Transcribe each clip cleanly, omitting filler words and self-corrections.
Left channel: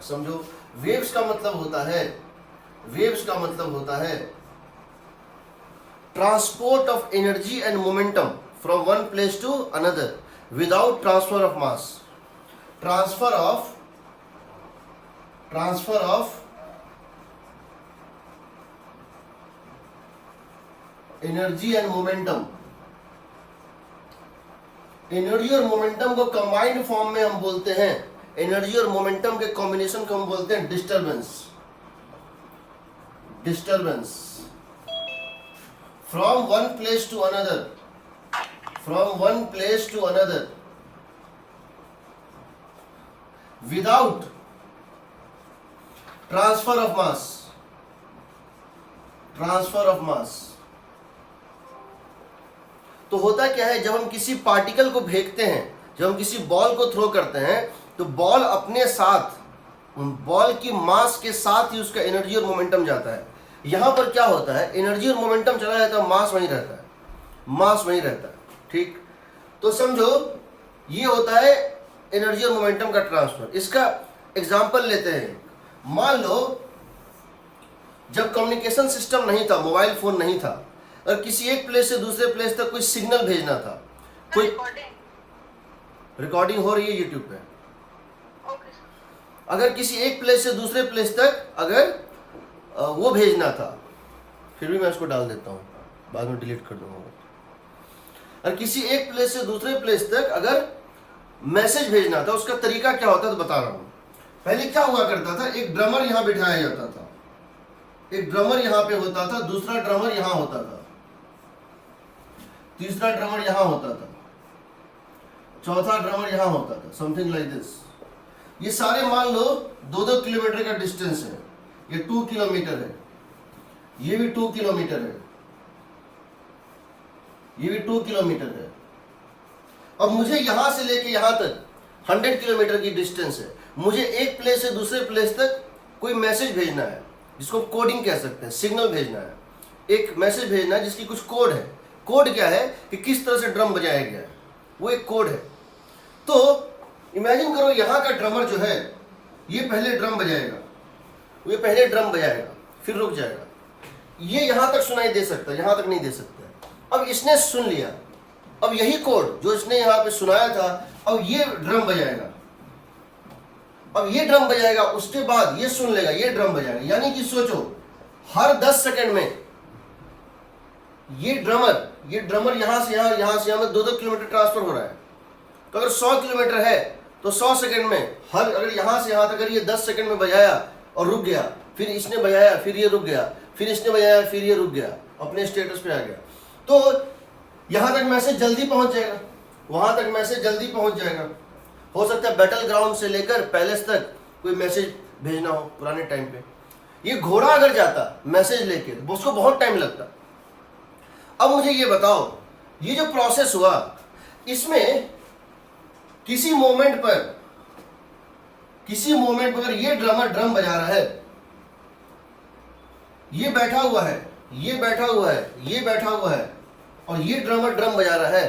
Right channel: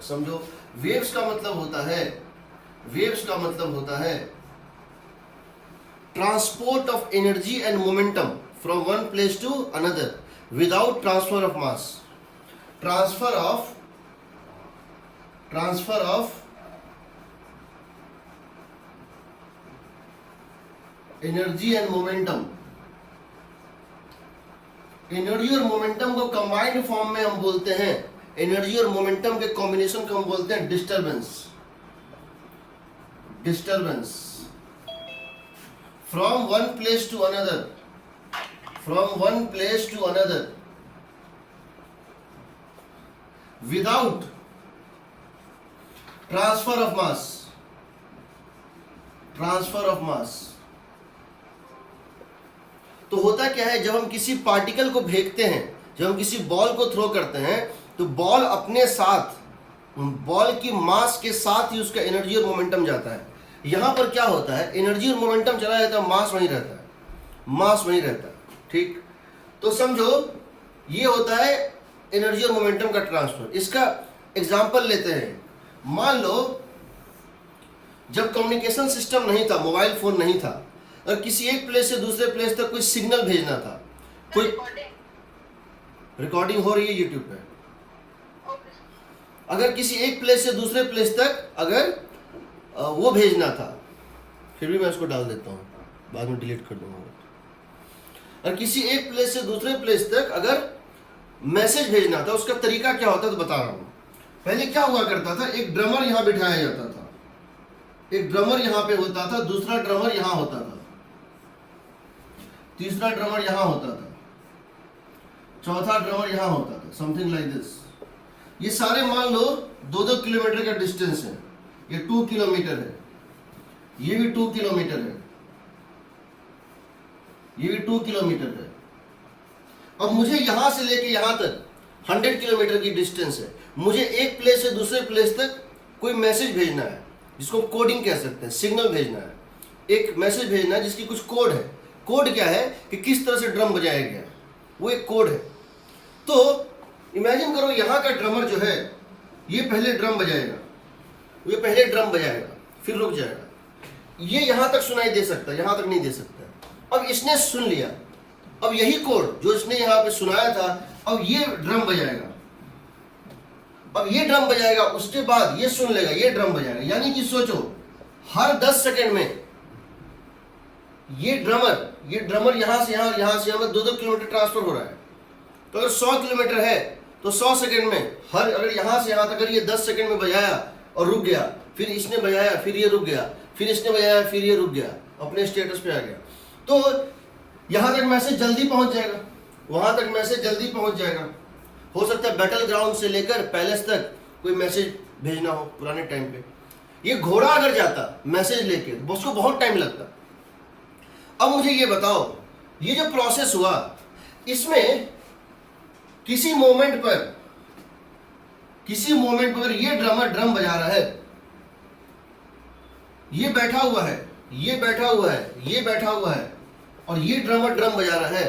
है। समझो, वेव्स का मतलब होता है, वेव्स का मतलब होता है transport of energy and momentum from one place to another without transfer of mass. Transfer of energy and momentum. Energy और मोमेंटम को कंबाइंड फॉर्म में हम बोलते हैं, एनर्जी और मोमेंटम के कॉम्बिनेशन को हम बोलते हैं disturbance. Disturbance from one place to another, from one place to another without transfer of mass. Transfer of mass तो होता क्या है, जब हम किसी पार्टिकल को फेंकते हैं, जब हम किसी बॉल को थ्रो करते हैं, तो बॉल अपने साथ, बॉल की मास के साथ ही उसका एनर्जी और मोमेंटम जाता है। यहां पर क्या होता है, एनर्जी और मोमेंटम चला जाता है, मास वहीं रहता है, मास वहीं रहता है। ठीक, तो समझो ये होता है एनर्जी और मोमेंटम का ट्रांसफर। इसका एग्जांपल लेते हैं। मान लो जब कम्युनिकेशन सिस्टम नहीं था, मोबाइल फोन नहीं था, और किसी एक प्लेस से दूसरे प्लेस तक कोई सिग्नल भेजना था, कोई रिकॉर्डिंग हो रही है यूट्यूब पे, अगर किसी एक प्लेस से दूसरे प्लेस तक अगर वो भेजना था, फिर भी मैं उसको डाल देता हूँ, बाद में डिलीट कर दूंगा। और किसी एक प्लेस से दूसरे प्लेस तक अगर मैसेज भेजना था, उसका तरीका क्या होता है तो बता रहा हूँ। पहले क्या हुआ करता था, एक ड्रमर यहाँ बिठाया जाता था, एक ड्रमर यहाँ पे होता था, दूसरा ड्रमर यहाँ होता था, तीसरा ड्रमर यहाँ होता था, चौथा ड्रमर यहाँ होता था, समथिंग लाइक दिस। ये सारे मान लो 2-2 किलोमीटर का डिस्टेंस है, ये 2 किलोमीटर है, ये भी 2 किलोमीटर है, ये भी 2 किलोमीटर है। अब मुझे यहां से लेके यहां तक 100 किलोमीटर की डिस्टेंस है। मुझे एक प्लेस से दूसरे प्लेस तक कोई मैसेज भेजना है, जिसको कोडिंग कह सकते हैं, सिग्नल भेजना है, एक मैसेज भेजना है जिसकी कुछ कोड है। कोड क्या है कि किस तरह से ड्रम बजाया गया है, वो एक कोड है। तो इमेजिन करो यहाँ का ड्रमर जो है, ये पहले ड्रम बजाएगा, ये पहले ड्रम बजाएगा, फिर रुक जाएगा, ये यहाँ तक सुनाई दे सकता है, यहाँ तक नहीं दे सकता। अब इसने सुन लिया, अब यही कोड जो इसने यहाँ पे सुनाया था, अब ये ड्रम बजाएगा, अब ये ड्रम बजाएगा, उसके बाद ये सुन लेगा, ये ड्रम बजाएगा। यानी कि सोचो, हर 10 सेकंड में ये ड्रमर यहाँ से यहाँ 2-2 किलोमीटर ट्रांसफर हो रहा है। तो अगर 100 किलोमीटर है तो 100 सेकंड में अगर यहाँ से यहाँ तक अगर ये 10 सेकंड में बजाया और रुक गया, फिर इसने बजाया, फिर ये रुक गया, फिर इसने बजाया, फिर ये रुक गया, अपने स्टेटस पे आ गया, तो यहाँ तक मैसेज जल्दी पहुंच जाएगा, वहां तक मैसेज जल्दी पहुंच जाएगा। हो सकता है बैटल ग्राउंड से लेकर पैलेस तक कोई मैसेज भेजना हो पुराने टाइम पे। ये घोड़ा अगर जाता मैसेज लेके, उसको बहुत टाइम लगता। अब मुझे ये बताओ, ये जो प्रोसेस हुआ, इसमें किसी मोमेंट पर अगर ये ड्रमर ड्रम बजा रहा है, ये बैठा हुआ है, ये बैठा हुआ है, ये बैठा हुआ है, और ये ड्रमर ड्रम बजा रहा है,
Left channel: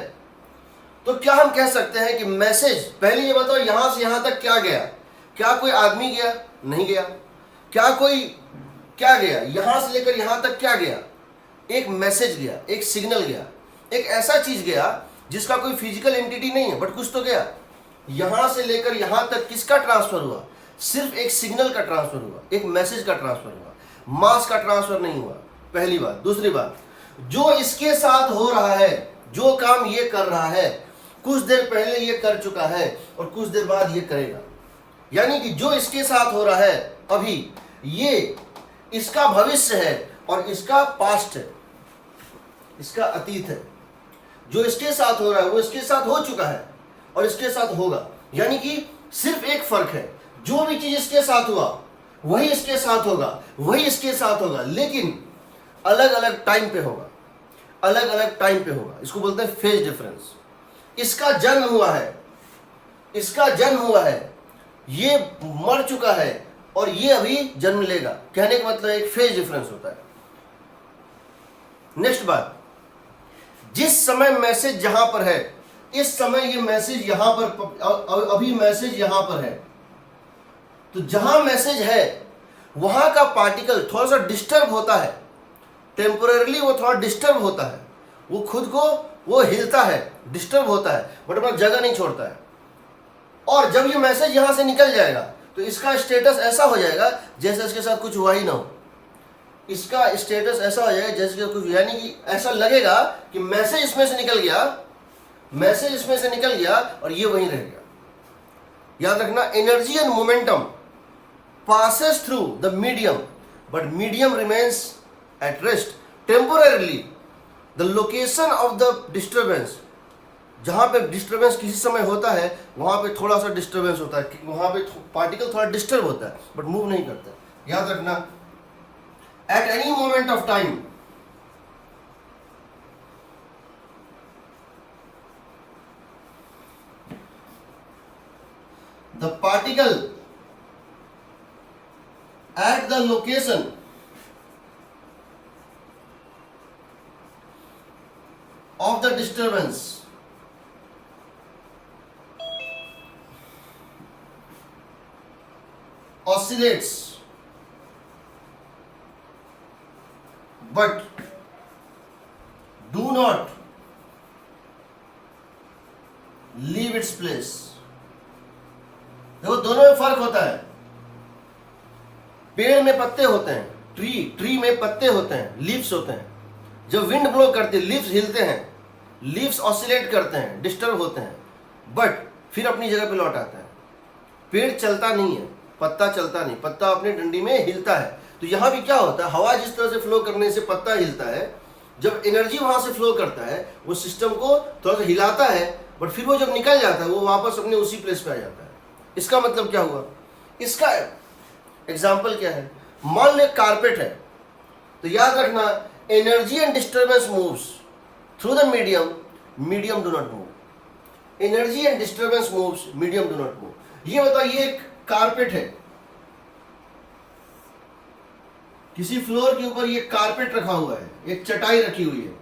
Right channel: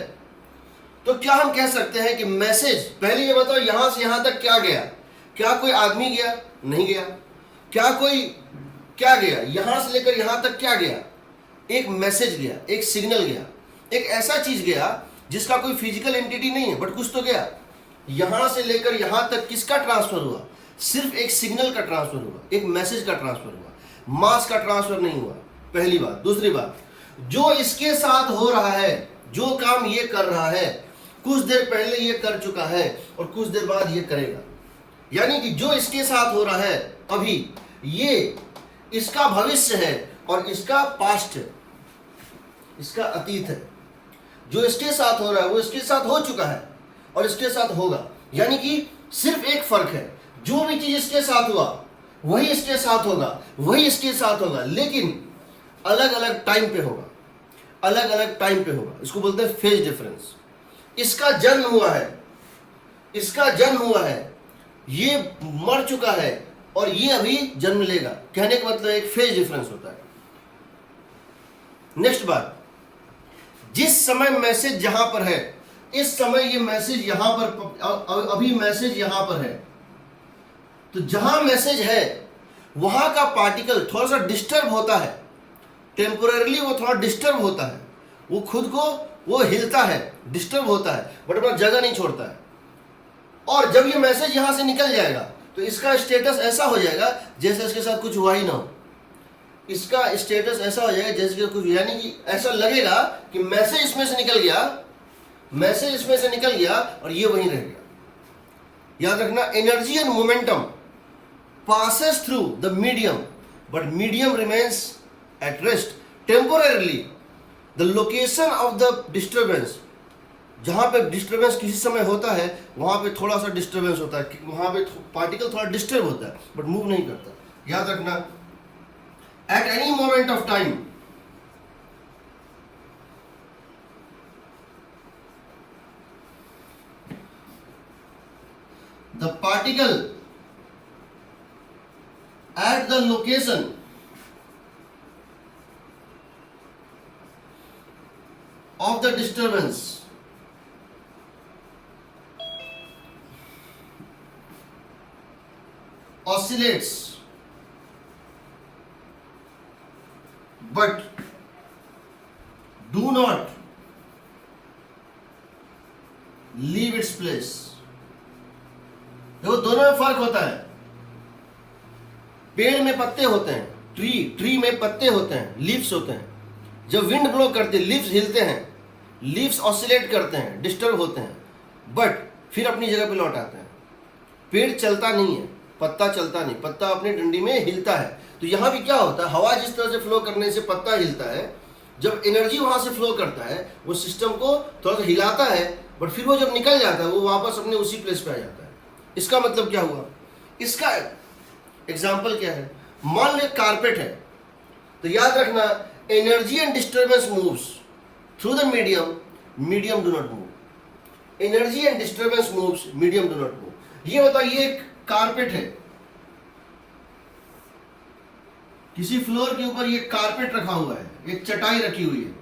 तो क्या हम कह सकते हैं कि मैसेज, पहले ये बताओ यहां से यहां तक क्या गया? क्या कोई आदमी गया? नहीं गया। क्या गया? यहां से लेकर यहां तक क्या गया? एक मैसेज गया, एक सिग्नल गया, एक ऐसा चीज गया जिसका कोई फिजिकल एंटिटी नहीं है, बट कुछ तो गया। यहां से लेकर यहां तक किसका ट्रांसफर हुआ? सिर्फ एक सिग्नल का ट्रांसफर हुआ, एक मैसेज का ट्रांसफर हुआ, मास का ट्रांसफर नहीं हुआ। पहली बात। दूसरी बात, जो इसके साथ हो रहा है, जो काम ये कर रहा है, कुछ देर पहले ये कर चुका है और कुछ देर बाद ये करेगा। यानी कि जो इसके साथ हो रहा है अभी, ये इसका भविष्य है और इसका पास्ट है, इसका अतीत है। जो इसके साथ हो रहा है वो इसके साथ हो चुका है और इसके साथ होगा। यानी कि सिर्फ एक फर्क है, जो भी चीज इसके साथ हुआ वही इसके साथ होगा, वही इसके साथ होगा, लेकिन अलग अलग टाइम पे होगा, अलग अलग टाइम पे होगा। इसको बोलते हैं फेज डिफरेंस। इसका जन्म हुआ है, इसका जन्म हुआ है, ये मर चुका है और ये अभी जन्म लेगा। कहने का मतलब एक फेज डिफरेंस होता है। नेक्स्ट बात, जिस समय मैसेज जहां पर है, इस समय ये मैसेज यहां पर, अभी मैसेज यहां पर है, तो जहां मैसेज है वहां का पार्टिकल थोड़ा सा डिस्टर्ब होता है, टेम्पोररीली वो थोड़ा डिस्टर्ब होता है, वो खुद को वो हिलता है, डिस्टर्ब होता है, बट अपना जगह नहीं छोड़ता है। और जब ये मैसेज यहां से निकल जाएगा तो इसका स्टेटस ऐसा हो जाएगा जैसे इसके साथ कुछ हुआ ही ना हो। इसका स्टेटस ऐसा हो जाएगा जैसे कि कुछ, यानी कि ऐसा लगेगा कि मैसेज इसमें से निकल गया, मैसेज इसमें से निकल गया और ये वहीं रह गया। याद रखना, energy and momentum passes through the medium, but medium remains at rest temporarily. The location of the disturbance, जहां पे डिस्टर्बेंस किसी समय होता है वहां पे थोड़ा सा डिस्टर्बेंस होता है, वहां पे पार्टिकल थोड़ा डिस्टर्ब होता है बट मूव नहीं करता। याद रखना, at any moment of time the particle at the location of the disturbance oscillates but do not leave its place। देखो दोनों में फर्क होता है। पेड़ में पत्ते होते हैं, ट्री में पत्ते होते हैं, लीव्स होते हैं। जब विंड ब्लो करती है लीव्स हिलते हैं, लीव्स ऑसिलेट करते हैं, डिस्टर्ब होते हैं, बट फिर अपनी जगह पे लौट आते हैं। पेड़ चलता नहीं है, पत्ता चलता नहीं, पत्ता अपनी डंडी में हिलता है। तो यहाँ भी क्या होता है, हवा जिस तरह से फ्लो करने से पत्ता हिलता है, जब एनर्जी वहां से फ्लो करता है वो सिस्टम को थोड़ा सा हिलाता है, बट फिर वो जब निकल जाता है वो वापस अपने उसी प्लेस पे आ जाता है। इसका मतलब क्या हुआ, इसका एग्जाम्पल क्या है, मान ले कारपेट है, तो याद रखना energy and disturbance moves through the medium, medium do not move. Energy and disturbance moves, medium do not move. ये बताइए एक कारपेट है, किसी फ्लोर के ऊपर ये कारपेट रखा हुआ है, एक चटाई रखी हुई है,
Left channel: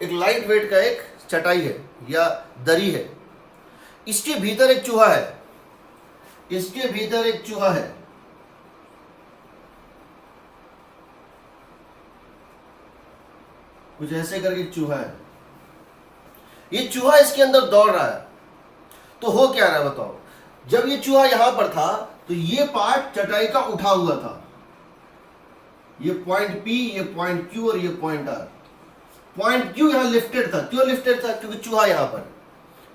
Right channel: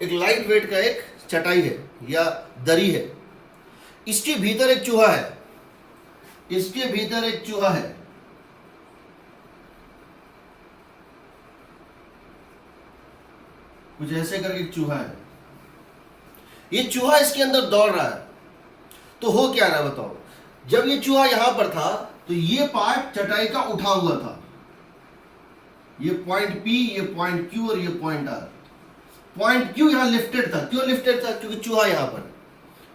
एक लाइट वेट का एक चटाई है या दरी है। इसके भीतर एक चूहा है, इसके भीतर एक चूहा है, कुछ ऐसे करके एक चूहा है। ये चूहा इसके अंदर दौड़ रहा है, तो हो क्या रहा है बताओ। जब ये चूहा यहां पर था तो ये पार्ट चटाई का उठा हुआ था, ये पॉइंट P, ये पॉइंट Q और ये पॉइंट R। पॉइंट Q यहां लिफ्टेड था, क्यों लिफ्टेड था, क्योंकि चूहा यहां पर।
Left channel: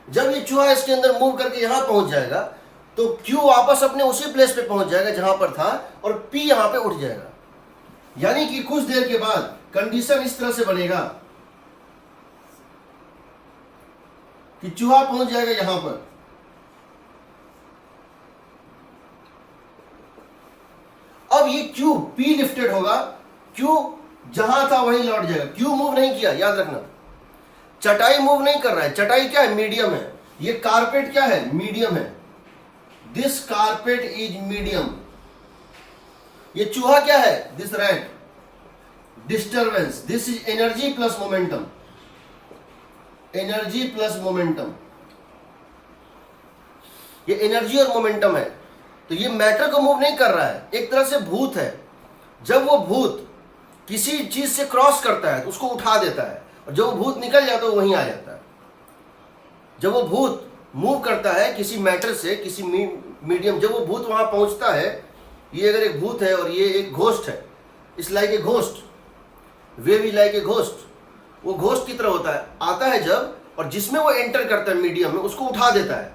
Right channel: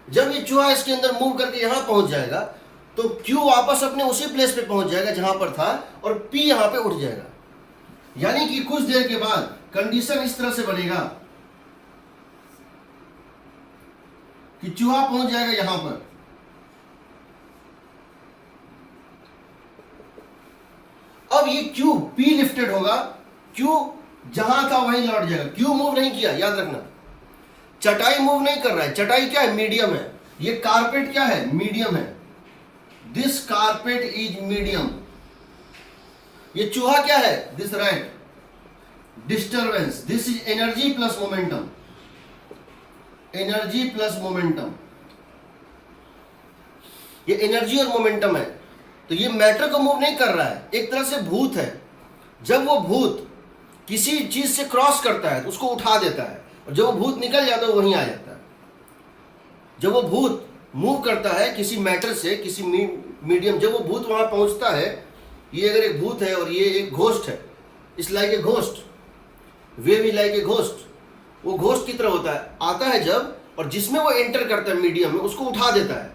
जब ये चूहा इसके अंदर मूव करके यहां पहुंच जाएगा तो Q वापस अपने उसी प्लेस पे पहुंच जाएगा जहां पर था और P यहां पे उठ जाएगा। यानी कि कुछ देर के बाद कंडीशन इस तरह से बनेगा कि चूहा पहुंच जाएगा यहां पर, अब ये Q P लिफ्टेड होगा, Q जहां था वहीं लौट जाएगा। Q मूव नहीं किया, याद रखना चटाई मूव नहीं कर रहा है। चटाई क्या है, मीडियम है। ये कारपेट क्या है, मीडियम है। This carpet is medium. ये चूहा क्या है, this rat, disturbance. This is energy plus momentum, energy plus momentum. ये एनर्जी और मोमेंटम है। तो ये मैटर को मूव नहीं कर रहा है, एक तरह से भूत है। जब वो भूत किसी चीज से क्रॉस करता है तो उसको उठा देता है, और जब वो भूत निकल जाता है वो वहीं आ जाता है। जब वो भूत मूव करता है किसी मैटर से किसी मीडियम, जब वो भूत वहां पहुंचता है, ये अगर एक भूत है और ये एक घोस्ट है, इस लाइक ए घोस्ट, वे भी लाइक ए घोस्ट, वो घोस्ट की तरह होता है, आता है जब, और जिसमें वो एंटर करता है मीडियम में, उसको उठा देता है।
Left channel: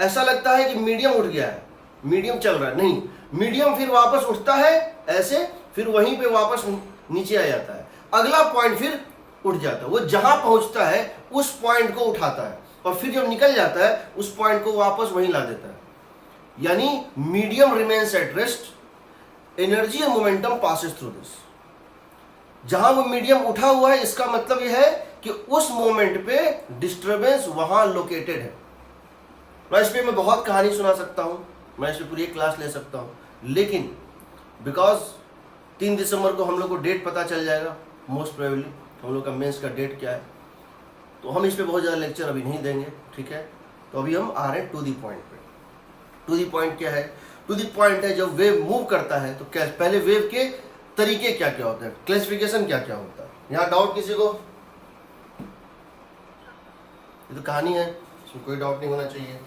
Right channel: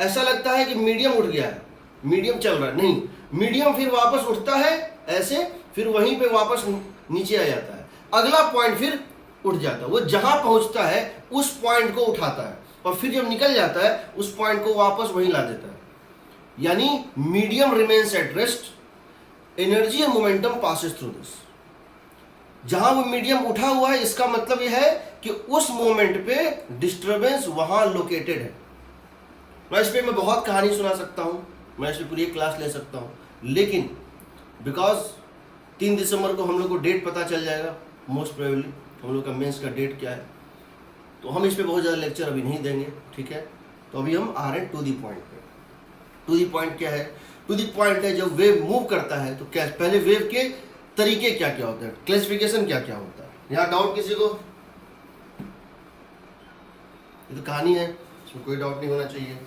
ऐसा लगता है कि मीडियम उठ गया है, मीडियम चल रहा है, नहीं, मीडियम फिर वापस उठता है ऐसे, फिर वहीं पे वापस नीचे आ जाता है, अगला पॉइंट फिर उठ जाता है। वो जहां पहुंचता है उस पॉइंट को उठाता है और फिर जब निकल जाता है उस पॉइंट को वापस वहीं ला देता है। यानी medium remains at rest, energy and momentum passes through this. जहां वो मीडियम उठा हुआ है, इसका मतलब यह है कि उस मोमेंट पे डिस्टर्बेंस वहां लोकेटेड है। मैं इस पर मैं बहुत कहानी सुना सकता हूं, मैं इस पर पूरी एक क्लास ले सकता हूं, लेकिन बिकॉज 3 दिसंबर को हम लोग को डेट पता चल जाएगा, मोस्ट प्रोबेबली हम लोग का मेंस का डेट क्या है, तो हम इस पर बहुत ज़्यादा लेक्चर अभी नहीं देंगे, ठीक है। तो अभी हम आ रहे हैं टू दी पॉइंट पे। टू दी पॉइंट क्या है? टू दी पॉइंट है जब वेव मूव करता है तो क्या पहले वेव के तरीके क्या क्या होते हैं, क्लासिफिकेशन क्या क्या होता है। यहाँ डाउट किसी को? ये तो कहानी है, इसमें कोई डाउट नहीं होना चाहिए।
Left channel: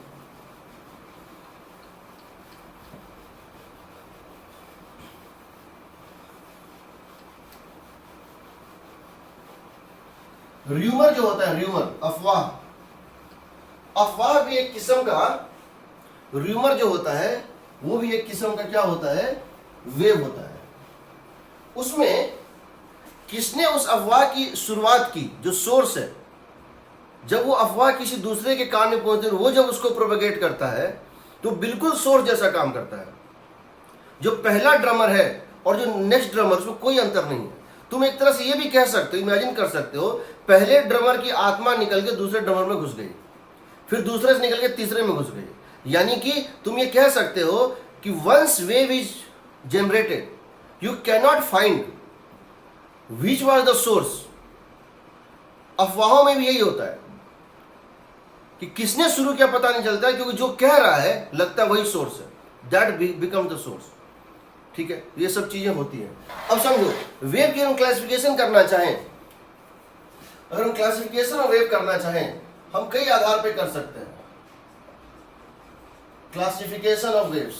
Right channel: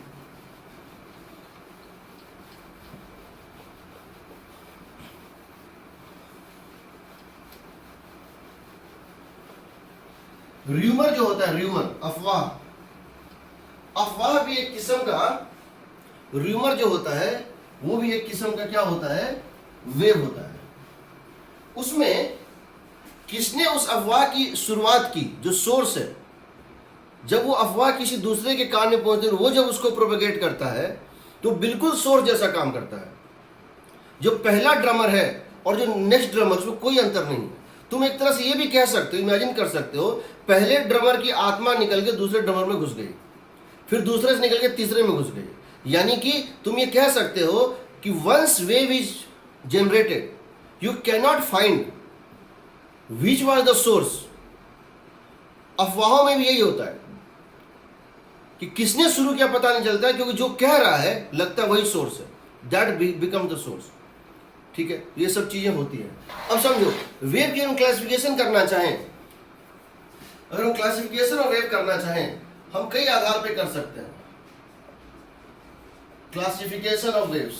र्यूमर जो होता है, र्यूमर अफवाह, अफवाह भी एक किस्म का, र्यूमर जो होता है वो भी एक किस्म का क्या होता है, वेव होता है। उसमें किसने उस अफवाह की शुरुआत की, जो सोर्स है, जब वो अफवाह किसी दूसरे के कान में पहुंचती है, वो जब उसको प्रोपेगेट करता है तो बिल्कुल सोर्स जैसा काम करता है। जो पहला ड्रमर है और जो नेक्स्ट ड्रमर, उसमें कोई अंतर नहीं है। तुम एक तरह से ये भी कह सकते हो, इमेजिन कर सकते हो, पहले ड्रमर की आत्मा निकल के दूसरे ड्रमर में घुस गई, फिर दूसरे से निकल के तीसरे में घुस गई। यानी कि तुम ये कह सकते हो कि once wave is generated you cannot find which was the source. अफवाहों में भी यही होता है कि किसने शुरू किया पता नहीं चलता है, क्योंकि जो कह रहा है लगता है वही सोर्स है, दैट बिकम द सोर्स। ठीक है, ये सब चीजें होती हैं। अब समझो, वेव की हम क्लासिफिकेशन करना चाहें, अगर हम क्लासिफिकेशन ऑफ वेव करना चाहें, हम कई आधार पे कर सकते हैं। क्लासिफिकेशन ऑफ वेव्स,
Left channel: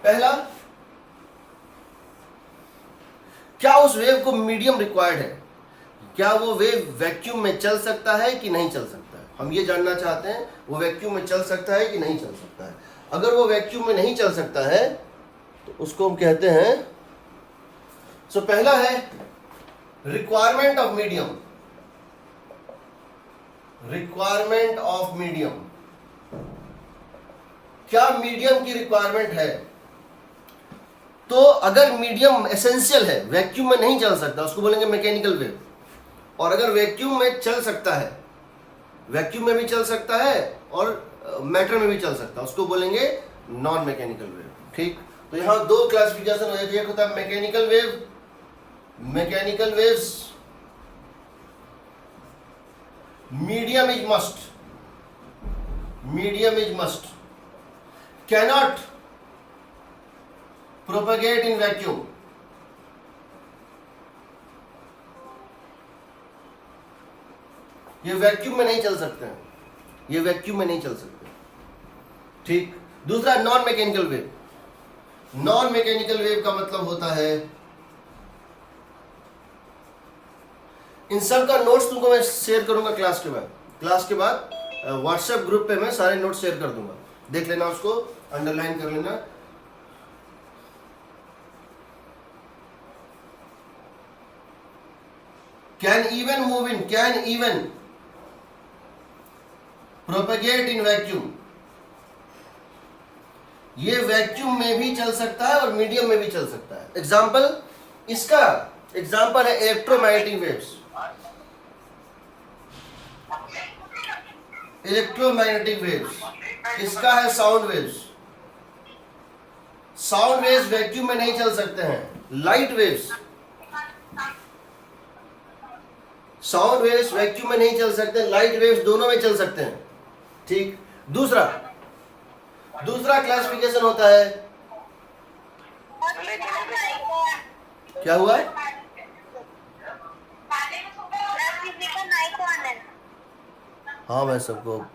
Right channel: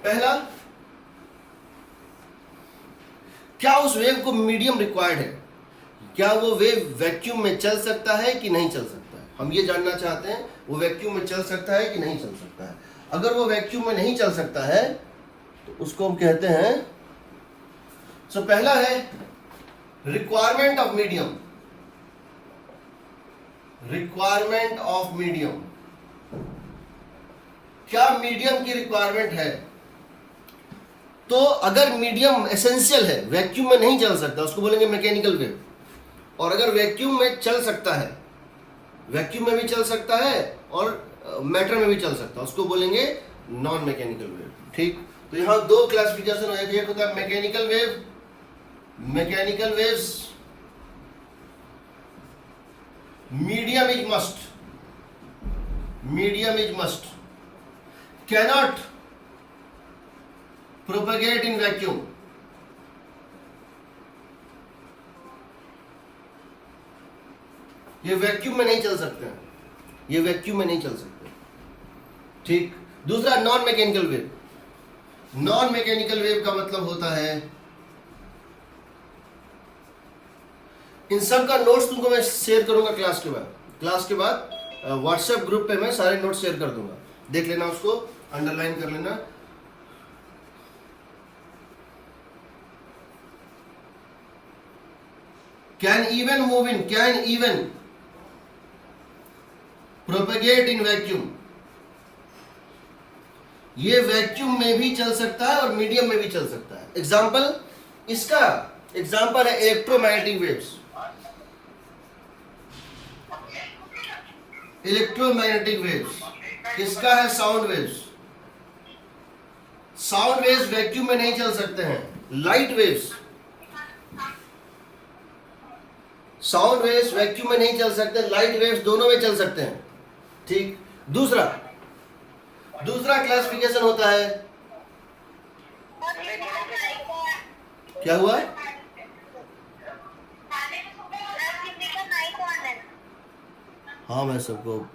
पहला, क्या उस वेव को मीडियम रिक्वायर्ड है, क्या वो वेव वैक्यूम में चल सकता है कि नहीं चल सकता है। हम ये जानना चाहते हैं वो वैक्यूम में चल सकता है कि नहीं चल सकता है। अगर वो वैक्यूम में नहीं चल सकता है तो उसको हम कहते हैं, सो पहला है requirement of medium, requirement of medium, क्या मीडियम की रिक्वायरमेंट है। तो अगर मीडियम एसेंशियल है, वैक्यूम में नहीं चल सकता, उसको बोलेंगे मैकेनिकल वेव। और अगर वैक्यूम में चल सकता है, वैक्यूम में भी चल सकता है और मैटर में भी चल सकता है, उसको बोलेंगे नॉन मैकेनिकल वेव। ठीक, तो यहां दो क्लासिफिकेशन हो जाती है, एक होता है mechanical wave, mechanical waves, medium is must, medium is must, cannot propagate in vacuum. ये वैक्यूम में नहीं चल सकते हैं, ये वैक्यूम में नहीं चल सकते। ठीक, दूसरा non mechanical wave. Non mechanical wave का मतलब होता है, इन सब का नोट्स तुमको मैं शेयर करूंगा क्लास के बाद। क्लास के बाद व्हाट्सएप ग्रुप पे मैं सारे नोट्स शेयर कर दूंगा, देख लेना, उसको अंडरलाइन कर लेना। Can even move in, can even propagate in vacuum, ये वैक्यूम में भी चल सकता है और मीडियम में भी चल सकता है। एग्जाम्पल, इसका एग्जाम्पल है इलेक्ट्रोमैग्नेटिक वेव्स, इलेक्ट्रोमैग्नेटिक वेव्स। इसका है sound waves, sound waves vacuum में नहीं चल सकते हैं। Light waves, sound waves vacuum में नहीं चल सकते, लाइट वेव्स दोनों में चल सकते हैं। ठीक, दूसरा क्लासिफिकेशन होता है, क्या हुआ? हाँ, मैं सबको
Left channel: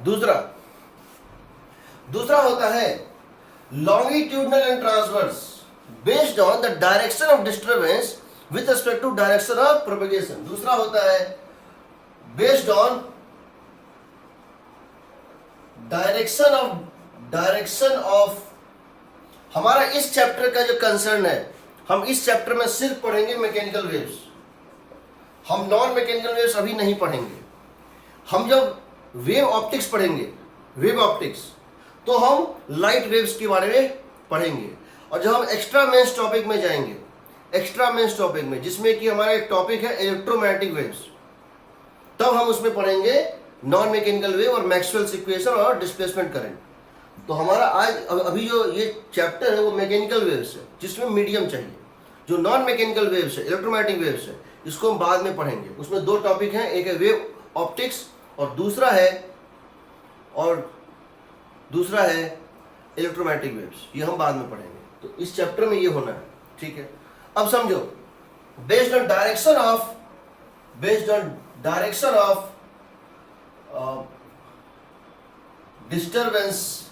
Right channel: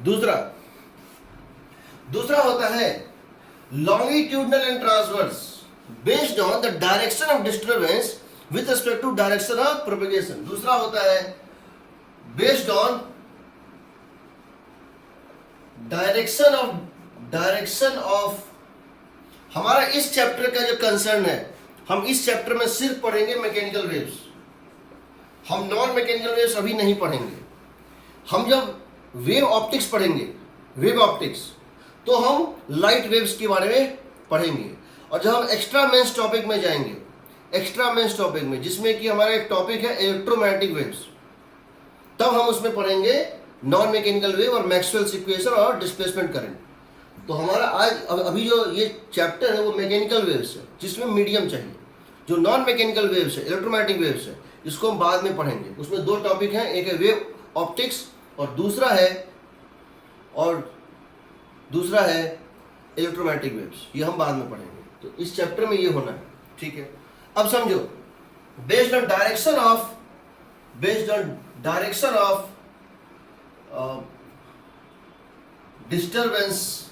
दूसरा होता है longitudinal and transverse based on the direction of disturbance with respect to direction of propagation। दूसरा होता है based on direction of हमारा इस चैप्टर का जो कंसर्न है, हम इस चैप्टर में सिर्फ पढ़ेंगे मैकेनिकल वेव्स, हम नॉन मैकेनिकल वेव्स अभी नहीं पढ़ेंगे। हम जब वेव ऑप्टिक्स पढ़ेंगे, वेव ऑप्टिक्स, तो हम लाइट वेव्स के बारे में पढ़ेंगे। और जब हम एक्स्ट्रा मेंस टॉपिक में जाएंगे, एक्स्ट्रा मेंस टॉपिक में, जिसमें कि हमारा एक टॉपिक है इलेक्ट्रोमैग्नेटिक वेव्स, तब हम उसमें पढ़ेंगे नॉन मैकेनिकल वेव और मैक्सवेल्स इक्वेशन और डिस्प्लेसमेंट करंट। तो हमारा आज अभी जो ये चैप्टर है वो मैकेनिकल वेव्स है, जिसमें मीडियम चाहिए। जो नॉन मैकेनिकल वेव्स है, इलेक्ट्रोमैग्नेटिक वेव्स है, इसको हम बाद में पढ़ेंगे। उसमें दो टॉपिक हैं, एक है वेव ऑप्टिक्स और दूसरा है इलेक्ट्रोमैग्नेटिक वेव्स। ये हम बाद में पढ़ेंगे। तो इस चैप्टर में ये होना है, ठीक है। अब समझो, based on direction of disturbance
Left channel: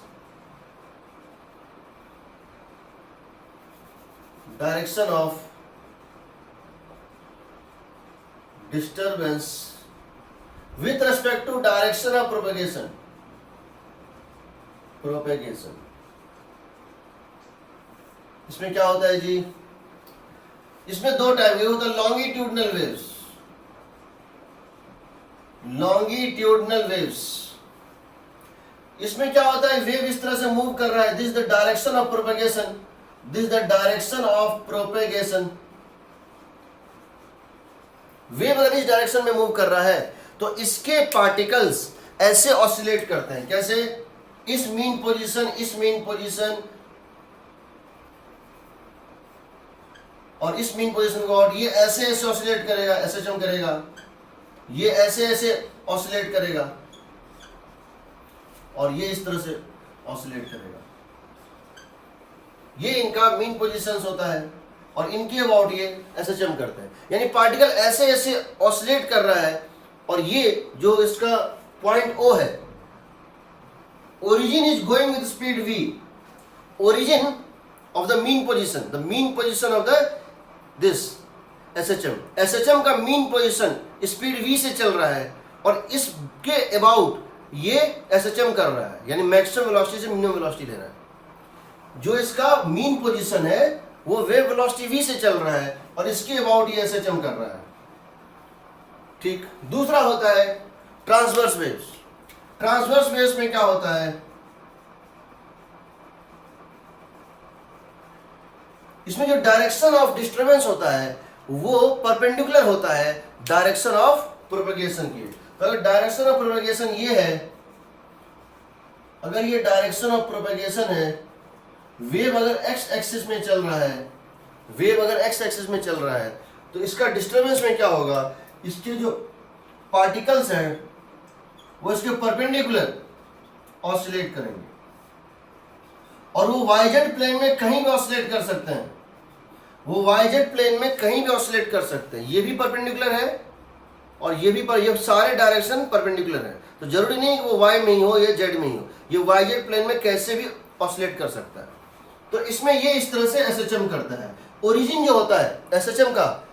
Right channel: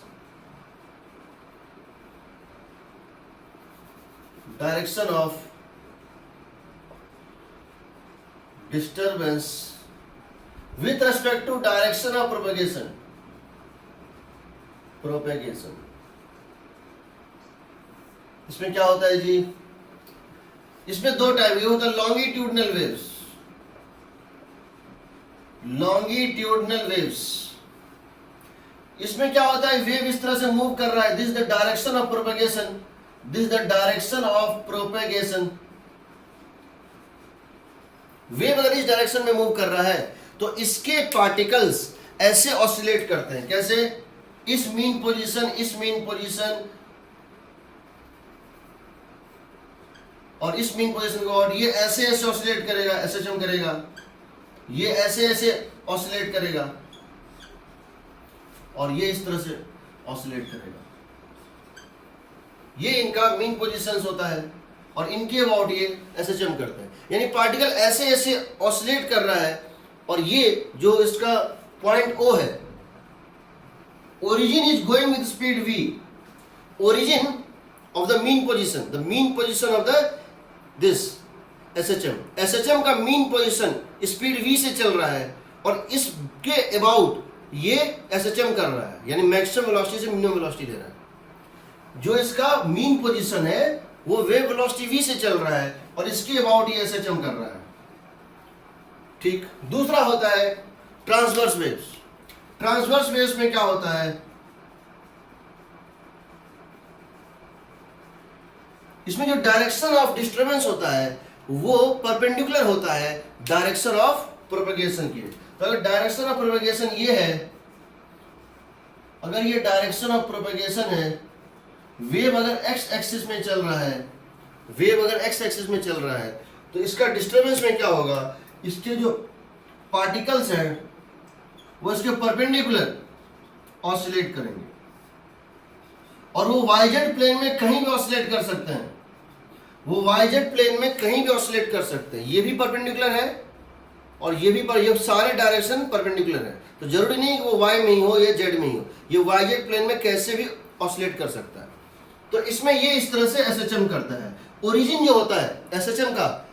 direction of disturbance with respect to direction of propagation इसमें क्या होता है जी? इसमें दो टाइप, ये होता है लॉन्गिट्यूडनल वेव्स। इसमें क्या होता है, वेव इस तरह से मूव कर रहा है, this the direction of propagation. Wave अगर इस डायरेक्शन में मूव कर रहा है तो इसके पार्टिकल्स ऐसे ऑसिलेट करते हैं। कैसे? इस मीन पोजीशन और इस मीन पोजीशन को, और ये ऐसे ऑसिलेट करेगा, SHM करेगा, ये ऐसे ऑसिलेट करेगा और ये इस तरह से ऑसिलेट करेगा। ये इनका मीन पोजीशंस होता है और इनके अबाउट ये SHM करते हैं। यानी पार्टिकल ऐसे ऑसिलेट कर रहा है और ये जो इसका पॉइंट O है, origin is going with speed v, origin of the mean position of the this SHM का मीन पोजीशन स्पीड v से चल रहा है और इसके अबाउट ये SHM कर रहा है, यानी मैक्सिमम वेलोसिटी से मिनिमम वेलोसिटी ले रहा है। जो इसका मीन पोजीशन है वो वेव वेलोसिटी v से चल रहा है और इसके अबाउट ये SHM कर रहा है, ठीक। दूसरा होता है ट्रांसवर्स वेव्स में क्या होता है, इसमें जो डायरेक्शन ऑफ डिस्टर्बेंस होता है वो परपेंडिकुलर होता है डायरेक्शन ऑफ प्रोपेगेशन की। तो अगर डायरेक्शन ऑफ प्रोपेगेशन ये है, अगर ये डायरेक्शन ऑफ प्रोपेगेशन है, वेव अगर एक्स एक्सिस में चल रहा है तो इसका डिस्टर्बेंस में क्या होगा, इसके जो पार्टिकल्स हैं वो इसके परपेंडिकुलर ऑसिलेट करेंगे और वो वाईजेड प्लेन में कहीं भी ऑसिलेट कर सकते हैं, ये भी परपेंडिकुलर है और ये भी ये सारे डायरेक्शन परपेंडिकुलर है। तो जरूरी नहीं कि वो वाई में ही हो या जेड में ही हो, ये वाईजेड प्लेन में कैसे भी ऑसिलेट कर सकता है। तो इसमें ये इस तरह से SHM करता है। ओरिजिन जो होता है SHM का,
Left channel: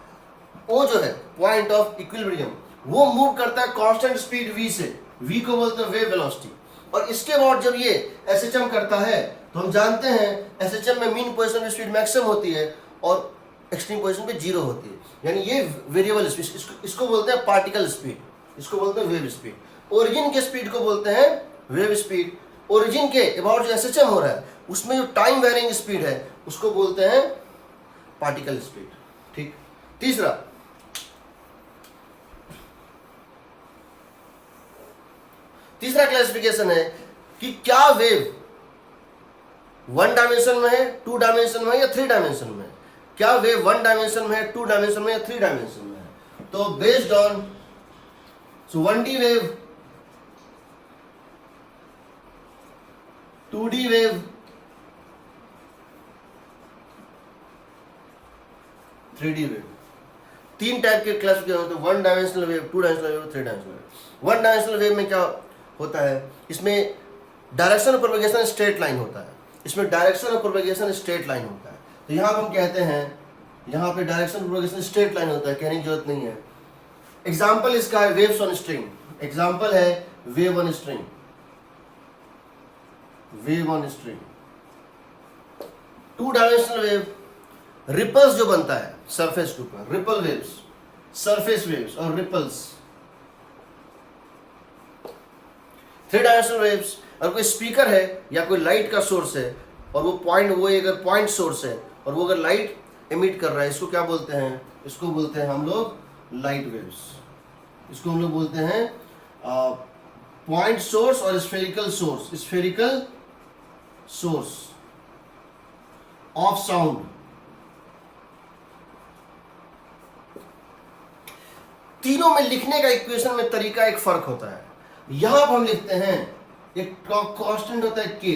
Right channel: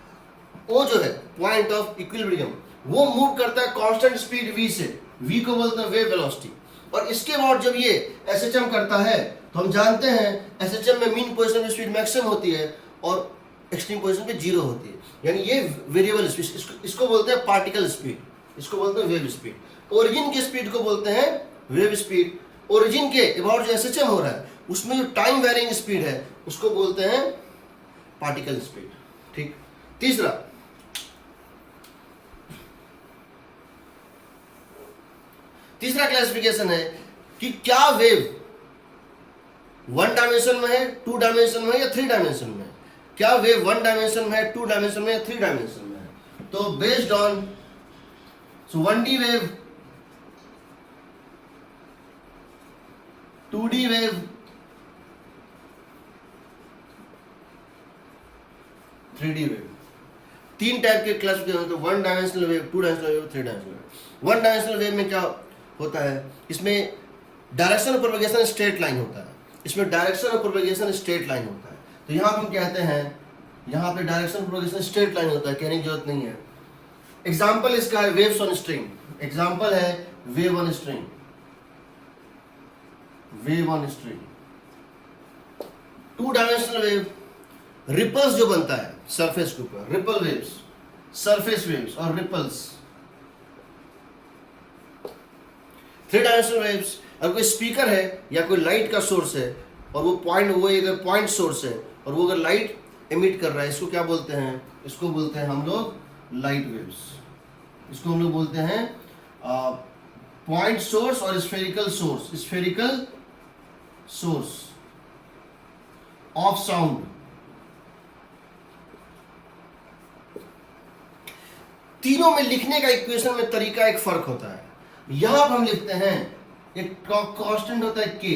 वो जो है पॉइंट ऑफ इक्विलिब्रियम, वो मूव करता है कांस्टेंट स्पीड v से, v को बोलते हैं वेव वेलोसिटी। और इसके बाद जब ये SHM करता है तो हम जानते हैं SHM में मीन पोजीशन में स्पीड मैक्सिमम होती है और एक्सट्रीम पोजीशन पे 0 होती है, यानी ये वेरिएबल स्पीड। इसको बोलते हैं पार्टिकल स्पीड, इसको बोलते हैं वेव स्पीड। ओरिजिन के स्पीड को बोलते हैं वेव स्पीड। ओरिजिन के अबाउट जो SHM हो रहा है उसमें जो टाइम वेरिंग स्पीड है उसको बोलते हैं पार्टिकल स्पीड, ठीक। तीसरा क्लासिफिकेशन है कि क्या वेव 1 डायमेंशन में है, 2 डायमेंशन में है या 3 डायमेंशन में है। क्या वेव 1 डायमेंशन में है, 2 डायमेंशन में या 3 डायमेंशन में है। तो based on 1D wave, 2D wave, 3D wave, 3 type के क्लासिफिकेशन होते हैं। 1 dimensional wave, 2 dimensional wave, 3 dimensional wave. 1 dimensional wave में क्या होता है, इसमें direction of propagation straight line होता है, तो यहाँ हम कहते हैं, यहाँ पे direction of propagation straight line होता है, कहने की जरूरत नहीं है। एग्जाम्पल इसका है वेव्स ऑन स्ट्रिंग, एग्जाम्पल है wave on string. 2 dimensional wave, ripples जो बनता है सरफेस के ऊपर, रिपल वेव्स, सरफेस वेव्स और रिपल्स। 3 डायमेंशनल वेव्स, अगर कोई स्पीकर है या कोई लाइट का सोर्स है और वो अगर पॉइंट सोर्स है और वो अगर लाइट एमिट कर रहा है, इसको क्या बोलते हैं, इसको बोलते हैं हम लोग लाइट वेव्स। इसको हम लोग बोलते हैं पॉइंट सोर्स और स्फेरिकल सोर्स ऑफ साउंड। तीनों में लिखने का इक्वेशन में तरीका एक फर्क होता है। यहां पर हम लिखते हैं एक कांस्टेंट होता है के,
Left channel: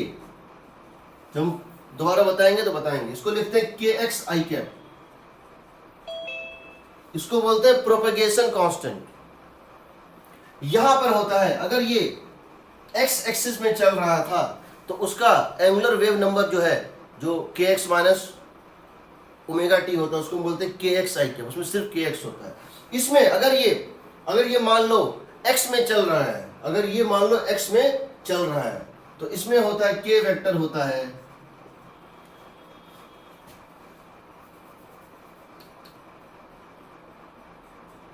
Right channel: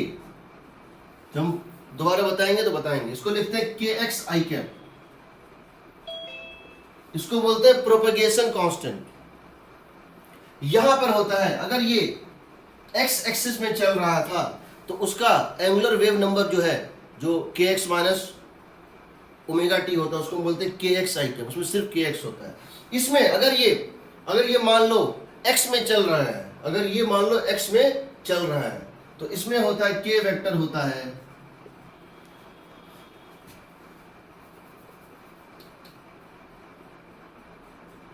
जब हम दोबारा बताएंगे तो बताएंगे, इसको लिखते हैं के एक्स आई कैप, इसको बोलते हैं प्रोपेगेशन कांस्टेंट। यहां पर होता है अगर ये एक्स एक्सिस में चल रहा था तो उसका एंगुलर वेव नंबर जो है, जो के एक्स माइनस ओमेगा टी होता है, उसको बोलते हैं के एक्स आई कैप, उसमें सिर्फ के एक्स होता है। इसमें अगर ये मान लो x में चल रहा है, अगर ये मान लो x में चल रहा है तो इसमें होता है k वेक्टर होता है,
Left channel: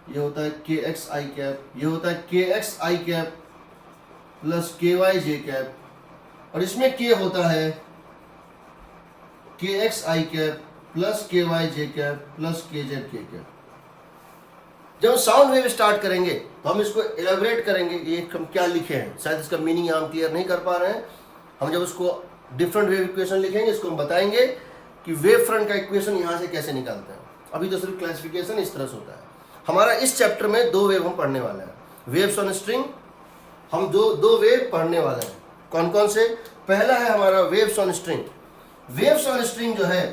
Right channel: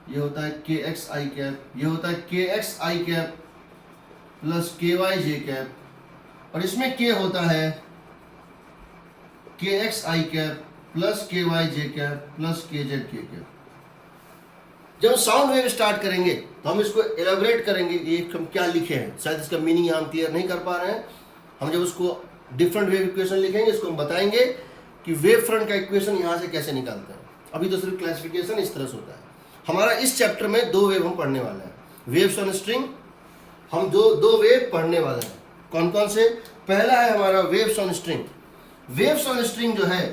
ये होता है के एक्स आई कैप, ये होता है के एक्स आई कैप प्लस के वाई जे कैप, और इसमें k होता है के एक्स आई कैप प्लस के वाई जे कैप प्लस के जेड के कैप। जब साउंड वेव स्टार्ट करेंगे तो हम इसको एलेबरेट करेंगे, ये हम क्या लिखे हैं, शायद इसका मीनिंग हम क्लियर नहीं कर पा रहे हैं। हम जब उसको डिफरेंट वेव इक्वेशन लिखेंगे, इसको हम बताएंगे कि वेव फ्रंट का इक्वेशन यहाँ से कैसे निकालते हैं। अभी तो सिर्फ क्लासिफिकेशन इस तरह से होता है। हमारा इस चैप्टर में दो वेव हम पढ़ने वाले हैं, वेव्स ऑन स्ट्रिंग। हम दो वेव पढ़ने वाले हैं। कौन कौन से? पहला है हमारा waves on string. Waves on string जो है,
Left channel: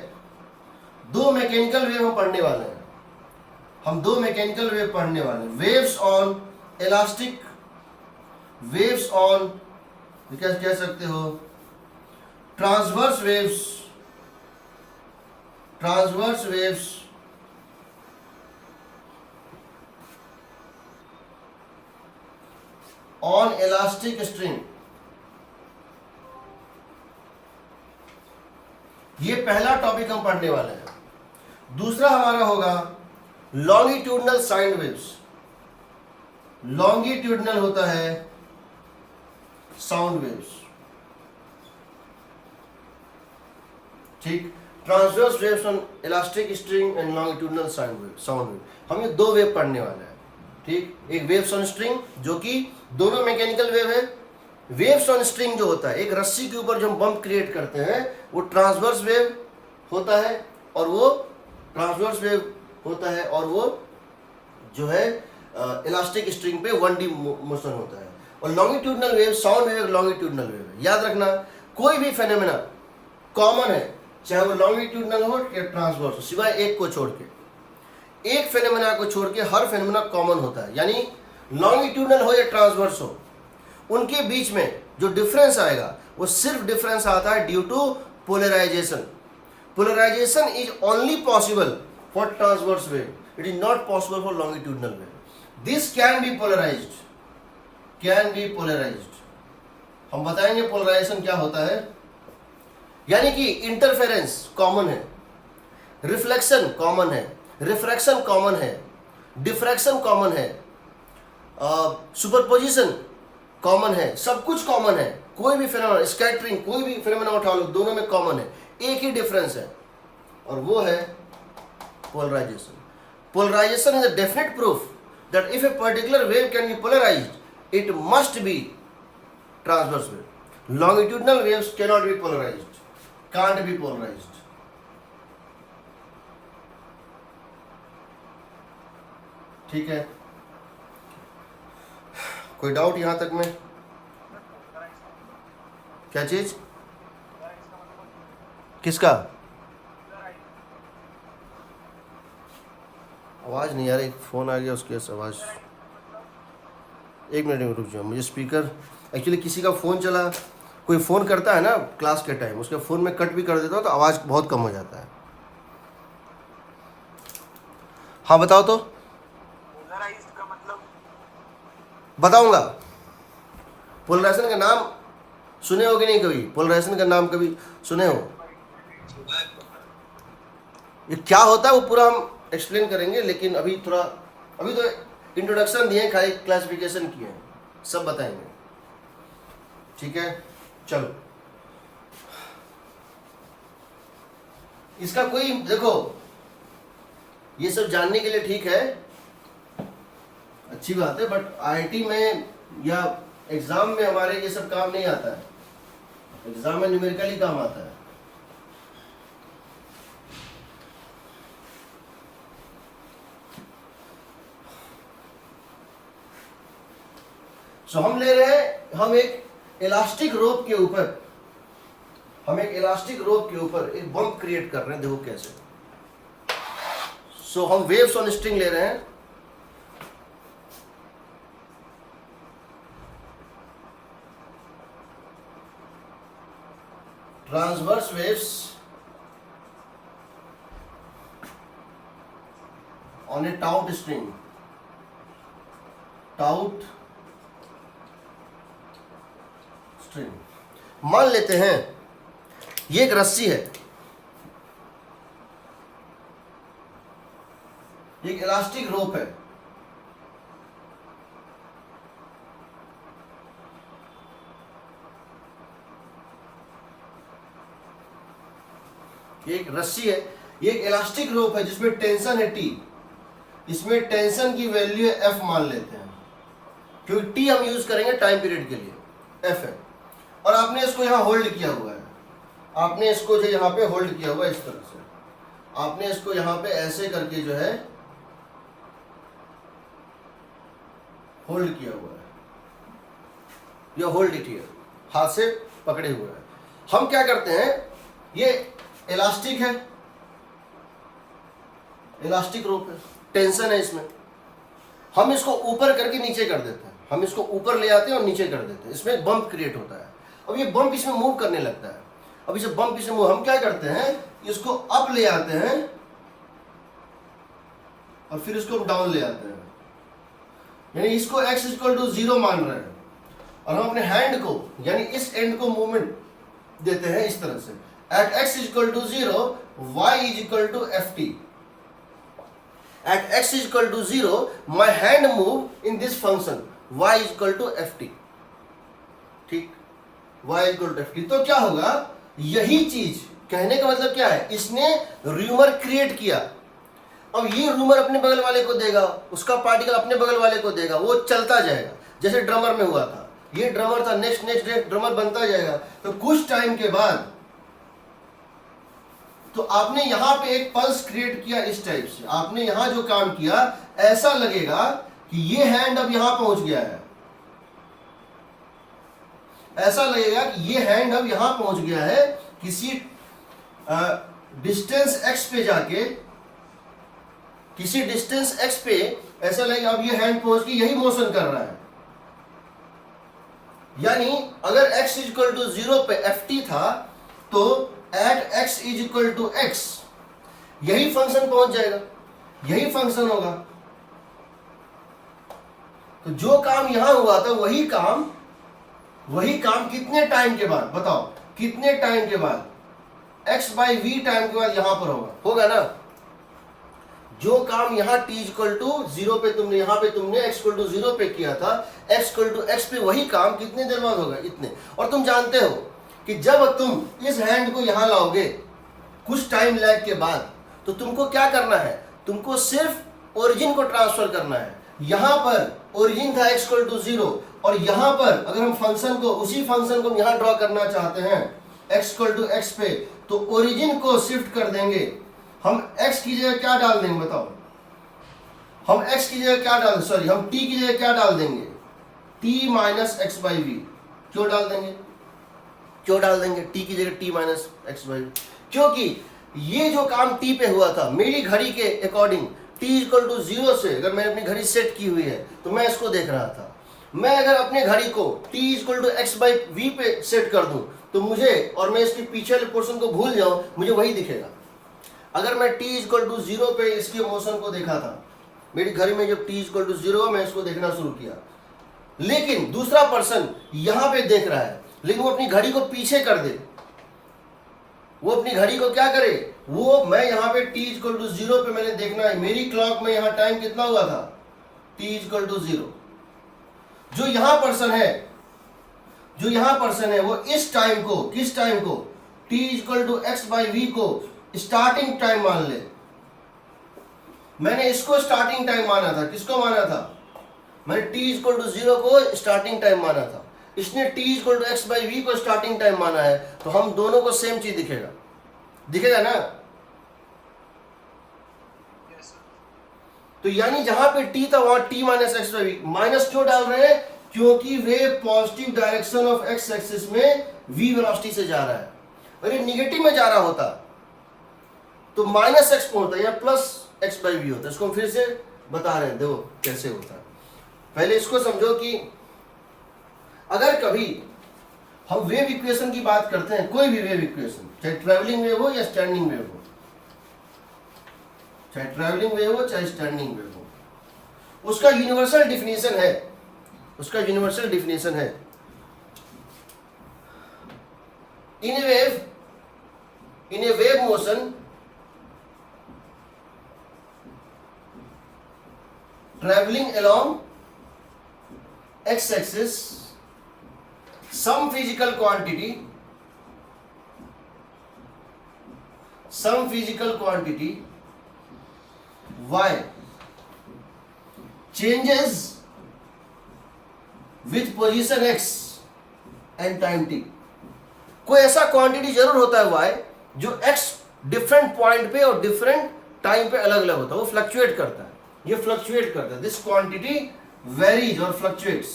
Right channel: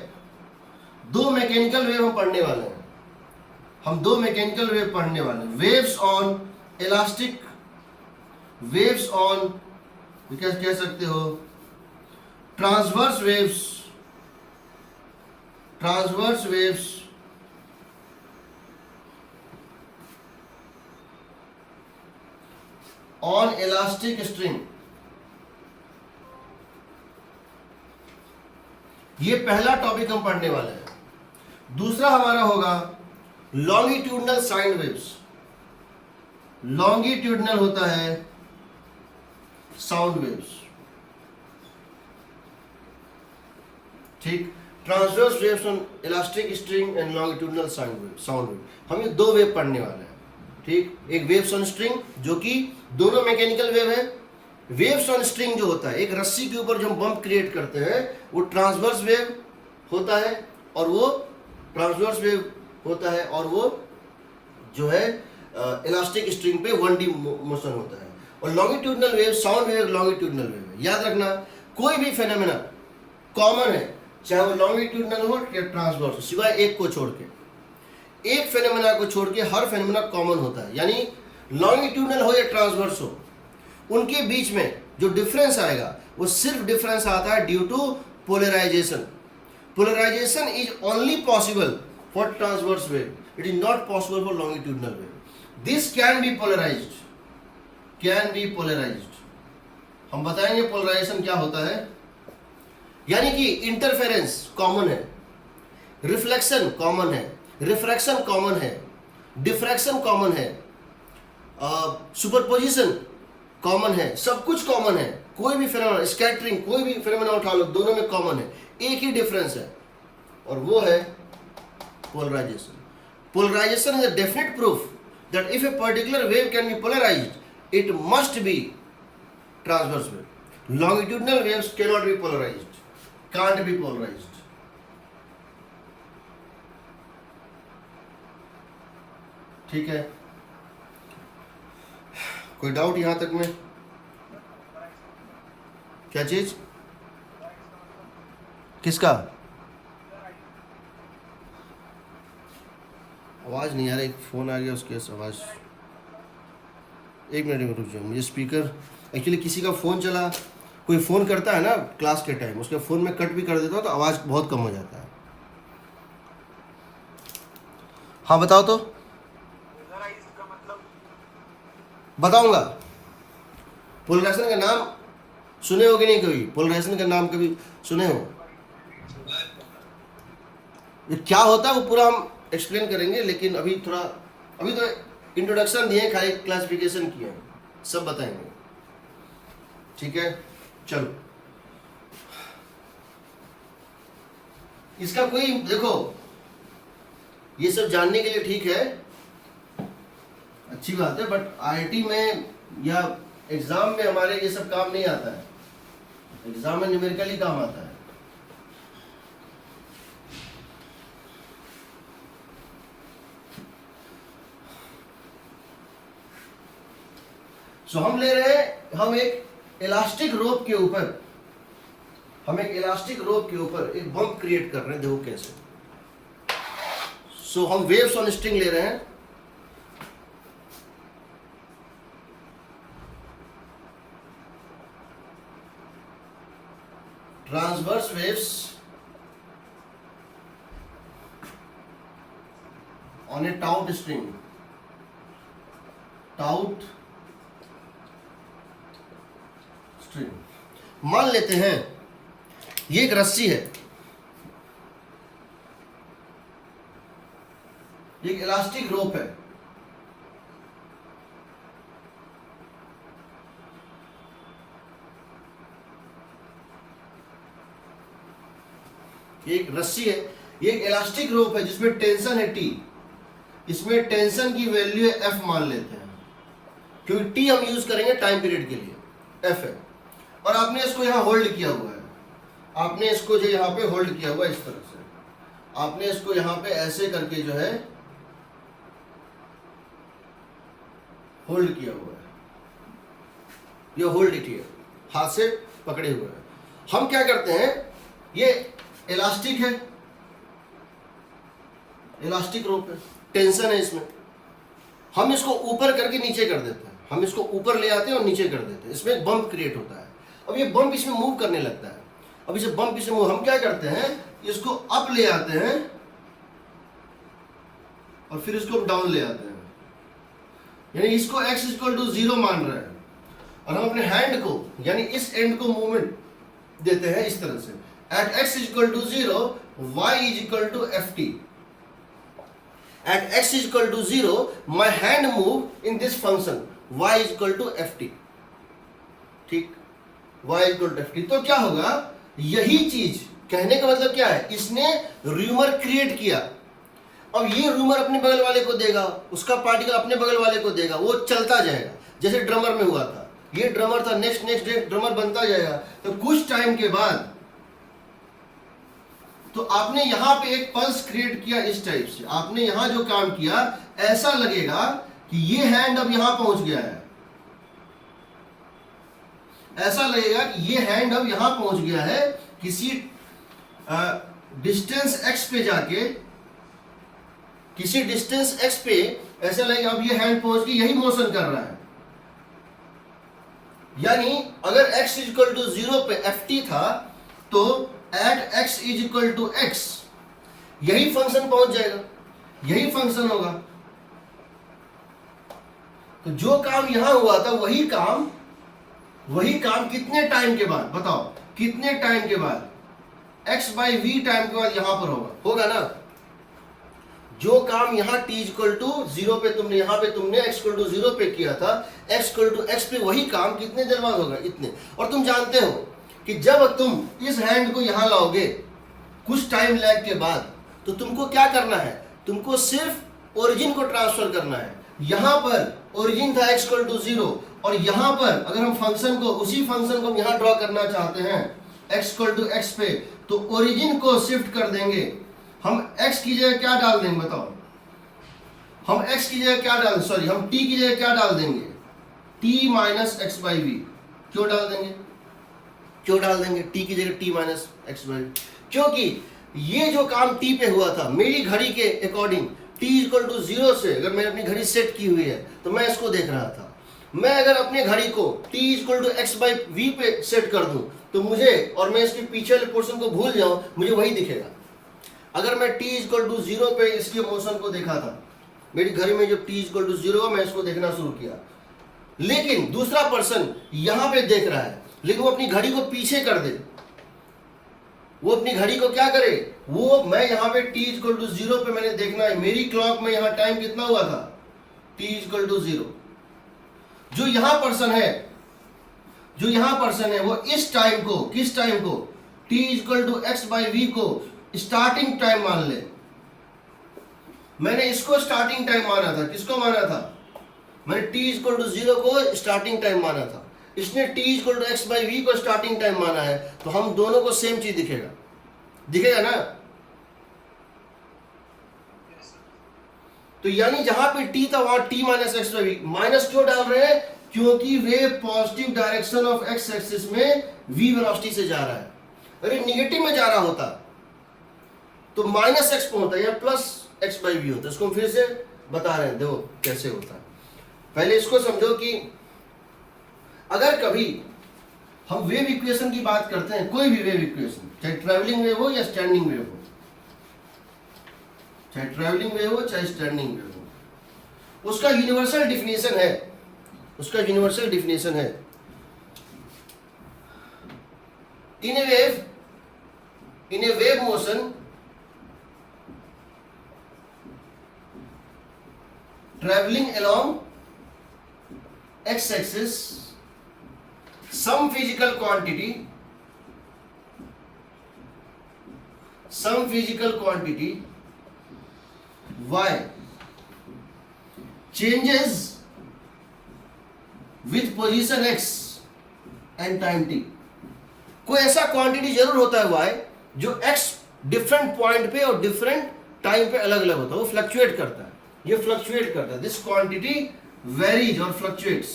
दो मैकेनिकल वेव हम पढ़ने वाले हैं। हम दो मैकेनिकल वेव पढ़ने वाले हैं, waves on elastic, waves on क्या कह सकते हो, transverse waves, transverse waves on elastic string. ये पहला टॉपिक हम पढ़ने वाले हैं। दूसरा हमारा होगा लॉन्गिट्यूडनल साइन वेव्स। लॉन्गिट्यूडनल होता है साउंड वेव्स, ठीक। Transverse waves on elastic string and longitudinal sound wave. हम ये दो वेव पढ़ने वाले हैं, ठीक। एक वेव्स ऑन स्ट्रिंग जो कि दोनों मैकेनिकल वेव है। वेव्स ऑन स्ट्रिंग जो होता है, एक रस्सी के ऊपर जो हम बम्प क्रिएट करते हैं, वो ट्रांसवर्स वेव होता है, और वो ट्रांसवर्स वेव होता है, और वो जो है इलास्टिक स्ट्रिंग पे 1D मोशन होता है। और longitudinal wave, sound wave longitudinal wave है। याद रखना, कोई भी फेनोमेना कॉमन है, चाहे वो लॉन्गिट्यूडनल हो या ट्रांसवर्स हो, सिवाय एक को छोड़ के। एक फेनोमेना को छोड़ के हर फेनोमेना कॉमन होता है, यानी लॉन्गिट्यूडनल हो या ट्रांसवर्स हो, उनके बीच में जो डिफरेंस आएगा वो सिर्फ डिफरेंस आता है due to polarization. Polarization is only possible for transverse wave, it is not possible for longitudinal wave. This can be polarized, can be polarized. हम बताएंगे पोलराइजेशन क्या होता है। यानी कि इंटरफेरेंस कॉमन है, रिफ्लेक्शन कॉमन है, रिफ्रैक्शन कॉमन है, डिफ्रैक्शन कॉमन है, सुपरपोजिशन कॉमन है, सब कुछ कॉमन है। कोई भी फिनोमेना, स्कैटरिंग, कोई भी फिनोमेना उठा लो, दोनों में कॉमन है, एक ही डिफरेंस है, और वो है polarisation. Polarization is a definite proof that if a particular wave can be polarized, it must be transverse wave. Longitudinal waves cannot be polarized, can't be polarized. ठीक है, कोई डाउट यहां तक में? क्या चीज? किसका? आवाज़ नहीं आ रही, फ़ोन आ गया उसकी आवाज़। एक मिनट में रुक जाओ, मुझे स्पीकर, एक्चुअली किसी का फ़ोन चला, कोई फ़ोन करता है ना क्लास के टाइम, उसके फ़ोन में कट भी कर देता हूँ तो आवाज़ बहुत कम हो जाता है। हाँ बताओ तो, बताऊंगा। पोलराइजेशन का नाम सुने हो कि नहीं कभी? पोलराइजेशन का नाम कभी सुने हो? ये क्या होता है वो पूरा हम एक्सप्लेन करेंगे, लेकिन अभी तो इंट्रोडक्शन दिए, खाली क्लासिफिकेशन किए हैं, सब बताएंगे, ठीक है। चलो, इसका कोई देखो, ये सब जानने के लिए ठीक है, अच्छी बात है, बट आईआईटी में या एग्जाम में हमारे ये सब काम नहीं आता है। एग्जाम में न्यूमेरिकली काम आता है। सो हम ले रहे हैं, हम एक इलास्टिक रोप के ऊपर एक बम्प क्रिएट कर रहे हैं। देखो कैसे। सो हम वेव्स ऑन स्ट्रिंग ले रहे हैं। Transverse waves on A taut string, taut string. मान लेते हैं ये एक रस्सी है, एक इलास्टिक रोप है। एक रस्सी है, ये एक इलास्टिक रोप है जिसमें टेंशन है T। इसमें टेंशन की वैल्यू है F मान लेते हैं, क्योंकि T हम यूज करेंगे टाइम पीरियड के लिए, F है। और आपने इसको यहां होल्ड किया हुआ है, आपने इसको जो यहां पे होल्ड किया हुआ है इस तरह से, आपने इसको यहां पे ऐसे करके जो है होल्ड किया हुआ है, ये होल्ड इट है, हाथ से पकड़े हुए हैं। हम क्या करते हैं, ये इलास्टिक है, इलास्टिक रोप है, टेंशन है इसमें, हम इसको ऊपर करके नीचे कर देते हैं, हम इसको ऊपर ले आते हैं और नीचे कर देते हैं। इसमें एक बम्प क्रिएट होता है। अब ये बम्प इसमें मूव करने लगता है। अब इसे बम्प इसमें मूव, हम क्या करते हैं, इसको अप ले आते हैं और फिर इसको डाउन ले आते हैं, यानी इसको x इक्वल टू 0 मान रहे हैं, और हम अपने हैंड को यानी इस एंड को मूवमेंट देते हैं इस तरह से। At x is equal to 0, y is equal to ft. At x is equal to 0, my hand move in this function, y is equal to ft. ठीक, y is equal to ft। तो क्या होगा, यही चीज कहने का मतलब क्या है, इसने रूमर क्रिएट किया। अब ये रूमर अपने बगल वाले को देगा, उसका पार्टिकल अपने बगल वाले को देगा, वो चलता जाएगा, जैसे ड्रमर में हुआ था। ये ड्रमर था, नेक्स्ट ड्रमर बनता जाएगा। तो कुछ टाइम के बाद तो आपने यहां पे एक पल्स क्रिएट किया इस टाइप से, आपने यहां जो काम किया, ऐसा लगेगा कि ये हैंड अब यहां पहुंच गया है, ऐसा लगेगा कि ये हैंड अब यहां पहुंच गया है, किसी डिस्टेंस x पे जाके, किसी डिस्टेंस x पे ऐसा लगेगा अब ये हैंड पहुंच के यही मोशन कर रहा है। यानी अगर x इक्वल टू 0 पे ft था, तो at x is equal to x यही फंक्शन पहुंच जाएगा, यही फंक्शन होगा। तो जो काम यहां हुआ था वही काम कितने टाइम के बाद, बताओ कितने टाइम के बाद, x बाई वी टाइम के बाद यहां पर होगा ना। जो काम यहां t इक्वल टू 0 पे तुमने, यहां पे तुमने x इक्वल टू 0 पे किया था, x इक्वल टू x पे वही काम कितने देर बाद होगा, इतने। और तुम जानते हो कि जब तुम इस हैंड को यहां लाओगे कुछ टाइम लैग के बाद, तो तुमको क्या करना है, तुमको सिर्फ ओरिजिन को ट्रांसफर करना है। यहां पर ओरिजिन था x इक्वल टू 0, और यहां पर अगर हम फंक्शन को, उसी फंक्शन को हम यहां ड्रॉ करना चाहते हैं x इक्वल टू x पे, तो ओरिजिन को शिफ्ट कर देंगे। हम x की जगह क्या डाल देंगे, बताओ, हम x की जगह क्या डाल, सॉरी हम t की जगह क्या डाल देंगे, t minus x by v. क्यों डाल देंगे t की जगह t minus x by v? क्योंकि ये जो काम t पे हुआ था, मेरी घड़ी के अकॉर्डिंग t इक्वल टू 0 से, अगर मैंने अपनी घड़ी सेट की हुई है तो मैं इसको देख रहा था। मैं अगर अपने घड़ी को t equal to x by v पे सेट कर दूं, तो मुझे, और मैं इसके पीछे वाले पोर्शन को भूल जाऊं, मुझे वही दिखेगा। अगर मैं t इक्वल टू 0 पे इसकी मोशन को देखा था, मेरी घड़ी में जब t इक्वल टू 0, मैं इसको देखना शुरू किया, लेकिन दूसरा पर्सन यहां पे देख रहा है, लेकिन वो अपनी घड़ी को पीछे कर दे, वो अपनी घड़ी को क्या करे, वो, मैं यहाँ पे t इक्वल टू 0 पे मैंने देखना है, मेरी क्लॉक में यहाँ टाइम कितना हुआ था, t इक्वल टू 0। जो यहाँ पर्सन है वो इस टाइम को, किस टाइम को, t equal to x by v को स्टार्टिंग टाइम मान ले। मैंने इसको स्टार्टिंग टाइम माना था, किसको माना था, मैंने t इक्वल टू 0 को स्टार्टिंग टाइम माना था। इसने t equal to x by v को स्टार्टिंग टाइम माना है, तो हम दोनों को सेम चीज दिखेगा, दिखेगा ना। तो यानी जहां पे t था वहां t minus x by v, minus क्यों डाल रहे हैं? क्योंकि वे positive direction of x axis में v वेलोसिटी से जा रहा है। अरे निगेटिव में जा रहा होता तो माइनस एक्स पे होता है या प्लस एक्स बाई वी होता है। इसको हम फिर से बता रहे हैं, देखो कैसे होता है। पहले इसको समझो कि अगर कभी हम वेव इक्वेशन की बात करते हैं, कोई भी वेव इक्वेशन, चाहे ट्रैवलिंग वेव हो या स्टैंडिंग वेव हो, चाहे ट्रैवलिंग वेव हो चाहे स्टैंडिंग वेव हो, उसका यूनिवर्सल डिफिनेशन है, उसका यूनिवर्सल डिफिनेशन है in a wave motion traveling along x-axis, some physical quantity y changes with position x and time t। कोई ऐसा क्वांटिटी जरूर होता है y जो x डिफरेंट पॉइंट पे और डिफरेंट टाइम पे अलग अलग होता है, वो फ्लक्चुएट करता है, ये फ्लक्चुएट करता है। दिस क्वांटिटी वेरीज और फ्लक्चुएट्स।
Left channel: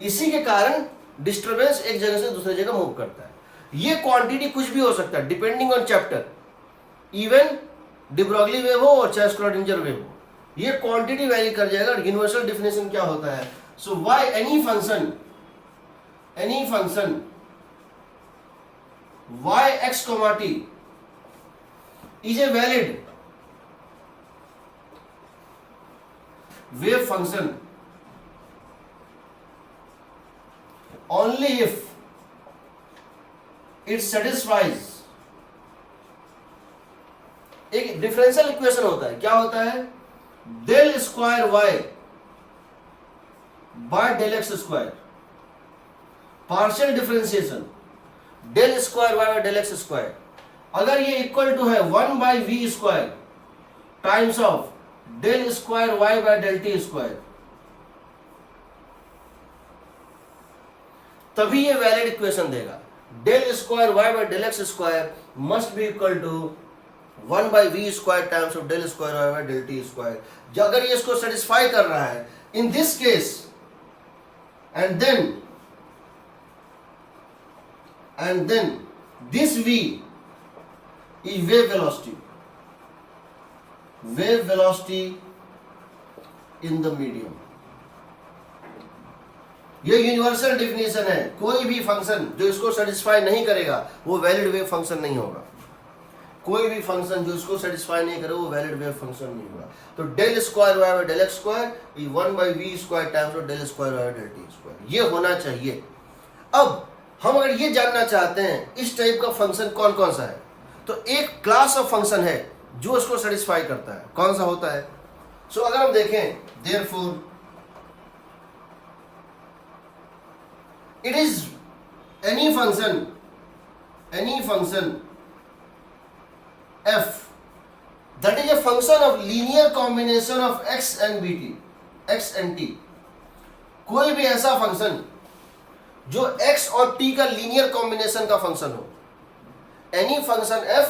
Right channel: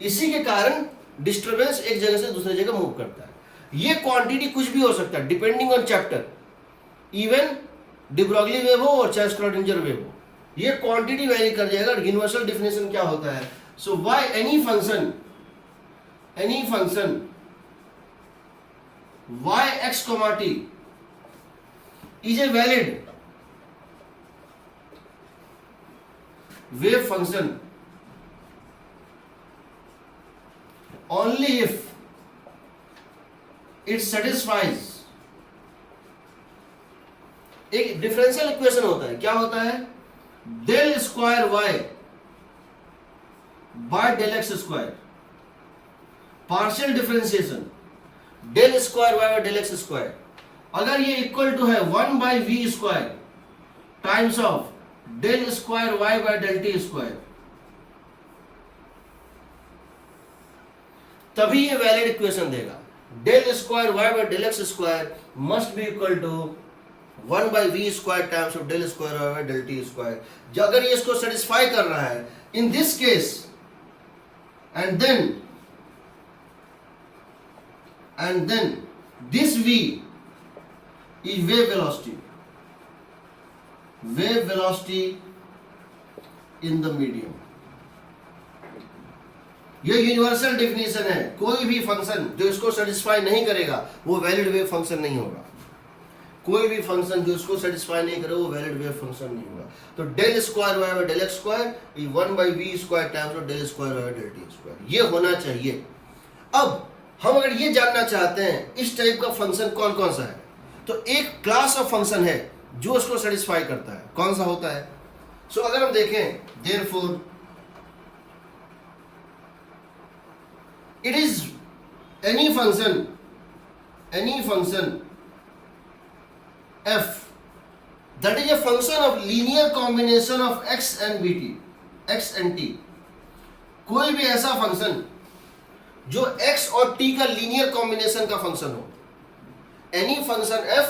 इसी के कारण डिस्टरबेंस एक जगह से दूसरी जगह मूव करता है। ये क्वांटिटी कुछ भी हो सकता है depending on chapter, even de Broglie wave हो और चाहे स्क्रॉडिंजर वेव हो, ये क्वांटिटी वेरी कर जाएगा। यूनिवर्सल डेफिनेशन क्या होता है? So y any function y x, t is a valid wave function only if it satisfies एक डिफरेंशियल इक्वेशन होता है। क्या होता है? Del square y by del x square, partial differentiation del square y by del x square, अगर ये equal to है 1 by v square times of del square y by del t square, तभी ये वैलिड इक्वेशन देगा। Del square y by del x square must be equal to 1 by v square times of del square y by del t square. जो अगर ये इसको satisfy कर रहा है in this case, and then this v is wave velocity in the medium। ये universal definition है। कोई भी फंक्शन जो इसको सेटिस्फाई नहीं करेगा वो वैलिड वेव फंक्शन नहीं होगा। कोई भी फंक्शन जो इसको सेटिस्फाई नहीं करे वो वैलिड वेव फंक्शन नहीं होगा। तो del square y by del x square 1 by v square times of del square y by del t square, ये होना चाहिए। अब हम अगर ये जानना चाहते हैं इस टाइप का फंक्शन कौन कौन सा है, तो एक क्लास ऑफ फंक्शन है जो उसको सेटिस्फाई करता है। कौन सा होता है? सो अगर हम देखें, therefore it is any function f that is a function of linear combination of x and t। कोई भी ऐसा फंक्शन जो x और t का लीनियर कॉम्बिनेशन का फंक्शन हो, any function f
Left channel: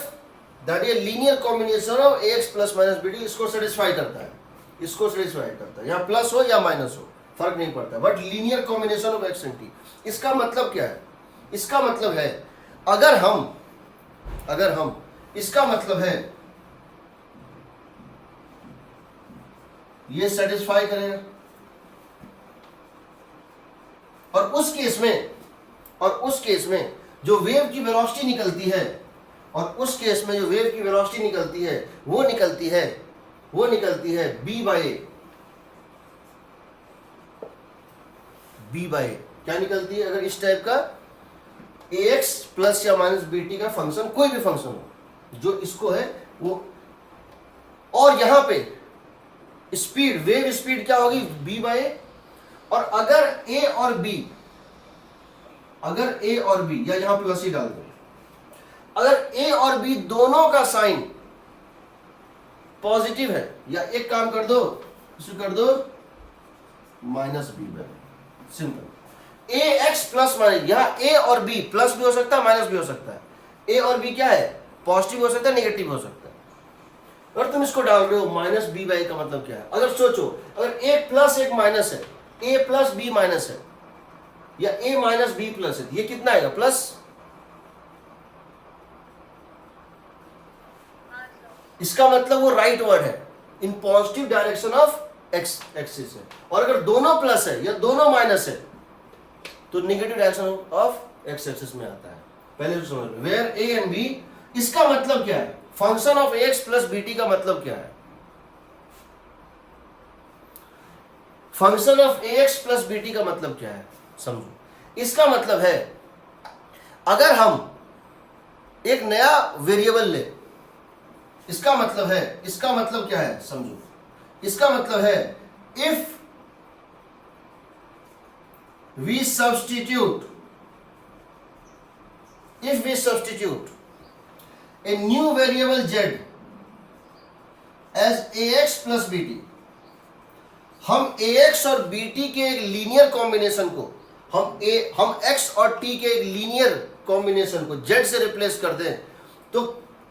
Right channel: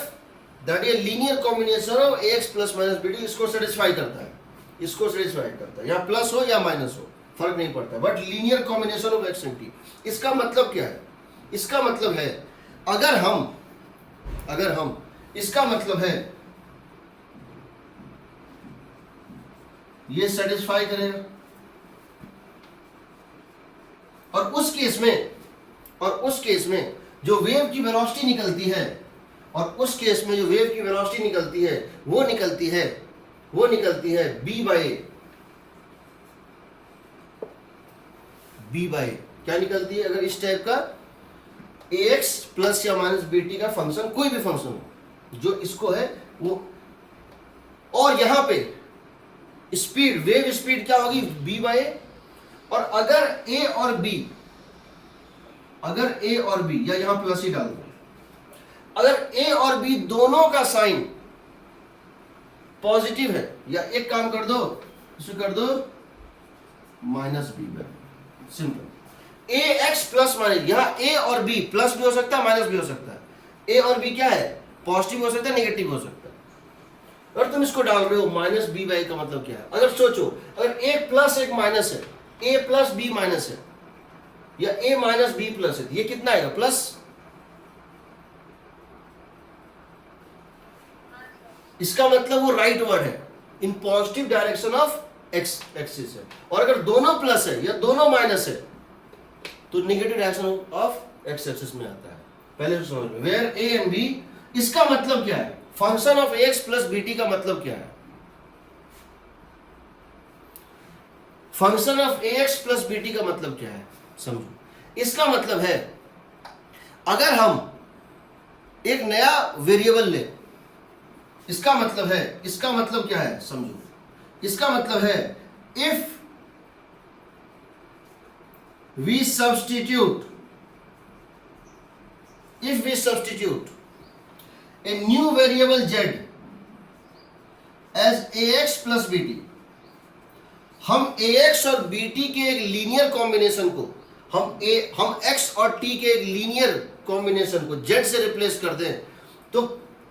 that is linear combination of ax plus minus bt, इसको satisfy करता है, इसको सेटिस्फाई करता है। या प्लस हो या माइनस हो फर्क नहीं पड़ता, but linear combination of x and t। इसका मतलब क्या है? इसका मतलब है अगर हम इसका मतलब है ये सेटिस्फाई करेगा, और उस केस में जो वेव की वेलोसिटी निकलती है, और उस केस में जो वेव की वेलोसिटी निकलती है वो निकलती है b बाय क्या निकलती है? अगर इस टाइप का ax प्लस या माइनस bt का फंक्शन, कोई भी फंक्शन हो जो इसको है वो, और यहां पे स्पीड, वेव स्पीड क्या होगी? b बाय, और अगर a और b या यहां प्लस ही डाल दो, अगर a और b दोनों का साइन पॉजिटिव है, या एक काम कर दो, इसको कर दो minus b by, simple. A x plus minus, यहाँ ए और बी प्लस भी हो सकता है माइनस भी हो सकता है। ए और बी क्या है, पॉजिटिव हो सकता है नेगेटिव हो सकता है। अगर तुम इसको डाल रहे हो माइनस बी बाई का मतलब क्या है, अगर सोचो अगर एक प्लस एक माइनस है, ए प्लस बी माइनस है या ए माइनस बी प्लस है, ये कितना आएगा, प्लस। इसका मतलब वो राइट वर्ड है, in positive direction of x axis है। और अगर दोनों प्लस है या दोनों माइनस है तो negative direction of x axis में आता है। पहले तो समझ लो, वेयर ए एंड बी, इसका मतलब क्या है, function of x plus b t का मतलब क्या है, function of x plus b t का मतलब क्या है, समझो। इसका मतलब है अगर हम एक नया वेरिएबल ले, इसका मतलब क्या है, समझो। इसका मतलब है if we substitute a new variable z as ax plus bt, हम ax और bt के एक लीनियर कॉम्बिनेशन को हम x और t के एक लीनियर कॉम्बिनेशन को z से रिप्लेस कर दें तो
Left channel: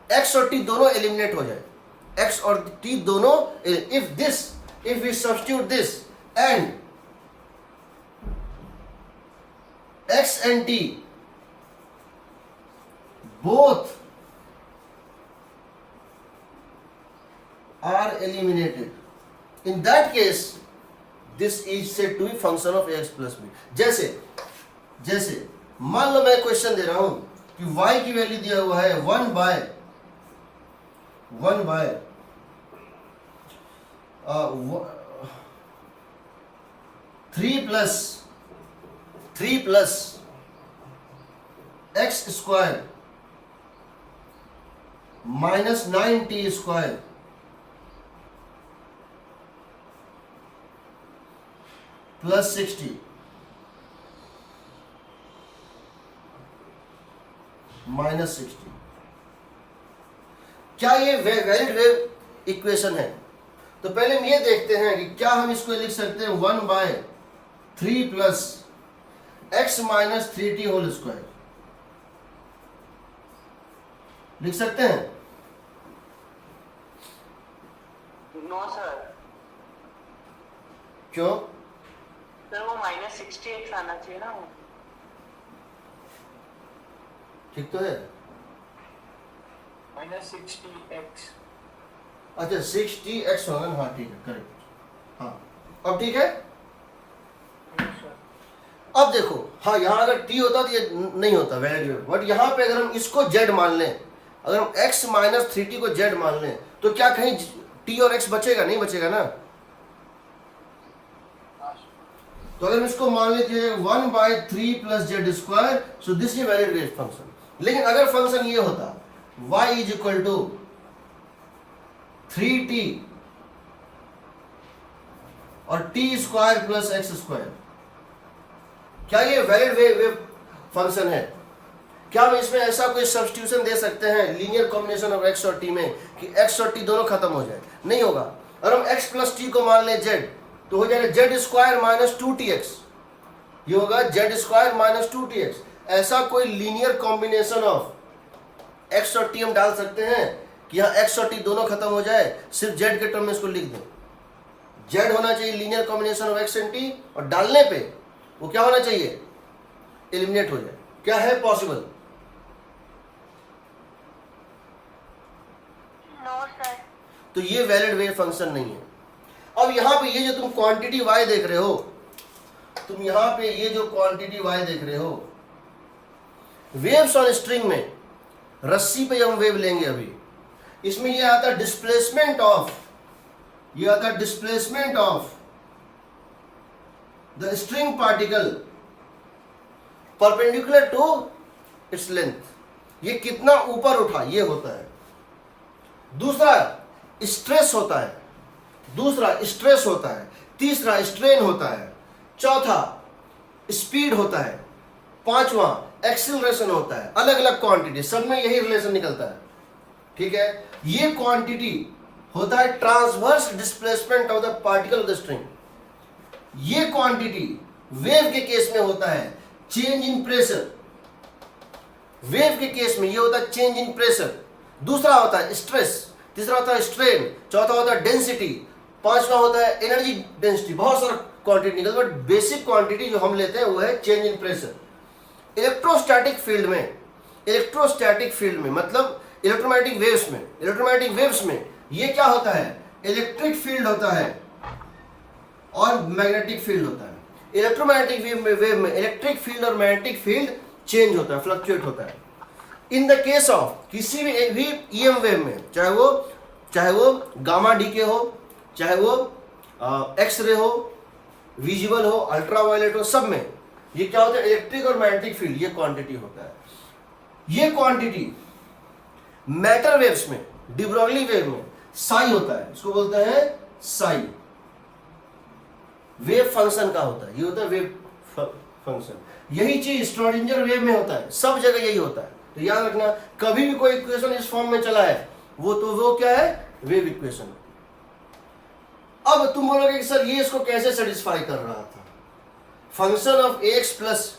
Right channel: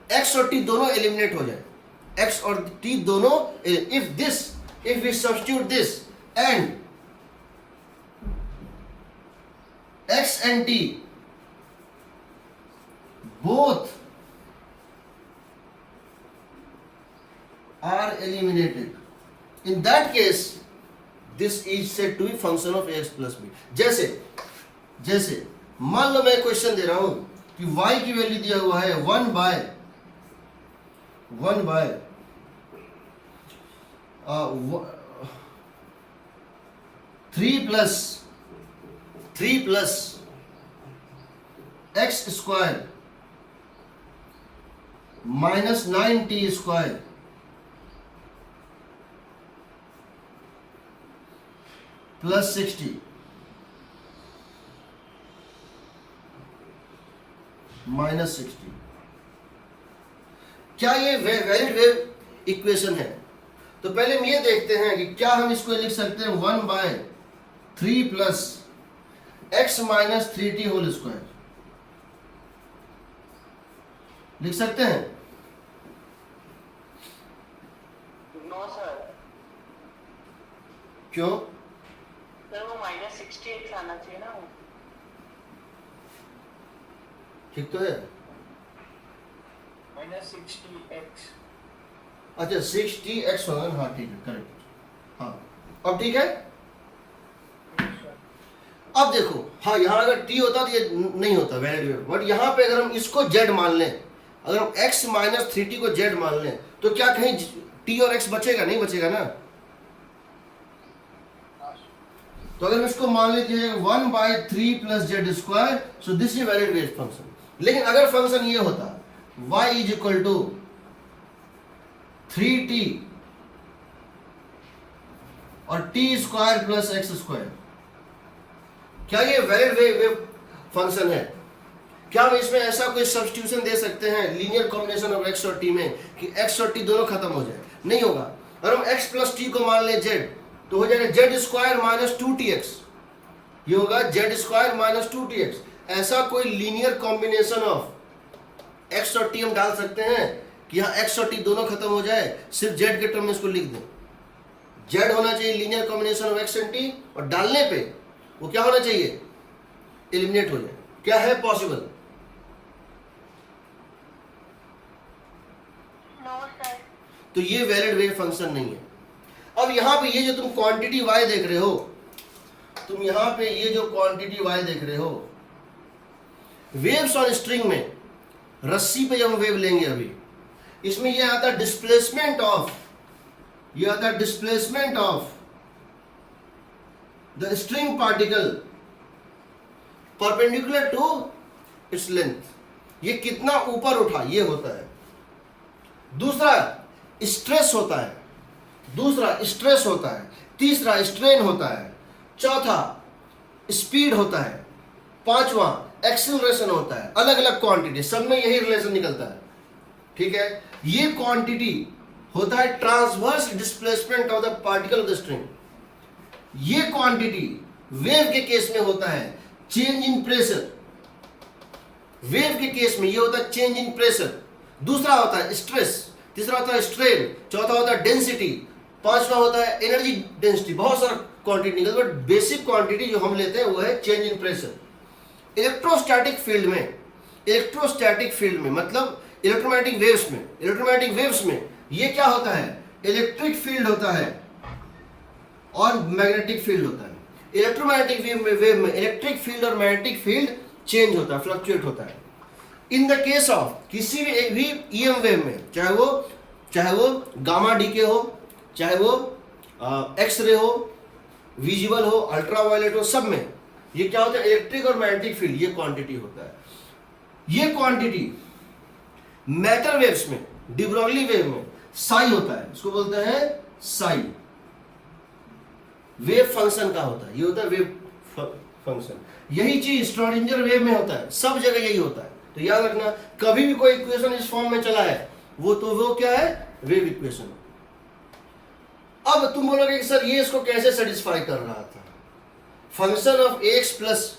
x और t दोनों एलिमिनेट हो जाए, x और t दोनों। if we substitute this and x and t both are eliminated, in that case this is said to be function of ax plus b। जैसे मान लो मैं क्वेश्चन दे रहा हूं कि y की वैल्यू दिया हुआ है 1 by 3 plus x square minus 9t square plus 60 minus 60। क्या ये वैलिड वेव इक्वेशन है? तो पहले हम ये देखते हैं कि क्या हम इसको लिख सकते हैं 1 by 3 plus x minus 3t whole square, लिख सकते हैं? No sir. क्यों? सर वो माइनस 60x आना चाहिए ना वो। ठीक तो है, माइनस 60x। अच्छा 60x होगा, हाँ ठीक है, करेक्ट। हाँ अब ठीक है। अब देखो, हाँ यहाँ अगर t होता तो ये नहीं होता वैलिड वेव, बट यहाँ पे अगर हम इसको z मान लें, अगर हम x माइनस 3t को z मान लें तो क्या कहीं t और x बचेगा? नहीं बचेगा ना। तो अगर हम इसको मान लेते हैं 1 by 3 plus z square, so this is valid wave function. लेकिन अगर फंक्शन ये होता y is equal to 3t और t square plus x square, क्या ये वैलिड वेव फंक्शन है? क्या हम इसमें ऐसा कोई सब्स्टिट्यूशन दे सकते हैं लीनियर कॉम्बिनेशन ऑफ x और t में कि x और t दोनों खत्म हो जाए? नहीं होगा। और हम x प्लस t को मान लें z, तो हो जाएगा जेड स्क्वायर माइनस 2tx, ये होगा जेड स्क्वायर माइनस 2tx। ऐसा कोई लीनियर कॉम्बिनेशन ऑफ x और t हम डाल सकते हैं कि यहाँ x और t दोनों खत्म हो जाए, सिर्फ z के टर्म में इसको लिख दें। z होना चाहिए linear combination of x and t, और डालने पे वो क्या होना चाहिए? एलिमिनेट हो जाए। क्या है पॉसिबल? No sir. तो ये वैलिड वेव फंक्शन नहीं है। अब यहाँ पे ये जो तुम क्वांटिटी y देख रहे हो, तुम यहाँ पे ये जो क्वांटिटी y देख रहे हो, वेव्स ऑन स्ट्रिंग में, रस्सी पे जब हम वेव लेंगे अभी, इसमें ये आता है डिस्प्लेसमेंट ऑफ, ये आता है displacement of the string particle perpendicular to its length. ये कितना ऊपर उठा, ये होता है। दूसरा स्ट्रेस होता है, तीसरा स्ट्रेन होता है, चौथा स्पीड होता है, पांचवा एक्सीलरेशन होता है। अलग अलग क्वांटिटी, सब में यही रिलेशन निकलता है। ठीक है, ये क्वांटिटी होता है transverse displacement of the particle of the string. ये क्वांटिटी वेव के केस में होता है चेंज इन प्रेशर, वेव के केस में ये होता है चेंज इन प्रेशर, दूसरा होता है स्ट्रेस, तीसरा होता है स्ट्रेन, चौथा होता है डेंसिटी, पांचवा होता है एनर्जी डेंसिटी, बहुत सारा क्वांटिटी निकलता है, बट बेसिक क्वांटिटी जो हम लेते हैं वो है change in pressure. Electrostatic field में मतलब इलेक्ट्रोमैग्नेटिक वेव्स में ये क्या होता है, इलेक्ट्रिक फील्ड होता है और मैग्नेटिक फील्ड होता है। इलेक्ट्रोमैग्नेटिक वेव में इलेक्ट्रिक फील्ड और मैग्नेटिक फील्ड चेंज होता है, फ्लक्चुएट होता है। इन द केस ऑफ किसी भी ईएम वेव में, चाहे वो गामा डीके हो, चाहे वो एक्स रे हो, विजिबल हो, अल्ट्रावायलेट हो, सब में ये क्या होता है, इलेक्ट्रिक और मैग्नेटिक फील्ड, ये क्वांटिटी होता है। ये क्वांटिटी मैटर वेव्स में, डी ब्रॉगली वेव में साई होता है, इसको बोलते हैं साई, वेव फंक्शन का होता है, ये होता है वेव फंक्शन। यही चीज श्रोडिंगर वेव में होता है, सब जगह यही होता है। तो याद रखना, कभी भी कोई इक्वेशन इस फॉर्म में चला है वो क्या है, वेव इक्वेशन। अब तुम बोलोगे कि सर ये इसको कैसे सेटिस्फाई कर रहा था, function of x plus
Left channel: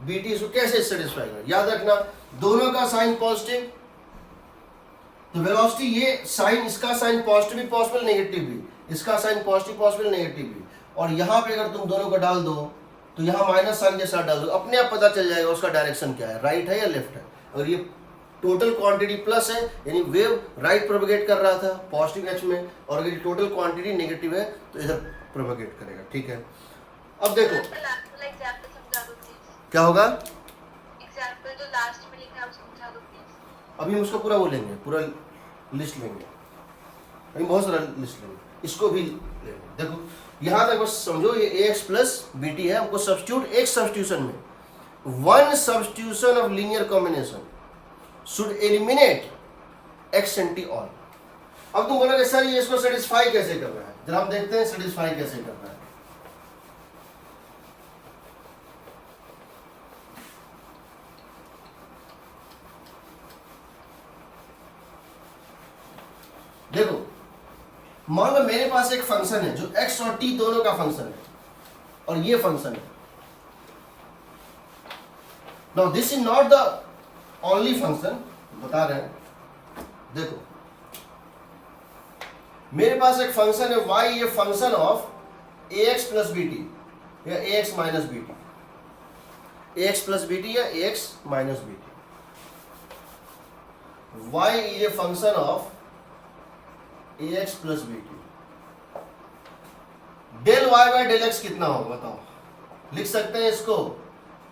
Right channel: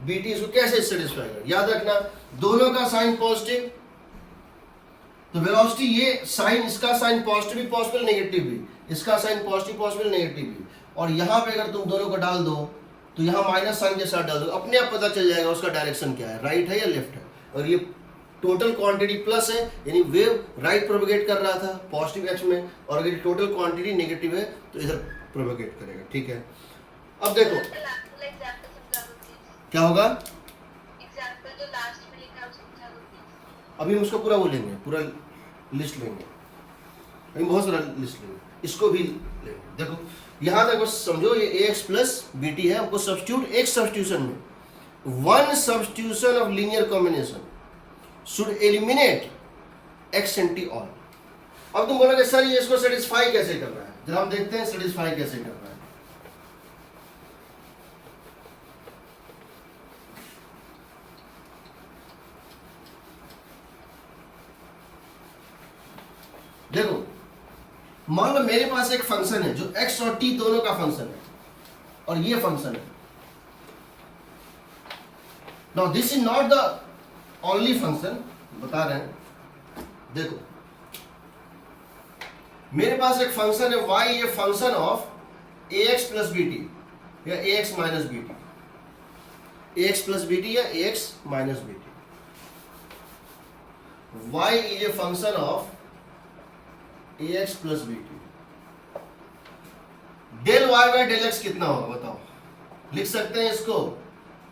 b t, इसको कैसे सेटिस्फाई कर, याद रखना दोनों का साइन पॉजिटिव, तो वेलोसिटी ये साइन, इसका साइन पॉजिटिव भी पॉसिबल, नेगेटिव भी, इसका साइन पॉजिटिव पॉसिबल, नेगेटिव भी, और यहां पे अगर तुम दोनों को डाल दो तो यहां माइनस साइन के साथ डाल दो, अपने आप पता चल जाएगा उसका डायरेक्शन क्या है, राइट है या लेफ्ट है। और ये टोटल क्वांटिटी प्लस है, यानी वेव राइट प्रोपगेट कर रहा था पॉजिटिव एक्स में, और अगर टोटल क्वांटिटी नेगेटिव है तो इधर प्रोपगेट करेगा। ठीक है, अब देखो क्या होगा, अभी हम उसको पूरा वो लेंगे, पूरा लिस्ट लेंगे, अभी बहुत सारा लिस्ट लेंगे, इसको भी लेंगे। देखो यहां तक बस समझो, ये एक्स प्लस बी टी है, हमको सब्स्टिट्यूट, एक सब्स्टिट्यूशन में, one substitution of linear combination should eliminate x and T all. अब तुम बोलोगे सर ये इसको सेटिस्फाई कैसे कर रहा है, जरा हम देखते हैं सेटिस्फाई कैसे कर रहा है। देखो मान लो मेरे पास एक फंक्शन है जो x और t दोनों का फंक्शन है, और ये फंक्शन है। Now this is not the only function, बता रहे हैं, देखो मेरे पास एक फंक्शन है y, ये function of ax plus b t या ax minus b t, ax plus b t या ax minus b t, y is a function of ax plus b t. Del y by del x कितना होगा बताओ, लिख सकते हैं इसको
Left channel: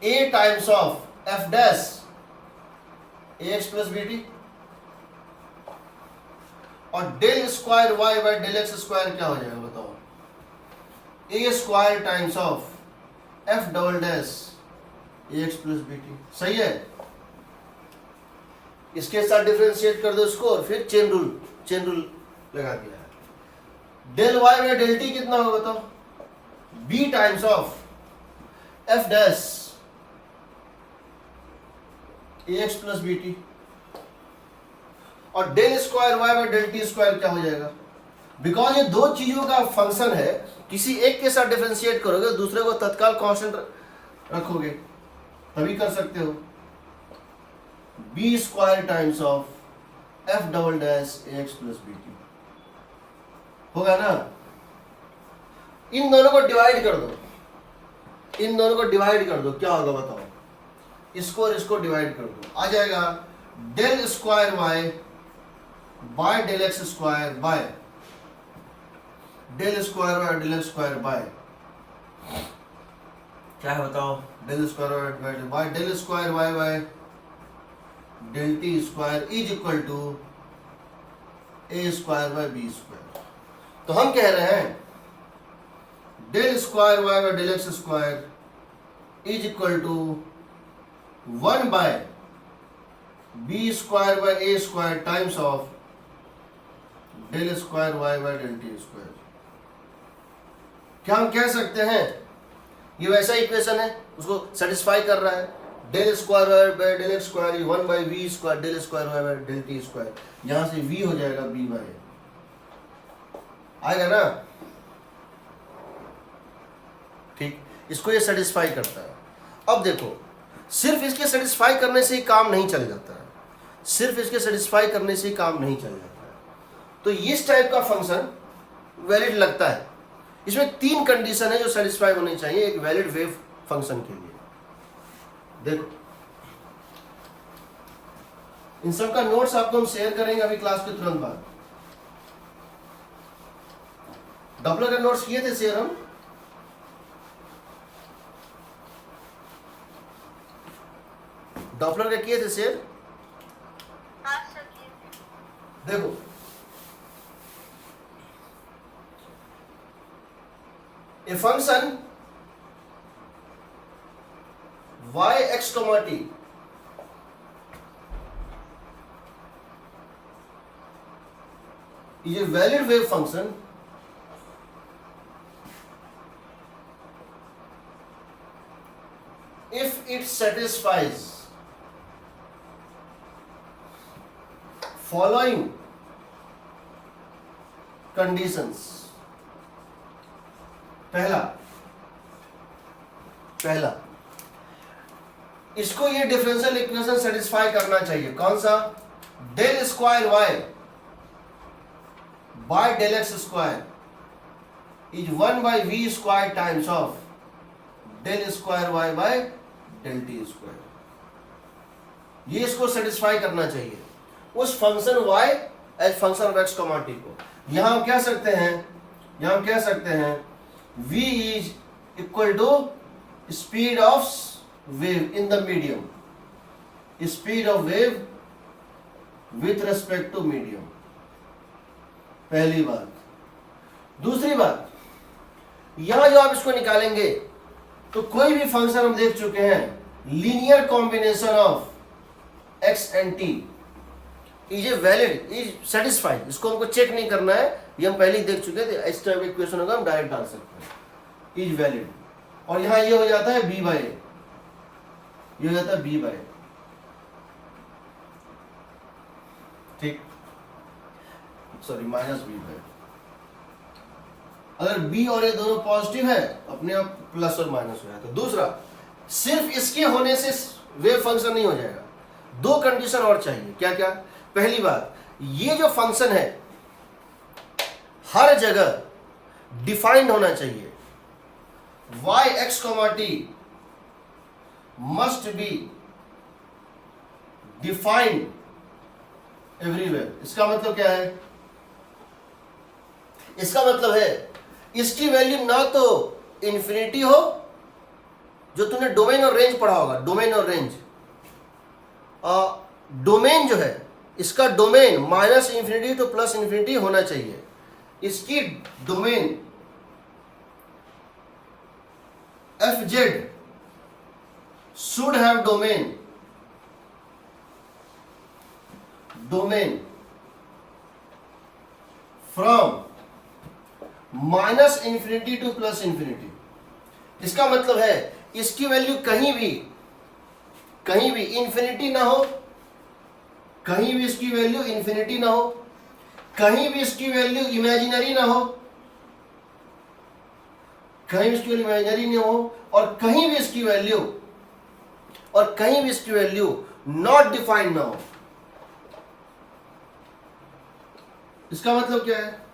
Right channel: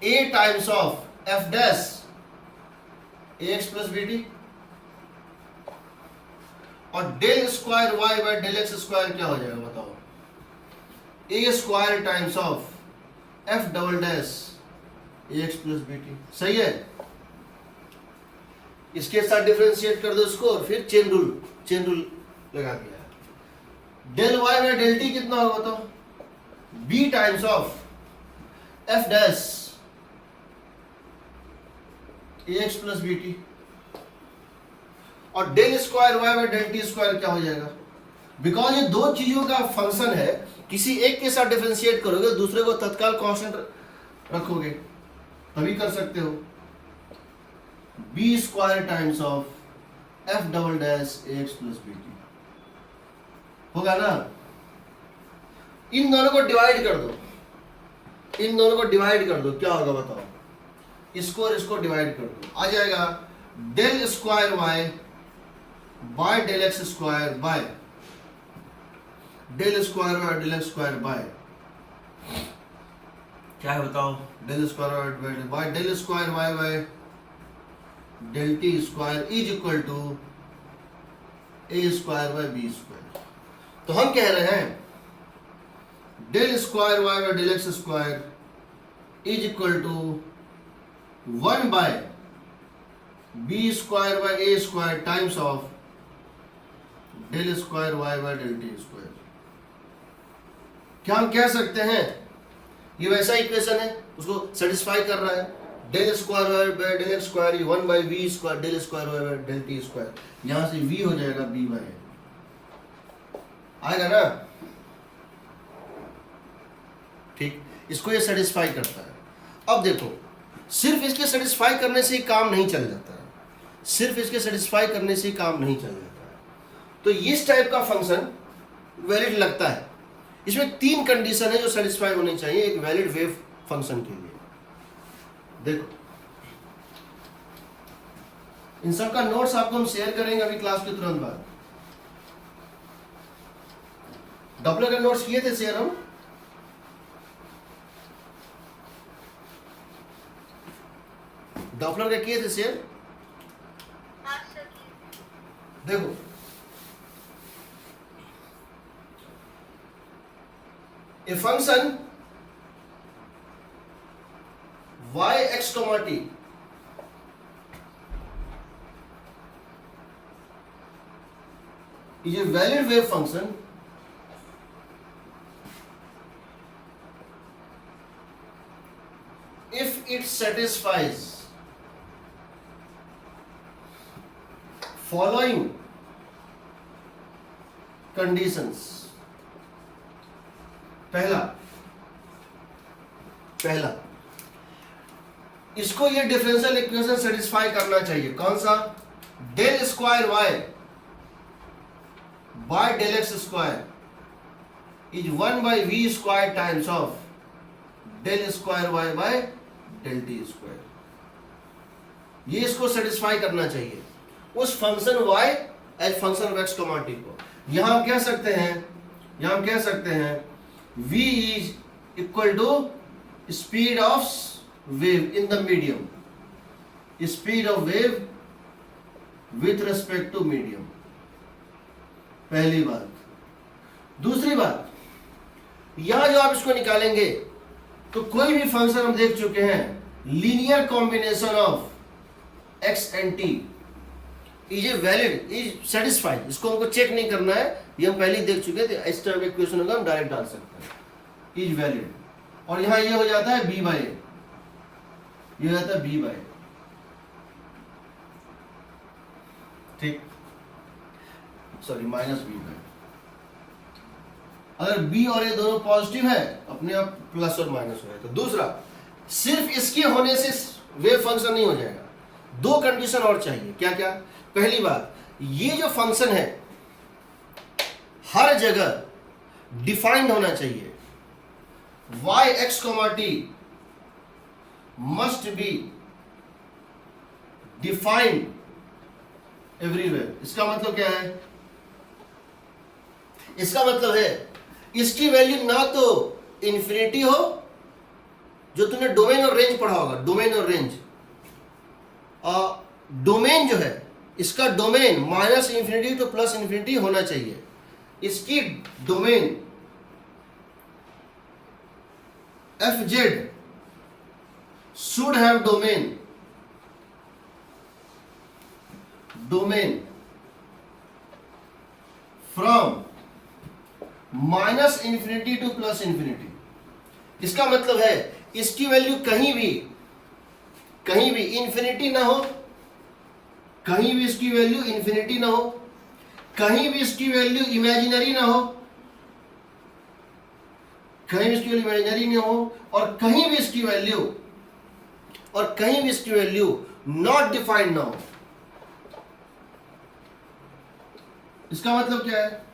a times of f dash ax plus b t, और del square y by del x square क्या हो जाएगा बताओ, a square times of f double dash ax plus b t. सही है, इसके साथ डिफरेंशिएट कर दो इसको, और फिर चेन रूल लगा दिया है। Del y by del t कितना होगा बताओ, b times of f dash x plus b t, और del square y by del t square क्या हो जाएगा, बिकॉज ये दो चीजों का फंक्शन है, किसी एक के साथ डिफरेंशिएट करोगे दूसरे को तत्काल कांस्टेंट रखोगे तभी कर सकते हो। B square times of f double dash x plus b t होगा ना। इन दोनों को डिवाइड कर दो, इन दोनों को डिवाइड कर दो, क्या होगा बताओ, इसको और इसको डिवाइड कर दो, आ जाएगा del square y by del x square by del square y del x square by क्या है बताओ, del square y by del square y by del t square is equal to a square by b square. तो हम कह रहे हैं del square y by del x square is equal to 1 by b square by a square times of del square y by del t square. क्या हम कह सकते हैं ये वैसा इक्वेशन है, उसको सेटिस्फाई कर रहा है, del square y by del x square 1 by v square del square y by del t square, यहां से v हो जाएगा b बाय आएगा ना। ठीक, इसको ये सेटिस्फाई करता है। अब देखो, सिर्फ इसके सेटिस्फाई करने से ही काम नहीं चल जाता है, सिर्फ इसके सेटिस्फाई करने से ही काम नहीं चल जाता है। तो इस टाइप का फंक्शन वैलिड लगता है। इसमें 3 कंडीशन है जो सेटिस्फाई होनी चाहिए एक वैलिड वेव फंक्शन के लिए। देखो, इन सब का नोट्स आपको हम शेयर करेंगे अभी क्लास के तुरंत बाद। डॉपलर के नोट्स किए थे शेयर हम? डॉपलर के किए थे शेयर? देखो, a function yx, t is a valid wave function if it satisfies following conditions। पहला इसको ये डिफरेंशियल इक्वेशन सेटिस्फाई करना चाहिए। कौन सा? Del square y by del x square is 1 by v square times of del square y by del t square. ये इसको satisfy करना चाहिए उस function y as function of x, t को। यहां हम कह सकते हैं v is equal to speed of wave in the medium, speed of wave with respect to medium. पहली बात। दूसरी बात, यहां जो आप इसको निकालेंगे तो कोई भी फंक्शन हम देख चुके हैं linear combination of x and t is a valid, is satisfied. इसको हमको चेक नहीं करना है, ये हम पहले ही देख चुके थे। इस टाइप के क्वेश्चन होगा हम डायरेक्ट डाल सकते हैं इज वैलिड। और यहां ये हो जाता है b बाय a, ये हो जाता है b बाय a। ठीक, सॉरी माइनस b बाय। अगर b और a दोनों पॉजिटिव है अपने आप प्लस और माइनस हो जाता है। दूसरा, सिर्फ इसके होने से वेव फंक्शन नहीं हो जाएगा, 2 कंडीशन और चाहिए। क्या क्या? पहली बात, ये जो फंक्शन है हर जगह डिफाइंड होना चाहिए। yx, t must be defined everywhere. इसका मतलब क्या है? इसका मतलब है इसकी वैल्यू ना तो इंफिनिटी हो, जो तुमने डोमेन और रेंज पढ़ा होगा, डोमेन और रेंज। डोमेन जो है इसका domain minus infinity two plus infinity होना चाहिए। इसकी domain F Z should have domain from minus infinity two plus infinity. इसका मतलब है इसकी वैल्यू कहीं भी इंफिनिटी ना हो, कहीं भी इसकी वैल्यू इंफिनिटी ना हो, कहीं भी इसकी वैल्यू इमेजिनरी ना हो, कहीं भी इसकी वैल्यू इमेजिनरी ना हो, और कहीं भी इसकी वैल्यू नॉट डिफाइंड ना हो। इसका मतलब क्या है?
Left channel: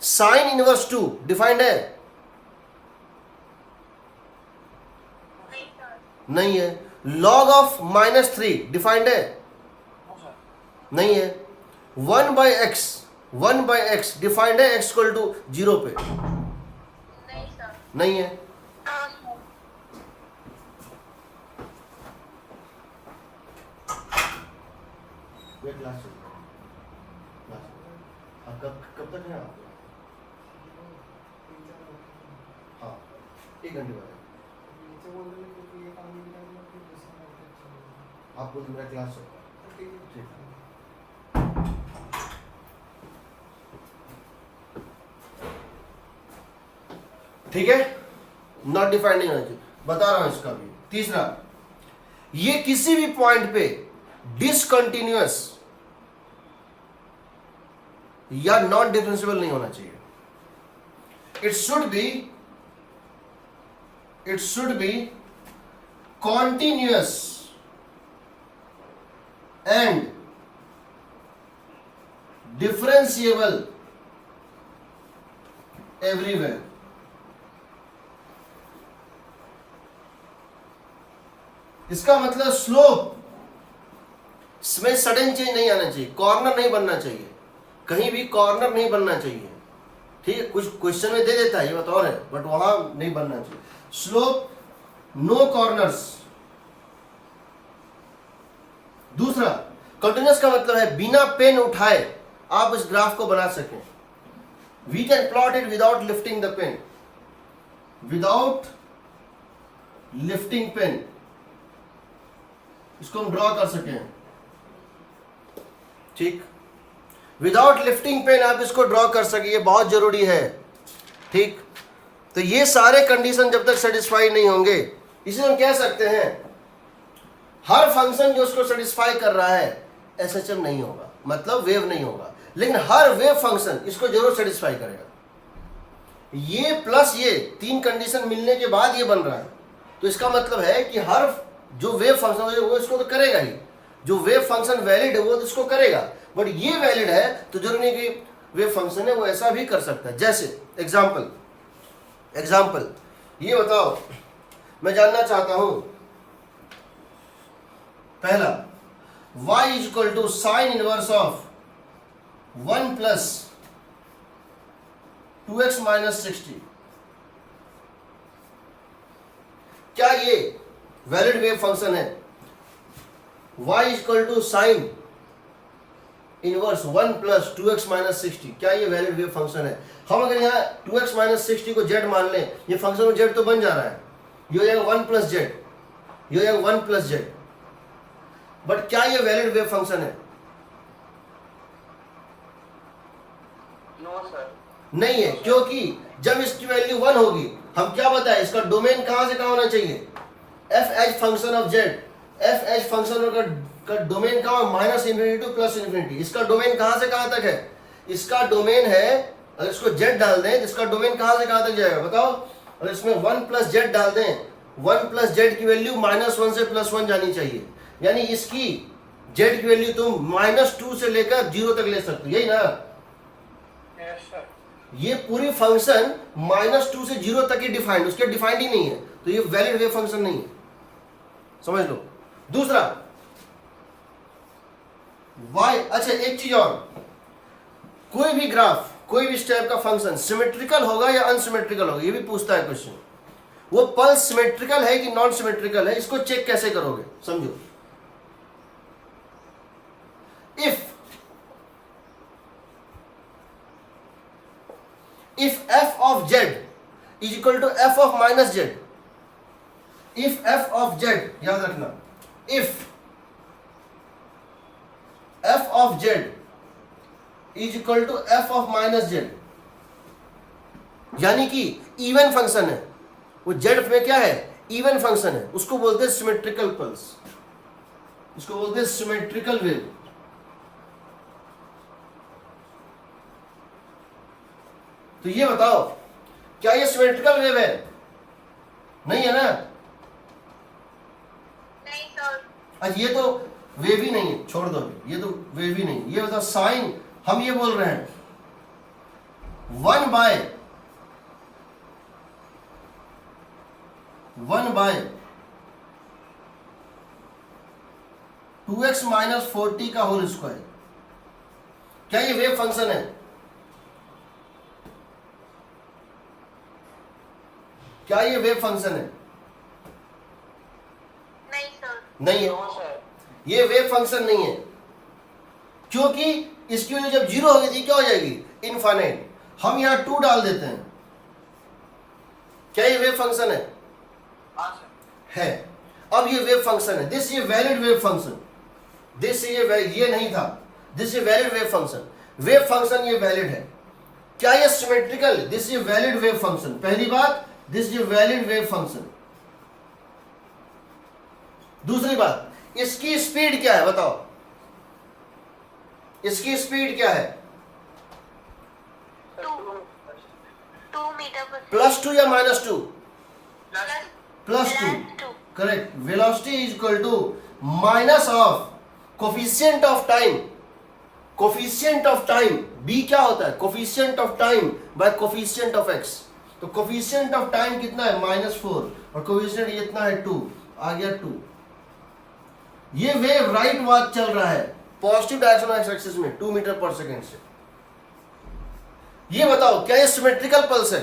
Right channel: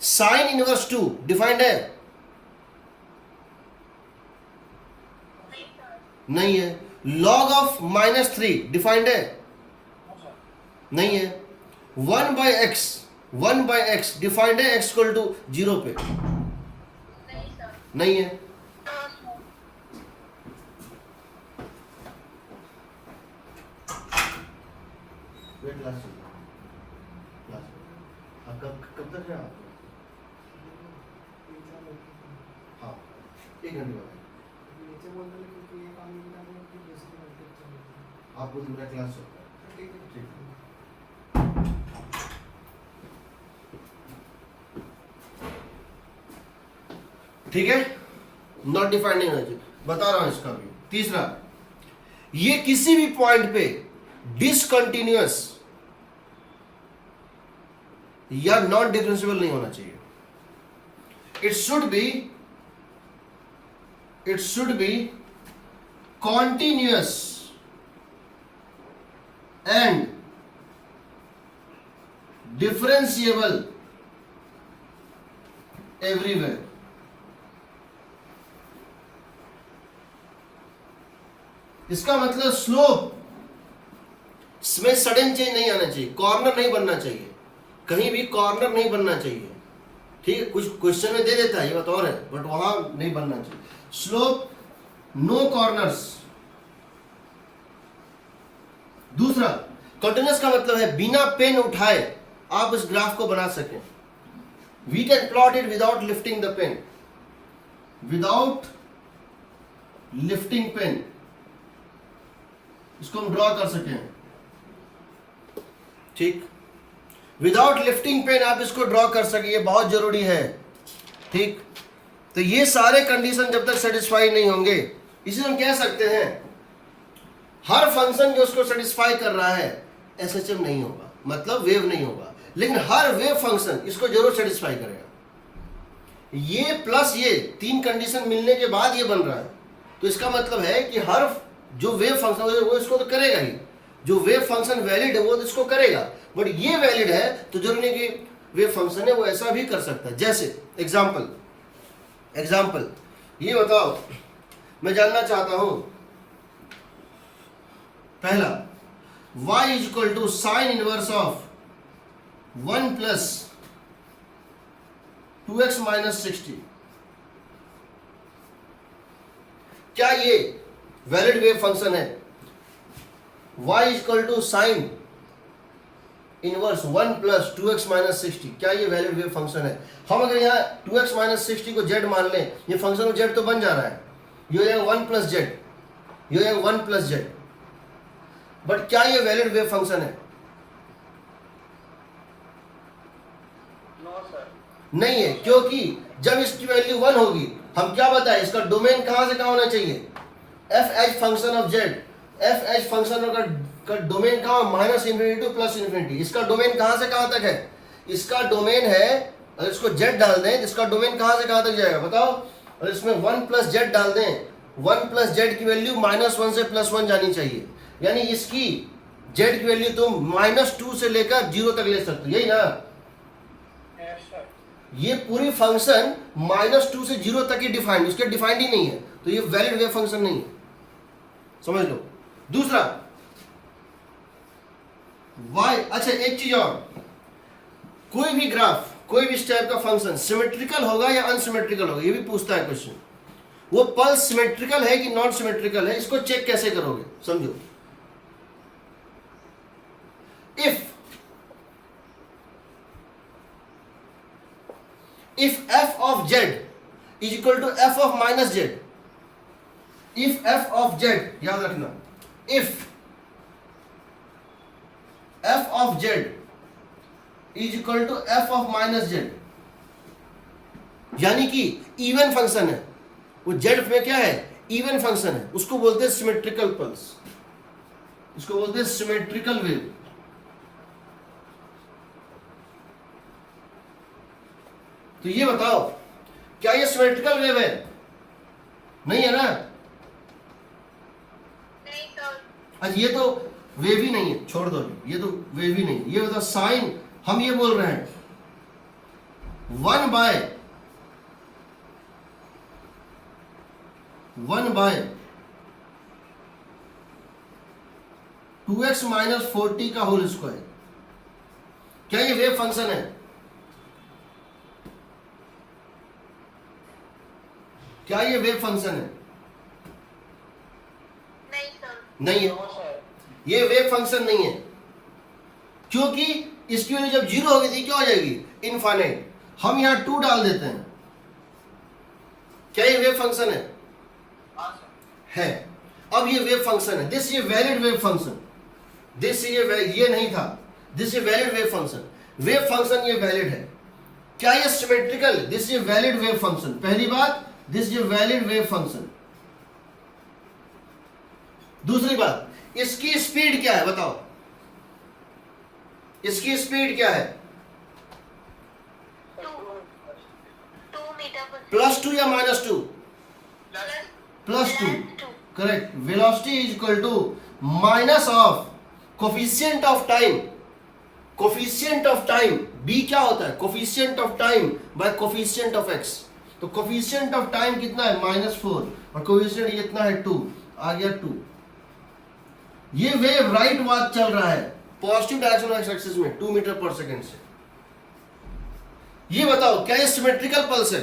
साइन इनवर्स 2 डिफाइंड है? नहीं है। लॉग ऑफ -3 डिफाइंड है? नहीं है। 1 बाय एक्स डिफाइंड है x इक्वल टू 0 पे? नहीं है। कब तक है आप? हाँ, 1 घंटे बाद आपको मेरा क्लास होगा। ठीक है। ठीक है, नॉट डिफाइंड नहीं होना चाहिए, बता रहा हूं इसका भी। तीसरा, ये किसी भी पॉइंट पे डिसकंटिन्यूअस या नॉन डिफरेंशिएबल नहीं होना चाहिए। It should be it should be continuous and differentiable everywhere. इसका मतलब स्लोप इसमें सडन चेंज नहीं आना चाहिए, कॉर्नर नहीं बनना चाहिए, कहीं भी कॉर्नर नहीं बनना चाहिए, ठीक है। कुछ क्वेश्चन में दे देता है, ये बात और है, बट वहां नहीं बनना चाहिए। Slope no corners. दूसरा, कंटिन्यूअस का मतलब है बिना पेन उठाए आप इस ग्राफ को बना सकें। We can plot it without lifting the pen, without lifting pen इसको हम ड्रॉ कर सकें, ठीक। विदाउट लिफ्टिंग पेन आप इसको ड्रॉ कर सके, ये बहुत जरूरी है, ठीक। तो ये सारे कंडीशन जब तक सेटिस्फाई नहीं होंगे, इसे हम कह सकते हैं हर फंक्शन जो उसको सेटिस्फाई कर रहा है एसएचएम नहीं होगा, मतलब वेव नहीं होगा, लेकिन हर वेव फंक्शन इसको जरूर सेटिस्फाई करेगा। ये प्लस ये तीन कंडीशन मिलने के बाद ये बन रहा है, तो इसका मतलब है कि हर जो वेव फंक्शन है वो इसको तो करेगा ही, जो वेव फंक्शन वैलिड है वो तो इसको करेगा, बट ये वैलिड है तो जरूरी नहीं कि वेव फंक्शन है वो ऐसा भी कर सकता है। जैसे एग्जाम्पल ये बताओ, मैं जानना चाहता हूं पहला, y is equal to sine inverse of 1 plus 2x minus 60, क्या ये वैलिड वेव फंक्शन है? y equal to sine inverse 1 plus 2x minus 60, क्या ये वैलिड वेव फंक्शन है? हम अगर यहाँ 2x माइनस 60 को z मान लें, ये फंक्शन में z तो बन जा रहा है, ये हो जाएगा 1 प्लस z, ये हो जाएगा 1 प्लस z, बट क्या ये वैलिड वेव फंक्शन है? No sir. नहीं है, क्योंकि जब इसकी वैल्यू 1 होगी, हम क्या बताएं, इसका डोमेन कहां से कहां होना चाहिए? F H function of Z, F H function का डोमेन कहां? Minus infinity two plus infinity. इसका डोमेन कहां से कहां तक है? इसका डोमेन है, अगर इसको जेड डाल दें तो इसका डोमेन कहां से कहां तक जाएगा बताओ? और इसमें 1 प्लस जेड डाल दें, 1 प्लस जेड की वैल्यू -1 से +1 जानी चाहिए, यानी इसकी जेड की वैल्यू तुम -2 से लेकर 0 तक ले सकते हो, यही ना? Yes sir. ये पूरी फंक्शन -2 से 0 तक ही डिफाइंड, उसके डिफाइंड ही नहीं है, तो ये वैलिड वेव फंक्शन नहीं है, समझ लो। दूसरा y, अच्छा एक चीज और, कोई भी ग्राफ, कोई भी स्टेप का फंक्शन सिमेट्रिकल होगा या अनसिमेट्रिकल होगा, ये भी पूछता है क्वेश्चन। वो पल्स सिमेट्रिकल है कि नॉन सिमेट्रिकल है, इसको चेक कैसे करोगे? समझो, if f of z is equal to f of minus z, if f of z, याद रखना, if f of z is equal to f of minus z, यानी कि इवन फंक्शन है, वो z में क्या है? इवन फंक्शन है, उसको बोलते हैं सिमेट्रिकल पल्स, इसको बोलते हैं सिमेट्रिकल वेव। तो ये बताओ, क्या ये सिमेट्रिकल वेव है? नहीं है ना? नहीं सर। अच्छा ये तो वेव ही नहीं है, छोड़ दो, ये तो वेव ही नहीं। ये बताओ साइन, हम ये बोल रहे हैं 1 बाय 2x माइनस 40 का होल स्क्वायर, क्या ये वेव फंक्शन है? क्या ये वेव फंक्शन है? नहीं सर। नहीं है, नो सर। ये वेव फंक्शन नहीं है, क्योंकि इसकी वैल्यू जब 0 होगी थी क्या हो जाएगी? इनफाइनाइट। हम यहां 2 डाल देते हैं, क्या ये वेव फंक्शन है? है। अब ये वेव फंक्शन है, दिस ये वैलिड वेव फंक्शन, दिस ये नहीं था, दिस ये valid wave function, wave function ये वैलिड है। क्या ये सिमेट्रिकल? दिस ये वैलिड वेव फंक्शन, पहली बात, दिस ये वैलिड वेव फंक्शन। दूसरी बात, इसकी स्पीड क्या है बताओ? इसकी स्पीड क्या है? 2 मीटर पर +2 या -2? Plus 2, correct. Velocity is equal to minus of coefficient of time, coefficient of time b क्या होता है, coefficient of time by coefficient of x। तो कोफिशिएंट ऑफ टाइम कितना है, -4, और कोफिशिएंट ये इतना है 2, आ गया 2। ये वेव राइट वार्ड चल रहा है पॉजिटिव डायरेक्शन एक्स एक्सिस में 2 मीटर पर सेकेंड से। ये बताओ क्या ये सिमेट्रिकल पल्स है,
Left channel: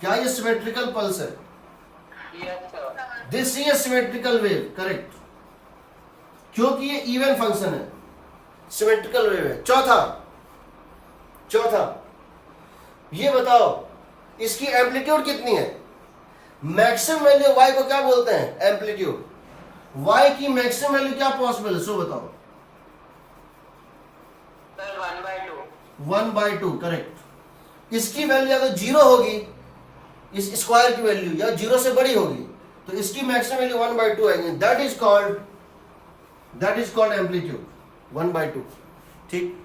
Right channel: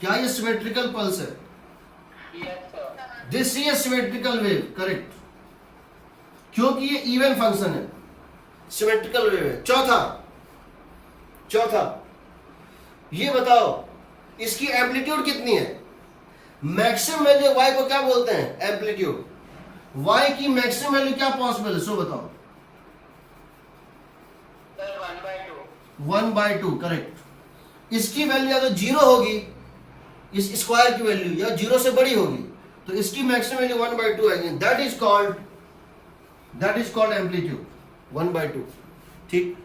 क्या ये सिमेट्रिकल पल्स है? This is symmetrical wave, correct, क्योंकि ये इवन फंक्शन है, सिमेट्रिकल वेव है। चौथा ये बताओ इसकी एम्पलीट्यूड कितनी है? मैक्सिमम वैल्यू y को क्या बोलते हैं, एम्पलीट्यूड। y की मैक्सिमम वैल्यू क्या पॉसिबल है, सो बताओ। 1/2, करेक्ट। इसकी वैल्यू या तो 0 होगी, इस स्क्वायर की वैल्यू, या 0 से बड़ी होगी, तो इसकी मैक्सिमम वैल्यू 1/2 आएगी। That is called amplitude 1/2। ठीक,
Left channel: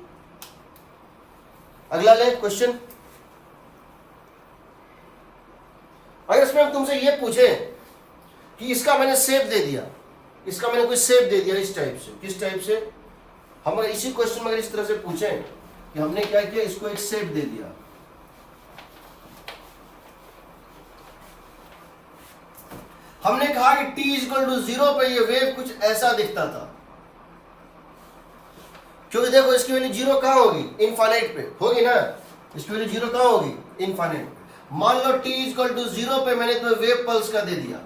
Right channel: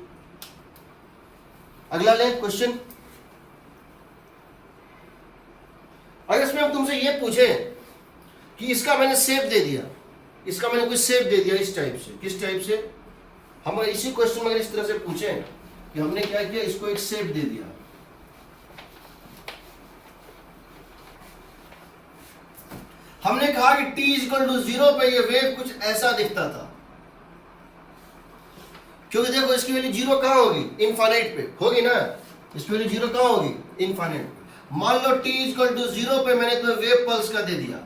अगला ले क्वेश्चन। अगर इसमें हम तुमसे ये पूछे कि इसका मैंने शेप दे दिया, इसका मैंने कुछ शेप दे दिया इस टाइप से, किस टाइप से, हम अगर इसी क्वेश्चन में अगर इस तरह से पूछें कि हमने क्या किया, इसको एक शेप दे दिया, हमने कहा कि t = 0 पे ये वेव कुछ ऐसा दिखता था, क्योंकि देखो इसकी वैल्यू 0 कहां होगी, इनफाइनाइट पे होगी ना, इसकी वैल्यू 0 कहां होगी, इनफाइनाइट पे। मान लो t = 0 पे मैंने तो वेव पल्स का दे दिया,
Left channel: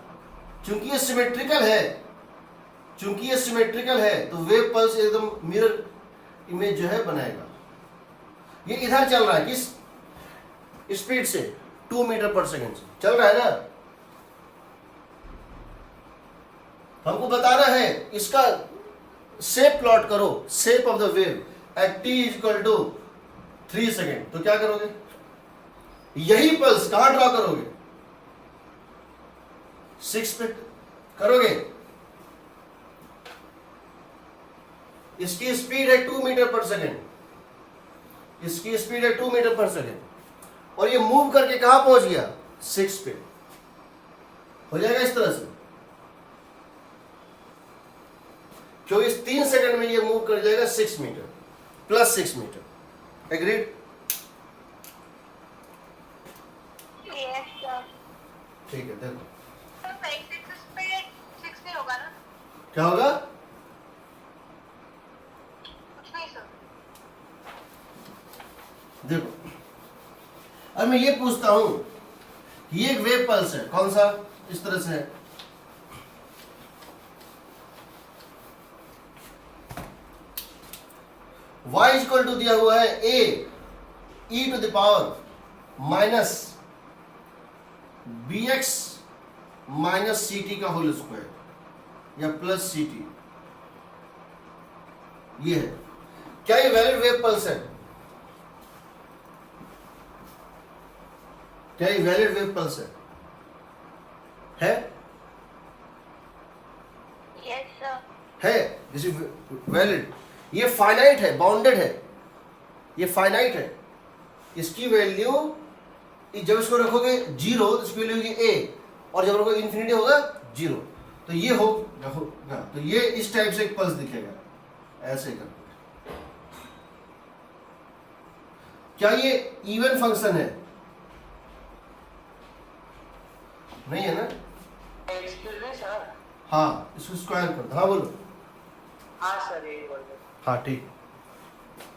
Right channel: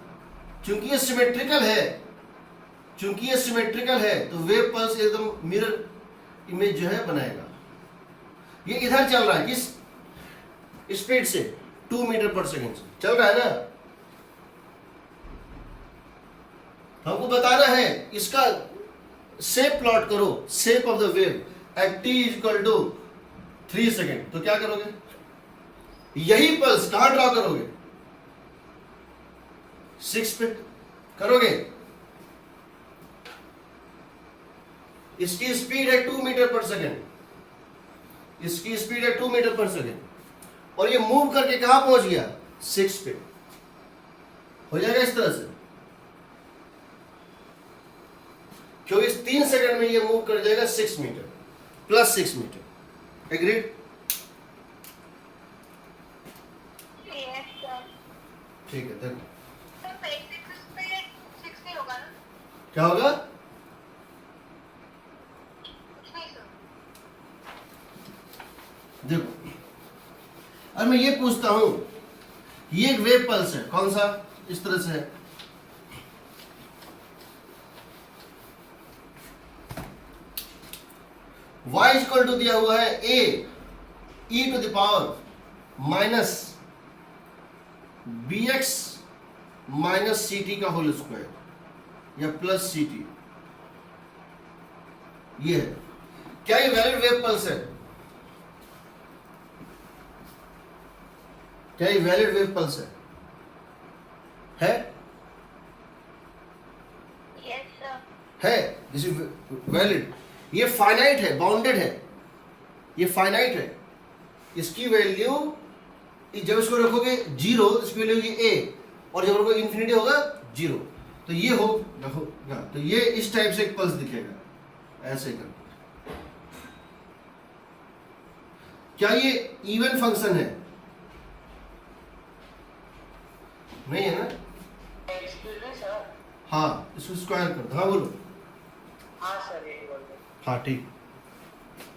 चूंकि ये सिमेट्रिकल है, तो वेव पल्स एकदम मिरर इमेज जो है बनाएगा। ये इधर चल रहा है किस स्पीड से, 2 मीटर पर सेकेंड से चल रहा है ना। हमको बताना है इसका शेप प्लॉट करो, shape of the wave eight t = 3 second. तो क्या करोगे, यही पल्स कहां ड्रॉ करोगे, 6 पे करोगे। इसकी स्पीड है 2 मीटर पर सेकेंड, इसकी स्पीड है 2 मीटर पर सेकेंड, और ये मूव करके कहां पहुंच गया, 6 पे। हो जाएगा इस तरह से, क्योंकि इस 3 सेकंड में ये मूव कर जाएगा 6 मीटर प्लस 6 मीटर। एग्रीड? ठीक है, देखो क्या होगा, देखो अब मैं ये पूछता हूं, ये एक वेव पल्स है, कौन सा, इस तरह से है, y = दिया हुआ है a e⁻ -bx - ct का होल स्क्वायर या प्लस ct। ये है, क्या ये वैलिड वेव पल्स है, क्या ये वैलिड वेव पल्स है? है, दिस इज वैलिड। ये फाइनाइट है, बाउंडेड है, ये फाइनाइट है। इसकी वैल्यू जब इसको रखोगे 0 तो इसकी वैल्यू होगी a, और जब रखोगे इन्फिनिटी होगा 0। तो ये होगा, तो ये इस टाइप से एक पल्स दिखेगा, ऐसे करके। क्या ये इवन फंक्शन है? नहीं है ना? हाँ, इसको स्क्वायर कर दो। हाँ बोलो। हाँ ठीक,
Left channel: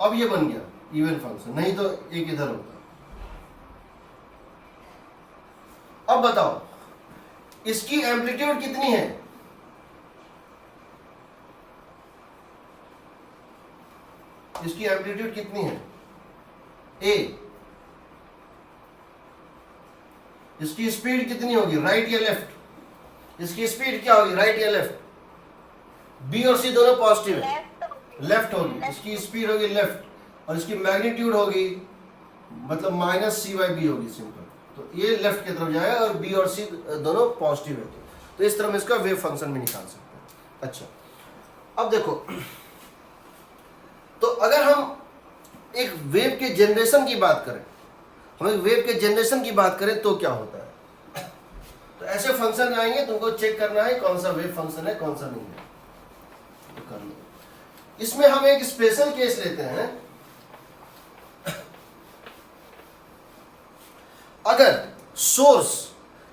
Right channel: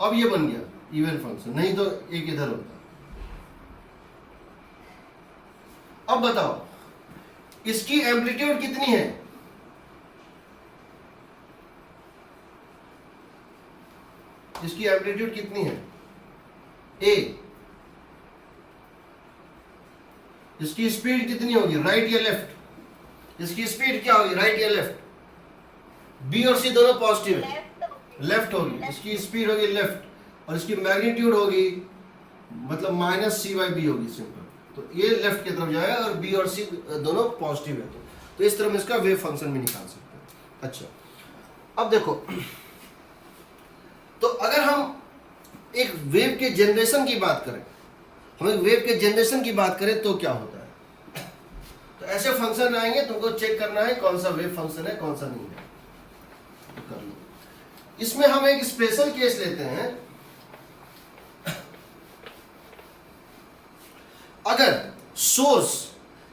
अब ये बन गया इवन फंक्शन, नहीं तो एक इधर होता। अब बताओ इसकी एम्पलीट्यूड कितनी है, इसकी एम्पलीट्यूड कितनी है, a। इसकी स्पीड कितनी होगी, राइट या लेफ्ट, इसकी स्पीड क्या होगी, राइट या लेफ्ट, b और c दोनों पॉजिटिव है, लेफ्ट होगी, इसकी स्पीड होगी लेफ्ट, और इसकी मैग्नीट्यूड होगी मतलब -c/b होगी, सिंपल। तो ये लेफ्ट की तरफ जाएगा, और b और c दोनों पॉजिटिव है, तो इस तरह में इसका वेव फंक्शन भी निकाल सकते हैं। अच्छा, अब देखो, तो अगर हम एक वेव के जनरेशन की बात करें, हम एक वेव के जनरेशन की बात करें तो क्या होता है, ऐसे फंक्शन आएंगे, तुमको चेक करना है कौन सा वेव फंक्शन है कौन सा नहीं है, तो कर लो। इसमें हम एक स्पेशल केस लेते हैं। अगर सोर्स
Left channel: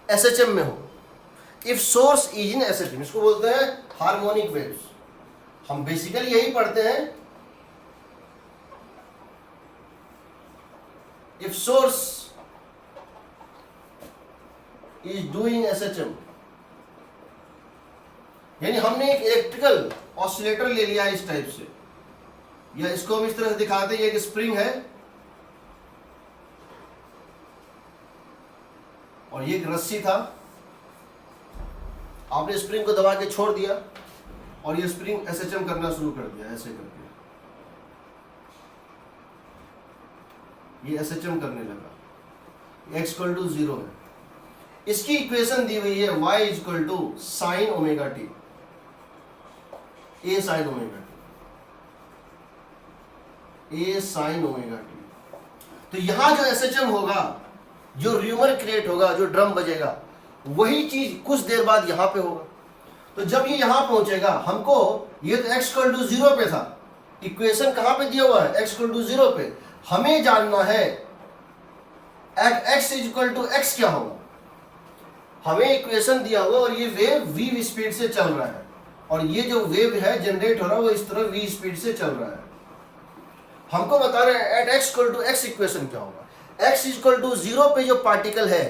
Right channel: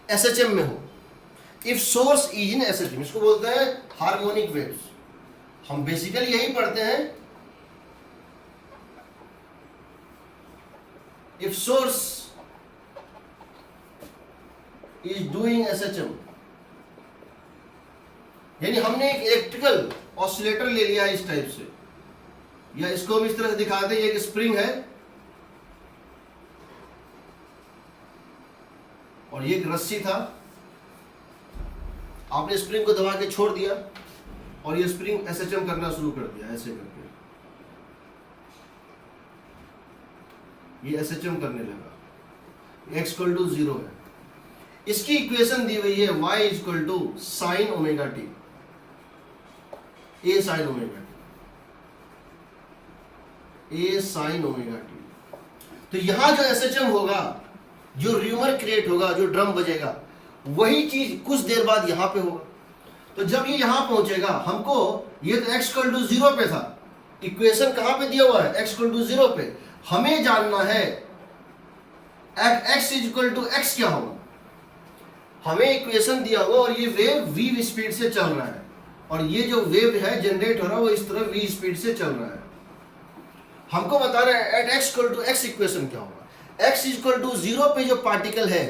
एसएचएम में हो, if source is in SHM, इसको बोलते हैं हार्मोनिक वेव्स। हम बेसिकली यही पढ़ते हैं, if source is doing SHM, यानी हमने एक इलेक्ट्रिकल ऑसिलेटर ले लिया इस टाइप से, या इसको हम इस तरह से दिखाते हैं, ये एक स्प्रिंग है और ये एक रस्सी था, आपने स्प्रिंग को दबा के छोड़ दिया और ये स्प्रिंग एसएचएम करना शुरू कर दिया, ऐसे करके ये एसएचएम करने लगा, x इक्वल टू 0 है। इसकी इक्वेशन दी हुई है y equal to sine omega t, a sine omega t, a sine omega t. तो यहां जो एसएचएम होगा, जो र्यूमर क्रिएट होगा, जो ड्रम बजेगा, वही चीज कुछ देर बाद यहां पे होगा। तो जब ये यहां पहुंचेगा, हमको ये तो x इक्वल टू 0 पे था, इक्वेशन कहां पे दिया हुआ है, x इक्वल टू 0 पे। हमें जानना है at x equal to x क्या होगा। हमें इक्वेशन दिया हुआ और ये वेव v स्पीड से चल रहा है, और ये जो वेव है जनरेट हो रहा है वो इस तरह v स्पीड से चल रहा है। हमको बता रहे हैं at x equal to x equation क्या होगा। x इक्वल टू 0 पे जो पार्टिकल है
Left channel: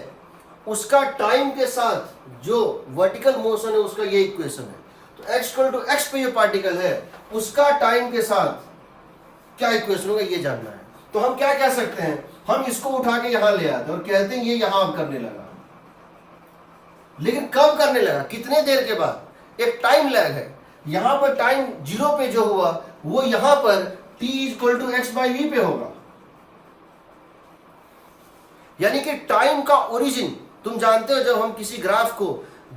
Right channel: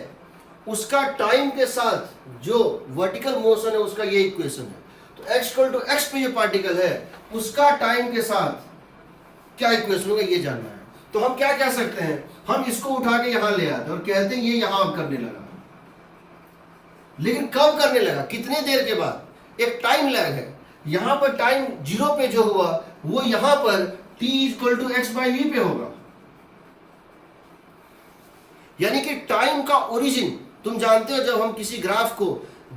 उसका टाइम के साथ जो वर्टिकल मोशन है उसका ये इक्वेशन है। तो x इक्वल टू x पे जो पार्टिकल है उसका टाइम के साथ क्या इक्वेशन होगा ये जानना है। तो हम क्या कह सकते हैं, हम इसको उठा के यहां ले आते हैं और कहते हैं ये यहां अब करने लगा, लेकिन कब करने लगा, कितने देर के बाद, एक टाइम लैग है। यहां पर टाइम 0 पे जो हुआ वो यहां पर t equal to x by v पे होगा। यानी कि टाइम का ओरिजिन तुम जानते हो, जब हम किसी ग्राफ को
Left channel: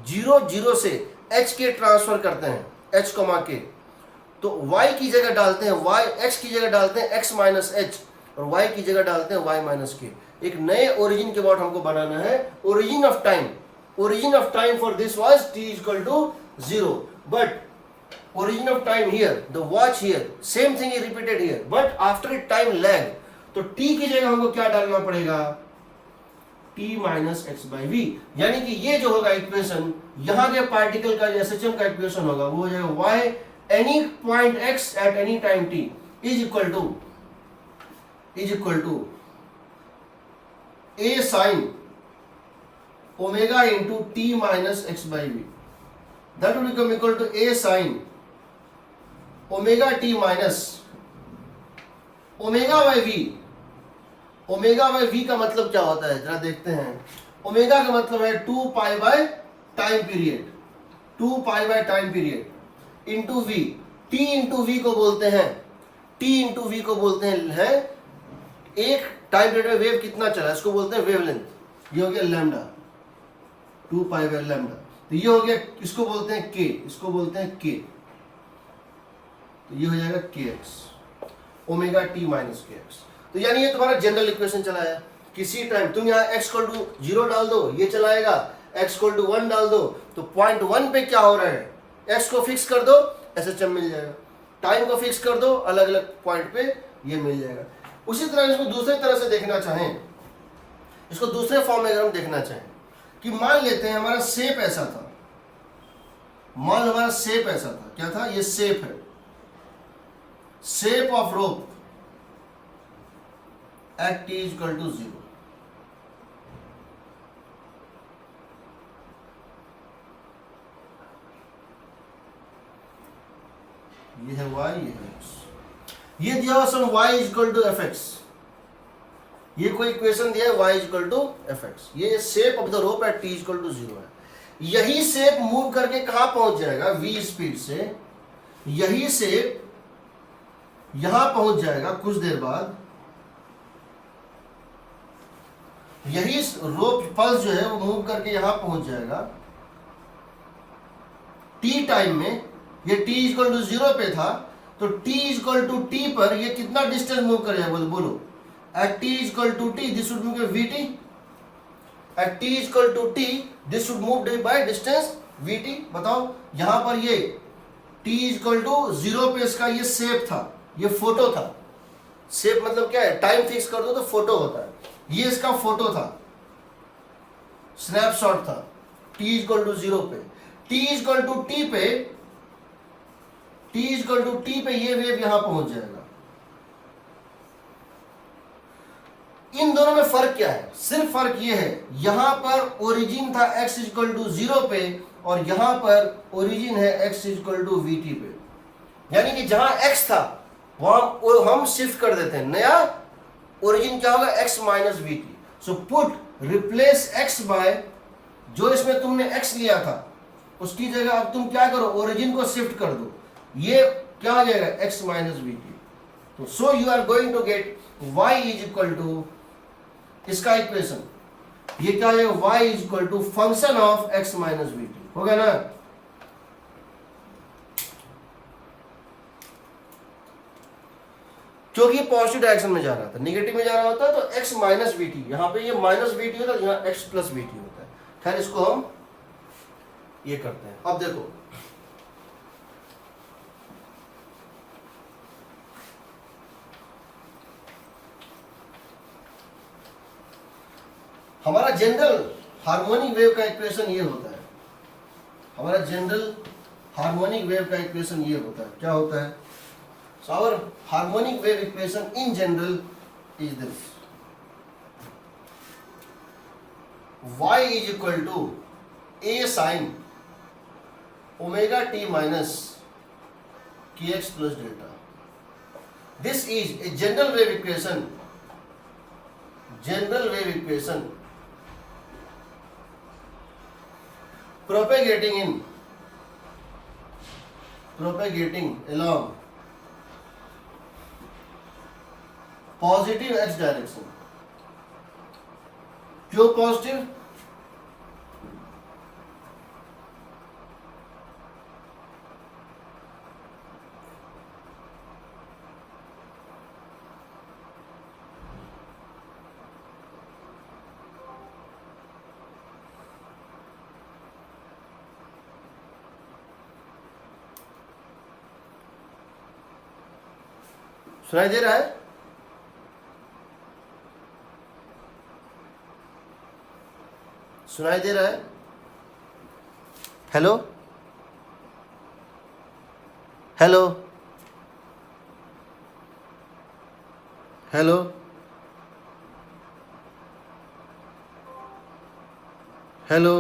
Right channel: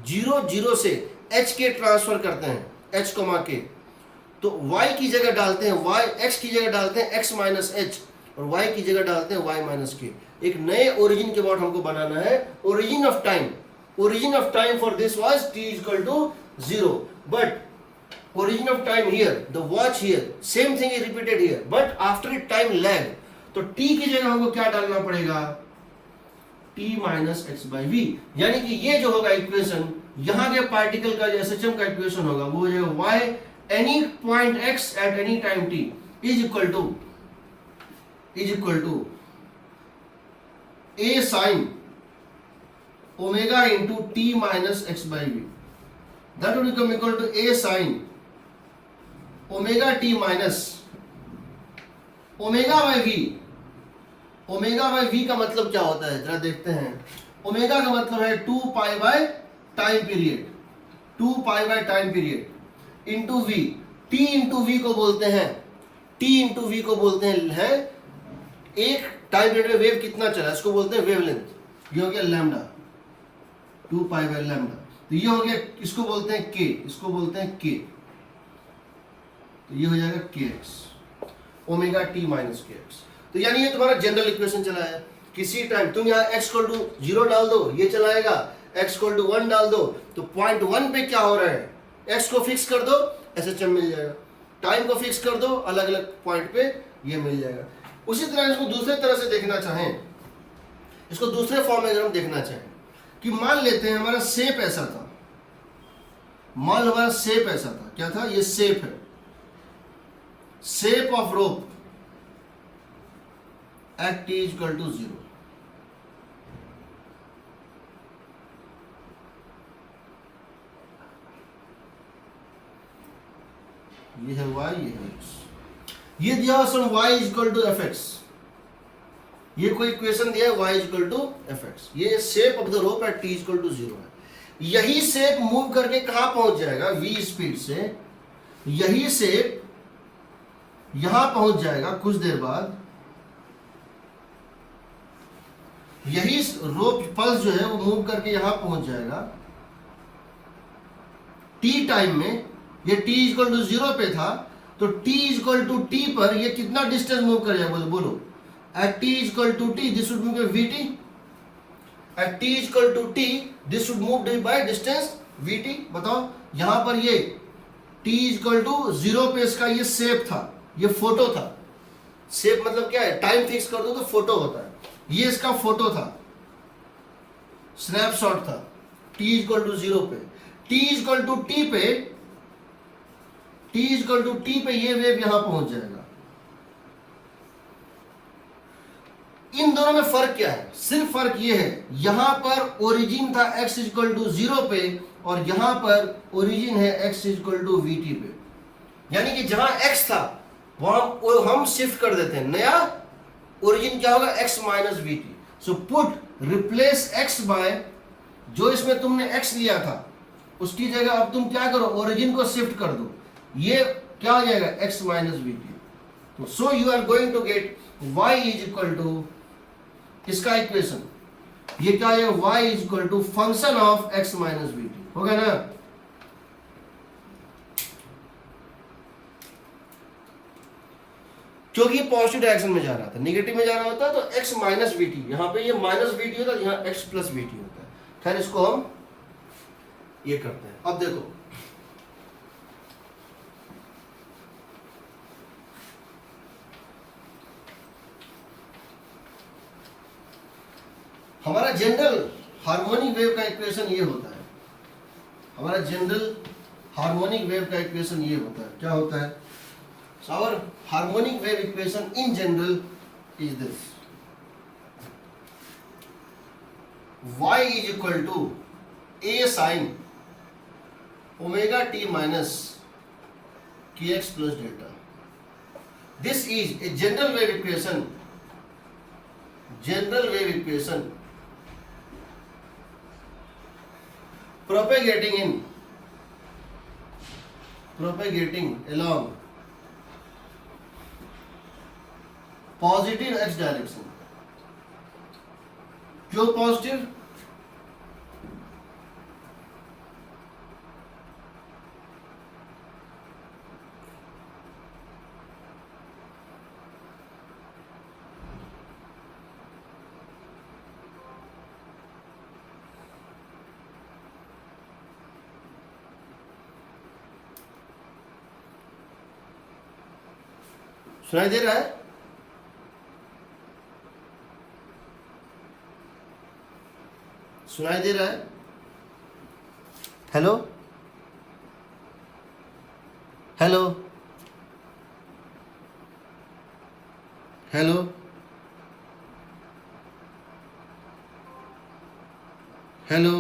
0 से h के ट्रांसफर करते हैं, h k, तो y की जगह डालते हैं y, x की जगह डालते हैं x माइनस एच, और y की जगह डालते हैं y माइनस के। एक नए ओरिजिन के बाद हमको बनाना है origin of time. Origin of time for this was t equal to 0, but origin of time here, the watch here, same thing is repeated here, but after a time lag, तो t की जगह हमको क्या डालना पड़ेगा, t minus x by v. यानी कि ये जो होगा इक्वेशन, यहाँ के पार्टिकल का एसएचएम का इक्वेशन होगा वो हो जाएगा y any point x at any time t is equal to a sine omega into t minus x by v, that will become equal to a sine omega t minus omega by v. Omega by v का मतलब क्या होता है, जरा देखते हैं। Omega का मतलब है 2 pi by time period, 2 pi by time period into v. T into v को बोलते हैं, टी इंटू वी को बोलते हैं एक टाइम पीरियड में वेव कितना चला, इसको बोलते हैं वेवलेंथ। ये हो गया लैम्डा, 2 पाई बाय लैम्डा। तो ये हो गया, इसको बोलते हैं के, इसको बोलते हैं के, तो ये हो जाएगा के x, omega t minus k x. तो यानी ये तुम्हारा जनरल इक्वेशन चला है। किसी टाइम तुम यहाँ x इक्वल टू 0 डाल दो, ये चलाएगा, x इक्वल टू 1 डाल दो, तो पॉइंट 1 पे क्या हो रहा है, x को फिक्स कर दो, एसएचएम मिल जाएगा। टाइम को फिक्स कर दो, अलग अलग पॉइंट पे ये मिल जाएगा। उसी तरह इसको दूसरे तरह से देखना चाहें, इसको दूसरे फॉर्म में अगर हम देखना चाहें कि मान लेते हैं हमारा शेप ऐसा था, मान लो हमारा शेप ऐसा था, क्या था, ये शेप है, shape of rope at t equal to 0। ये है y, ये है x। ये दिया हुआ some y equal to f x, ये कोई इक्वेशन दिया है y equal to f x. ये shape of the rope at t equal to 0 है। यही शेप मूव करके कहां पहुंच जाएगा, v स्पीड से, यही शेप यहां पहुंच जाएगा कुछ देर बाद। यही रोप पल्स जो है वो मूव करके यहां पहुंच जाएगा t टाइम में। ये t इक्वल टू 0 पे था, तो t इक्वल टू t पर ये कितना डिस्टेंस मूव करेगा, बोलो। At t equal to t this would be vt, at t equal to t this should move by distance vt। बताओ यहां पर ये t इक्वल टू 0 पे इसका ये शेप था, ये फोटो था। शेप मतलब क्या है, टाइम फिक्स कर दो तो फोटो होता है, ये इसका फोटो था, स्नैपशॉट था t इक्वल टू 0 पे। t इक्वल टू t पे, t इक्वल टू t पे ये वेव यहां पहुंच जाएगा। इन दोनों में फर्क क्या है, सिर्फ फर्क ये है, यहां पर ओरिजिन था x इक्वल टू 0 पे और यहां पर ओरिजिन है x इक्वल टू vt पे। यानी कि जहां x था वहां हम शिफ्ट कर देते हैं, नया ओरिजिन क्या होगा, x minus vt। So put replace x by, जो इसमें तुमने x लिया था उसकी जगह अब तुम क्या करो, ओरिजिन को शिफ्ट कर दो, ये क्या हो जाएगा, x माइनस vt। तो so you are going to get y is equal to, इसका इक्वेशन ये क्या है, y is equal to function of x minus vt होगा ना। क्योंकि ये पॉजिटिव डायरेक्शन में जा रहा था, नेगेटिव में जा रहा होता तो x माइनस वीटी, यहां पे ये माइनस वीटी होता, यहाँ x प्लस वीटी होता है। खैर इसको हम ये करते हैं। अब देखो हमारा जनरल हार्मोनिक वेव का इक्वेशन ये होता है, हमारा जनरल हार्मोनिक वेव का इक्वेशन ये होता है, क्या होता है, so our harmonic wave equation in general is this, y is equal to a sin omega t minus kx plus delta. This is a general wave equation, general wave equation propagating along positive x direction. क्यों positive, सुनाई दे रहा है, सुनाई दे रहा है, hello hello hello hello,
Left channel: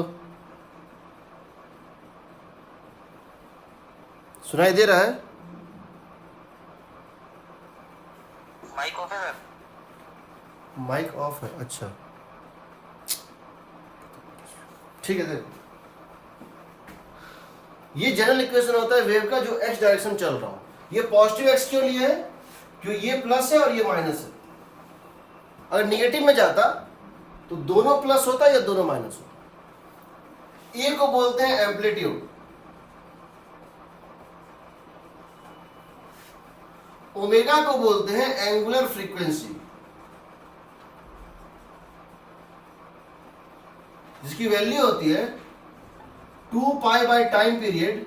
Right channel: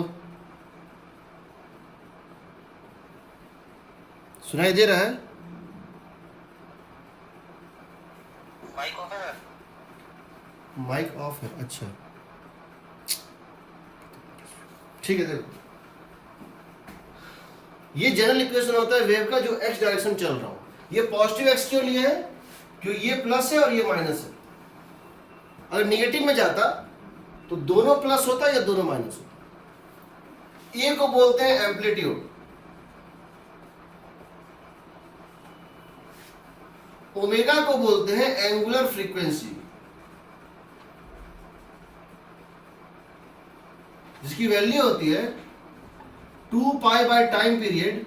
सुनाई दे रहा है, माइक ऑफ है, माइक ऑफ है, अच्छा ठीक है। देखो ये जनरल इक्वेशन होता है वेव का जो x डायरेक्शन चल रहा हो। ये पॉजिटिव x क्यों लिया है, क्योंकि ये प्लस है और ये माइनस है। अगर निगेटिव में जाता तो दोनों प्लस होता या दोनों माइनस होता। ए को बोलते हैं एम्पलीट्यूड, ओमेगा को बोलते हैं एंगुलर फ्रीक्वेंसी, जिसकी वैल्यू होती है 2 पाई बाय टाइम पीरियड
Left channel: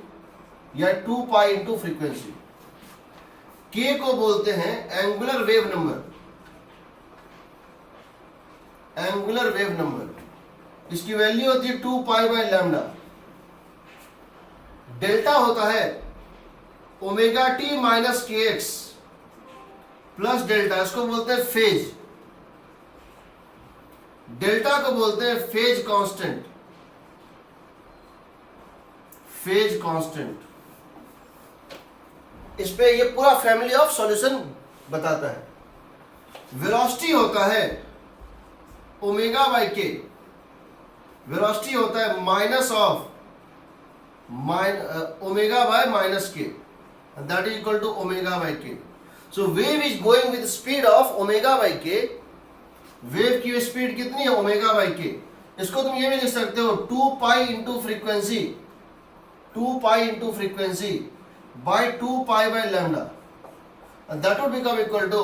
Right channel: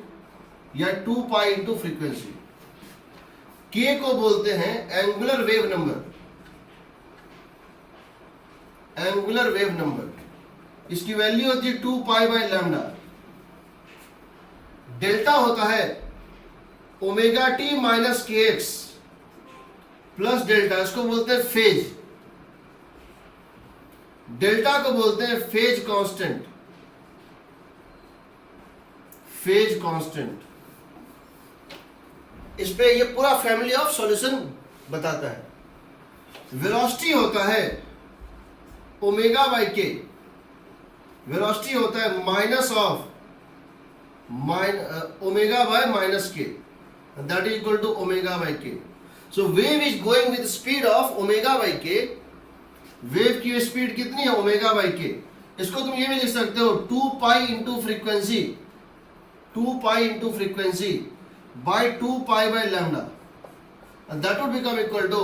या 2 पाई इंटू फ्रीक्वेंसी। के को बोलते हैं angular wave number, angular wave number, इसकी वैल्यू होती है 2 पाई बाय लैम्डा। डेल्टा होता है omega t minus k x plus delta, इसको बोलते हैं फेज। डेल्टा को बोलते हैं फेज कांस्टेंट, फेज कांस्टेंट। इस पे ये पूरा फैमिली ऑफ सॉल्यूशन बताता है। वेलोसिटी होता है ओमेगा बाई के, वेलोसिटी होता है minus of omega by minus k, that is equal to omega by k. So wave is going with speed of omega by k. Wave की speed कितनी है, ओमेगा बाई के। इसको तुम ये भी लिख सकते हो 2 pi into frequency, 2 pi into frequency by 2 pi by lambda, that would become equal to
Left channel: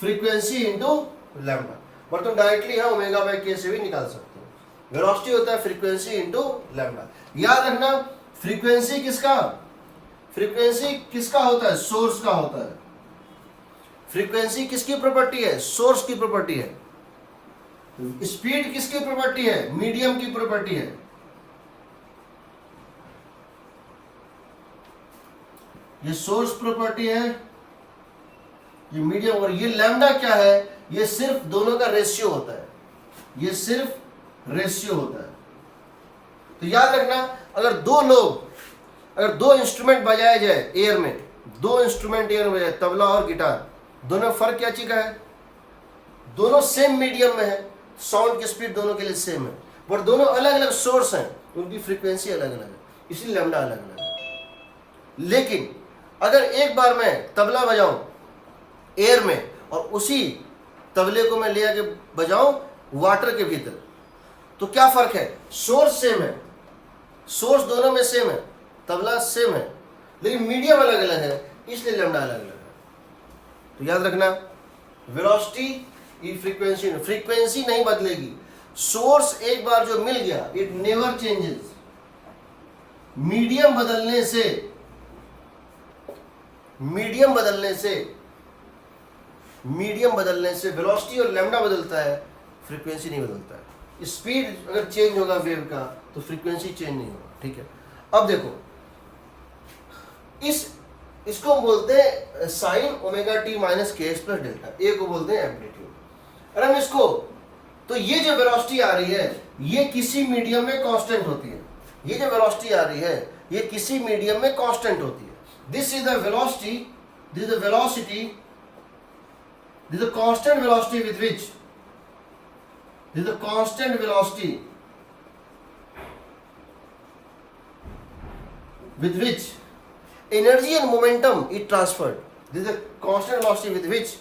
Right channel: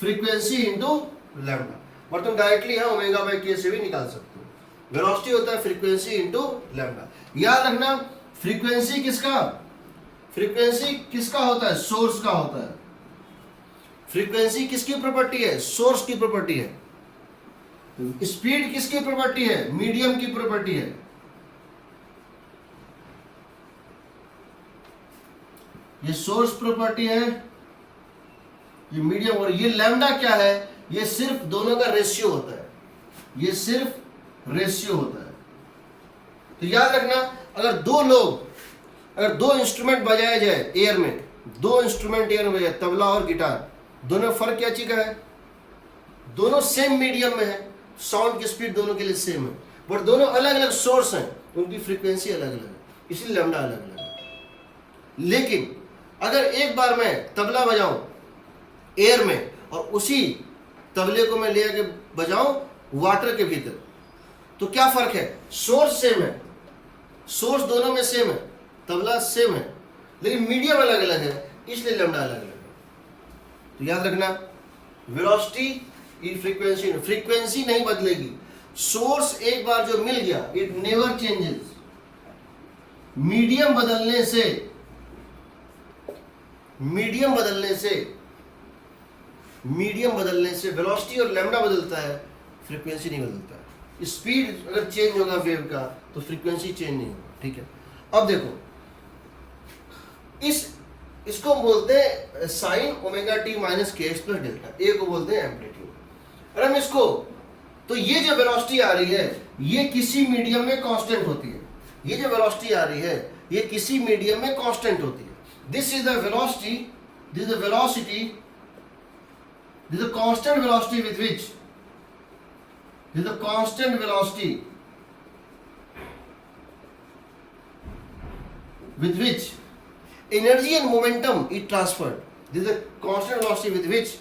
frequency into lambda. But तुम डायरेक्टली है ओमेगा बाई के से भी निकाल सकते हो। वेलोसिटी होता है फ्रीक्वेंसी इंटू लैम्डा। याद रखना फ्रीक्वेंसी किसका होता है? सोर्स का होता है। फ्रीक्वेंसी किसकी प्रॉपर्टी है? सोर्स की प्रॉपर्टी है। स्पीड किसकी प्रॉपर्टी है? मीडियम की प्रॉपर्टी है। ये सोर्स प्रॉपर्टी है, ये मीडियम, और ये लैम्डा क्या है? ये सिर्फ दोनों का रेशियो होता है, ये सिर्फ रेशियो होता है। तो याद रखना अगर दो इंस्ट्रूमेंट बजाए जाए एयर में, दो इंस्ट्रूमेंट एयर में बजाए, तबला और गिटार, दोनों फर्क क्या चीज का है? दोनों सेम मीडियम में है, साउंड की स्पीड दोनों के लिए सेम है, बट दोनों अलग अलग सोर्स हैं, उनकी फ्रीक्वेंसी अलग अलग है, इसलिए लैम्डा अलग अलग है। लेकिन अगर एक बार मैं तबला बजाऊं एयर में और उसी तबले को मैं ले आके बजाऊं वाटर के भीतर, तो क्या फर्क है? सोर्स सेम है, सोर्स दोनों में सेम है, तबला सेम है, लेकिन मीडियम अलग अलग है, इसलिए लैम्डा अलग अलग है। तो याद रखना वेलोसिटी की फ्रीक्वेंसी नहीं बदलेगी। सोर्स एक बार जो मिल गया इट नेवर चेंजेस। मीडियम बदलने से वेलोसिटी और लैम्डा बदलता है, फ्रीक्वेंसी नहीं बदलता है। स्पीड अगर चेंज होगा वेव का तो फ्रीक्वेंसी चेंज नहीं होगा, ठीक है। अब देखो इसको बोलते हैं sign omega t minus k x plus delta, ए को बोलते हैं एम्पलीट्यूड। अरे हम इसको, तो ये जो वेलोसिटी आ रही है ये किसी मीडियम में कांस्टेंट होती है, ये जो वेलोसिटी आ रही है ये किसी मीडियम में कांस्टेंट होती है। This is the velocity, this is the velocity, this is the constant velocity with which, this is the constant velocity with which energy and momentum is transferred. This is the constant velocity with which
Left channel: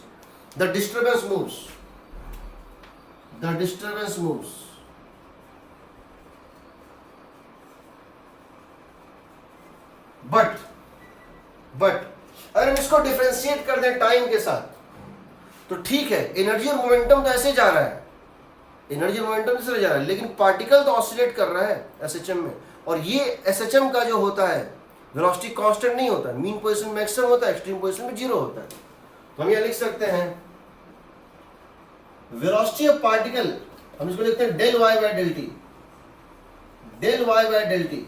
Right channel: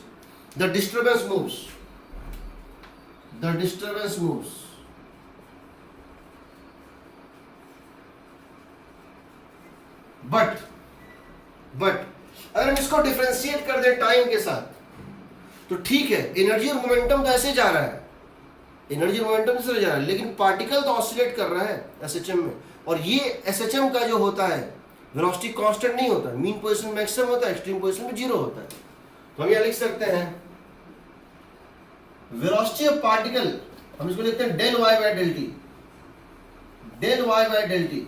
the disturbance moves. The disturbance moves. But अगर हम इसको differentiate कर दें time के साथ तो ठीक है, एनर्जी और मोमेंटम तो ऐसे जा रहा है, एनर्जी और मोमेंटम से जा रहा है, लेकिन पार्टिकल तो ऑसिलेट कर रहा है एसएचएम में, और ये एसएचएम का जो होता है वेलोसिटी कांस्टेंट नहीं होता, मीन पोजीशन मैक्सिमम होता है, एक्सट्रीम पोजीशन में जीरो होता है। तो हम यहाँ लिख सकते हैं वेलोसिटी ऑफ पार्टिकल, हम इसको लिखते हैं del y by del t, del y by del t,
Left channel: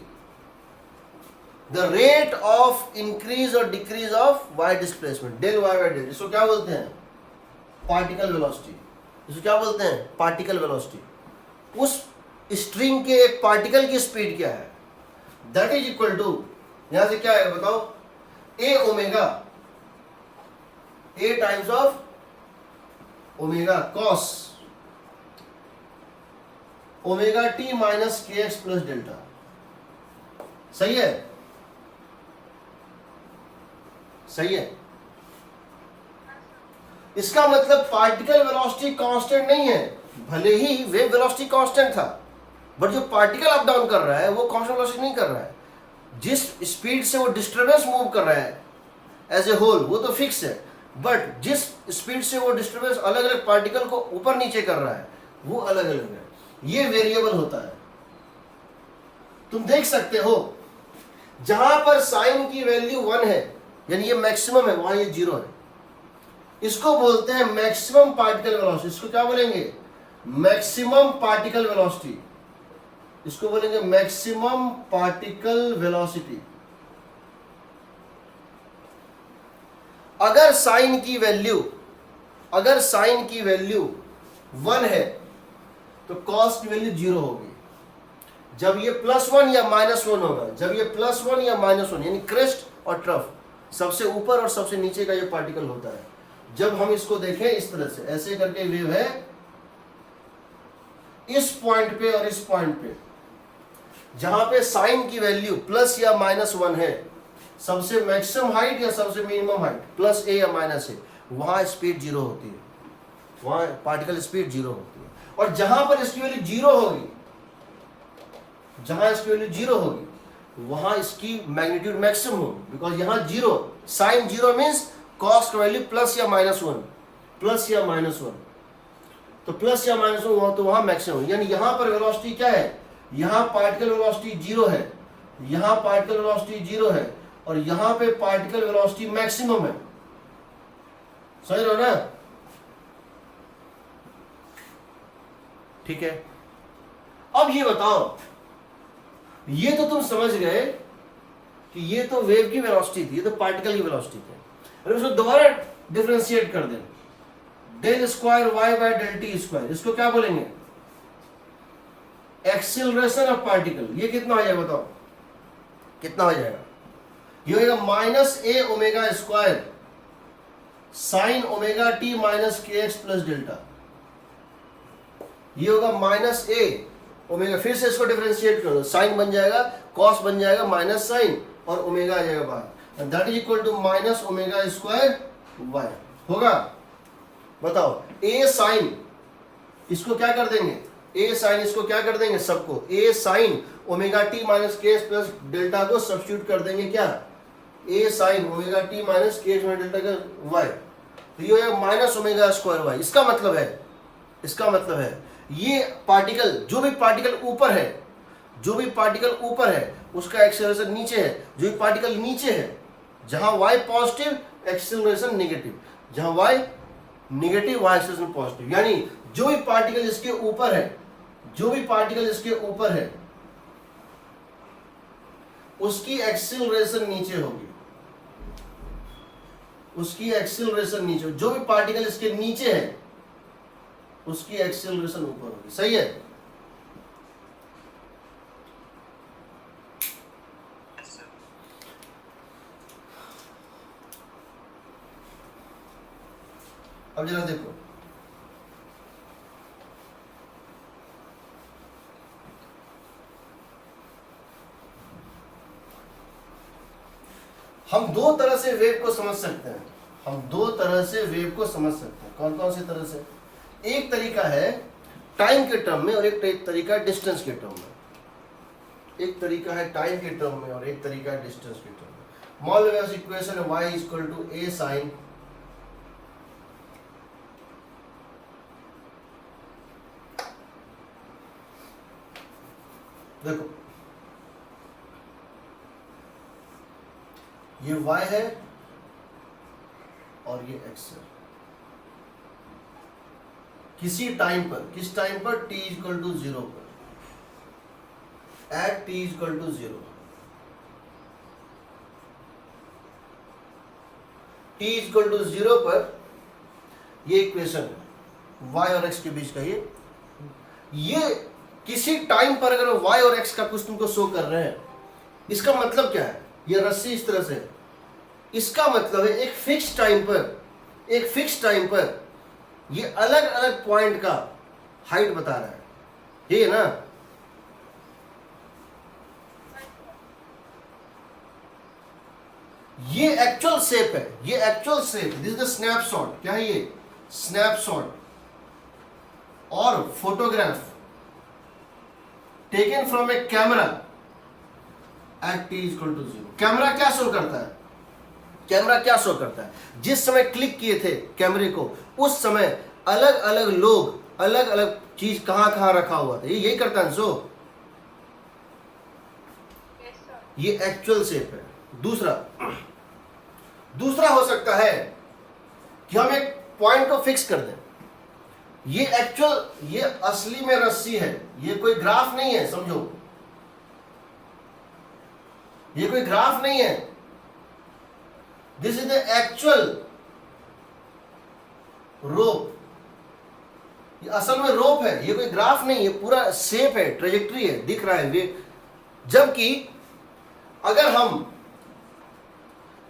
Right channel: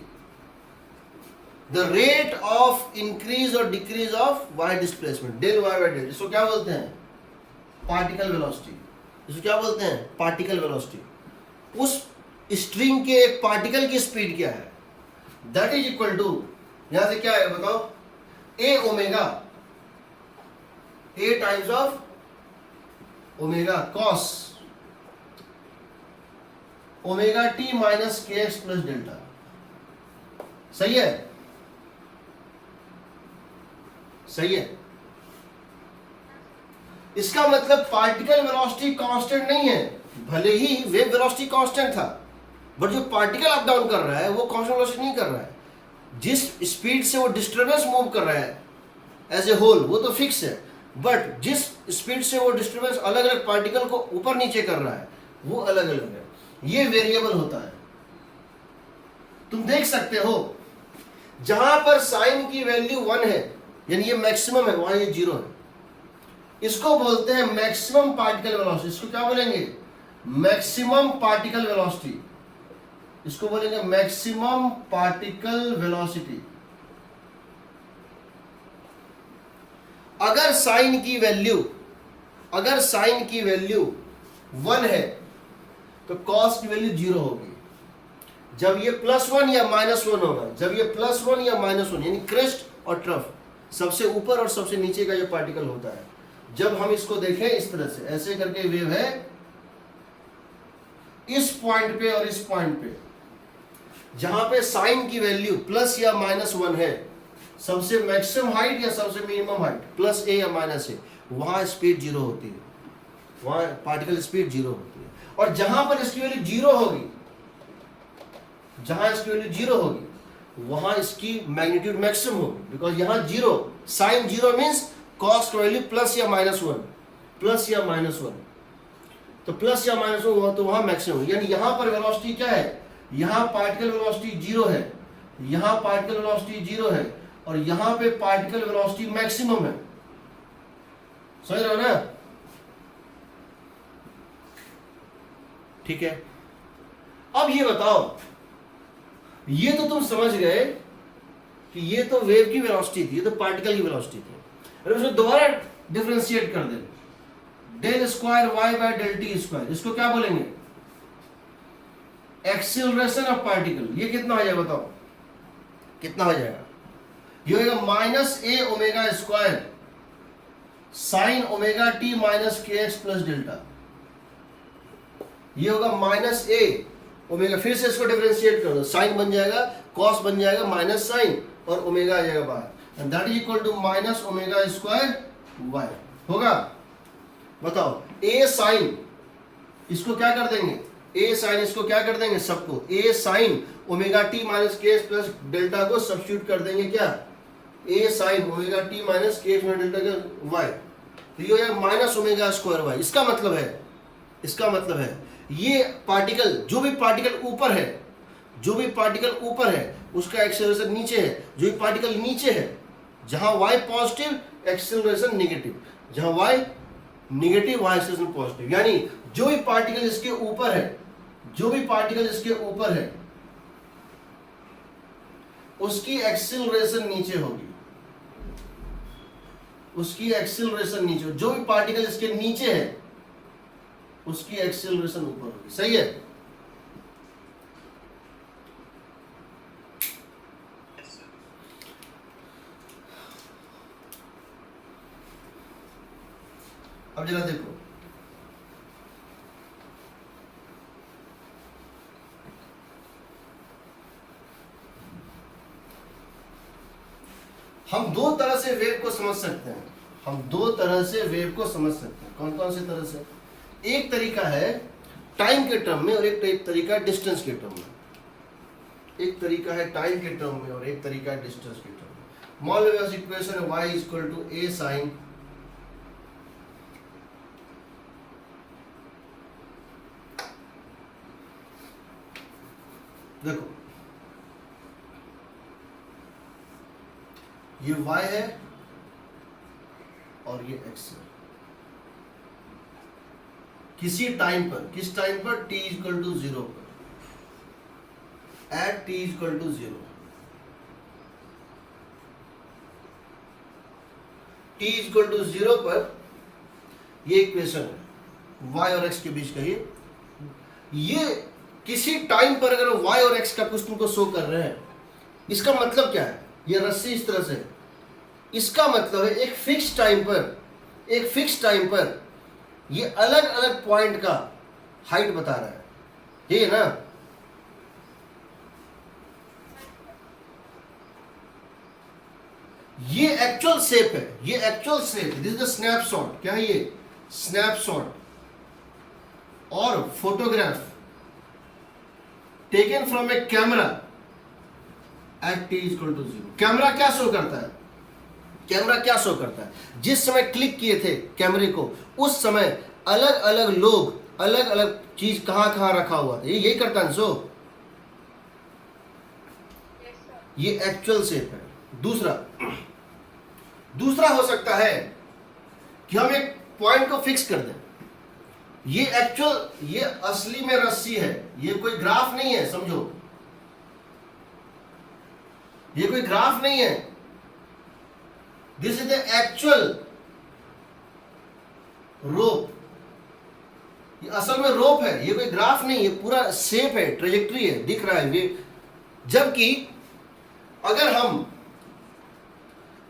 the rate of increase और decrease of y displacement, del y by del. इसको क्या बोलते हैं? Particle velocity. इसको क्या बोलते हैं? Particle velocity. उस स्ट्रिंग के एक पार्टिकल की स्पीड क्या है, दैट इज इक्वल टू, यहां से क्या है बताओ, a omega, a times of omega cos omega t minus k x plus delta. सही है, सही है। इसका मतलब पार्टिकल वेलोसिटी कांस्टेंट नहीं है, भले ही वेव वेलोसिटी कांस्टेंट था, बट जो पार्टिकल अप डाउन कर रहा है वो कांस्टेंट वेलोसिटी नहीं कर रहा है। जिस स्पीड से वो डिस्टर्बेंस मूव कर रहा है एज ए होल वो तो फिक्स है, बट जिस स्पीड से वो डिस्टर्बेंस अलग अलग पार्टिकल को ऊपर नीचे कर रहा है वो अलग अलग है, ये वेरिएबल होता है। तुम देख सकते हो जहां पर साइन की वैल्यू 1 है यानी ये मैक्सिमम है, वहां ये 0 है, इसको बोलते हैं मैक्सिमम पार्टिकल वेलोसिटी। इसको क्या बोलेंगे? Maximum particle velocity. इसको बोलेंगे मैक्सिमम पार्टिकल वेलोसिटी। अगर साइन की वैल्यू 1 है तो कॉस की वैल्यू 0 होगी। जब ये +1 या -1 होगा, जब ये +1 या -1 यानी क्रेस्ट और ट्रफ, सबसे ऊपर और सबसे नीचे का ये पार्टिकल होता है। जब हम इसको देखें इस तरह से, ऐसे करके वेव है इस पॉइंट पे और इस पॉइंट पे, जहां पे साइन की वैल्यू प्लस या -1 है, सबसे मैक्सिमम हाइट या सबसे मिनिमम हाइट +a या -a, वहां स्पीड 0 होती है, वहां पार्टिकल स्पीड 0 होती है। और जहां पर इसकी वैल्यू 0 होगी, जहां इसकी वैल्यू 0 होगी वहां इसकी मैग्नीट्यूड मैक्सिमम होगी, बिकॉज यहां 0, साइन 0 मीन्स कॉस का वैल्यू प्लस या -1, प्लस या -1। तो प्लस या माइनस हुआ तो वहां मैक्सिमम, यानी यहां पर वेलोसिटी क्या है, यहां पार्टिकल वेलोसिटी 0 है, यहां पार्टिकल वेलोसिटी 0 है, और यहां पे पार्टिकल वेलोसिटी मैक्सिमम है। समझ रहे हो ना? ठीक है, अब ये बताओ, ये तो तुम समझ गए कि ये तो वेव की वेलोसिटी थी, ये तो पार्टिकल की वेलोसिटी थी। अरे उसको दोबारा डिफरेंशिएट कर दें, del square y by del t square, इसको क्या बोलेंगे, एक्सीलरेशन ऑफ पार्टिकल। ये कितना हो जाएगा बताओ, कितना हो जाएगा, ये होगा minus a omega square sine omega t minus k x plus delta. ये होगा माइनस ए ओमेगा, फिर से इसको डिफरेंशिएट कर दो, साइन बन जाएगा, कॉस बन जाएगा, माइनस साइन और ओमेगा आ जाएगा बाहर, and that is equal to minus omega square y. होगा, बताओ, ए साइन इसको क्या कर देंगे, ए साइन इसको क्या कर देंगे, सबको ए sine omega t minus k x plus delta को सब्स्टिट्यूट कर देंगे, क्या, ए sine omega t minus k x delta का वाई, तो ये हो जाएगा माइनस ओमेगा स्क्वायर वाई। इसका मतलब है, इसका मतलब है ये पार्टिकल, जो भी पार्टिकल ऊपर है, जो भी पार्टिकल ऊपर है उसका एक्सेलरेशन नीचे है, जो भी पार्टिकल नीचे है, जहां y पॉजिटिव एक्सेलरेशन नेगेटिव, जहां y negative y acceleration positive, यानी जो भी पार्टिकल इसके ऊपर है, जो भी पार्टिकल इसके ऊपर है उसकी एक्सेलरेशन नीचे होगी, उसकी एक्सेलरेशन नीचे, जो भी पार्टिकल इसके नीचे है उसकी एक्सेलरेशन ऊपर होगी। सही है? अब जरा देखो, हम दो तरह से वेव को समझ सकते हैं, हम दो तरह से वेव को समझ सकते हैं। कौन कौन से तरह से? एक तरीका है टाइम के टर्म में और एक तरीका है डिस्टेंस के टर्म में। एक तरीका है टाइम के टर्म में और एक तरीका है डिस्टेंस के टर्म में। मान लो इक्वेशन है y equal to a sine देखो ये y है और ये x है। किसी टाइम पर, किस टाइम पर, t इक्वल टू 0 पर, at t equal to 0, t equal to 0 पर ये इक्वेशन है y और x के बीच का। ये किसी टाइम पर अगर y और x का कुछ तुमको शो कर रहे हैं, इसका मतलब क्या है, ये रस्सी इस तरह से, इसका मतलब है एक फिक्स टाइम पर, एक फिक्स टाइम पर ये अलग अलग पॉइंट का हाइट बता रहा है, ये है ना। ये एक्चुअल शेप है, ये actual shape, this is the snapshot. क्या है ये? स्नैपशॉट और photograph taken from a camera at t equal to 0। Camera क्या शो करता है? कैमरा क्या शो करता है? जिस समय क्लिक किए थे कैमरे को, उस समय अलग अलग लोग, अलग अलग चीज कहां कहां रखा हुआ था, ये यही करता है शो। ये एक्चुअल शेप है। दूसरा हो सकता है कि हम एक पॉइंट को फिक्स कर दें। ये एक्चुअल, ये असली में रस्सी है, ये कोई ग्राफ नहीं है, समझो, ये कोई ग्राफ नहीं है। दिस इज द एक्चुअल रोप, ये असल में रोप है, ये कोई ग्राफ नहीं, ये पूरा शेप है, ट्रेजेक्ट्री है, दिख रहा है ये। जबकि अगर हम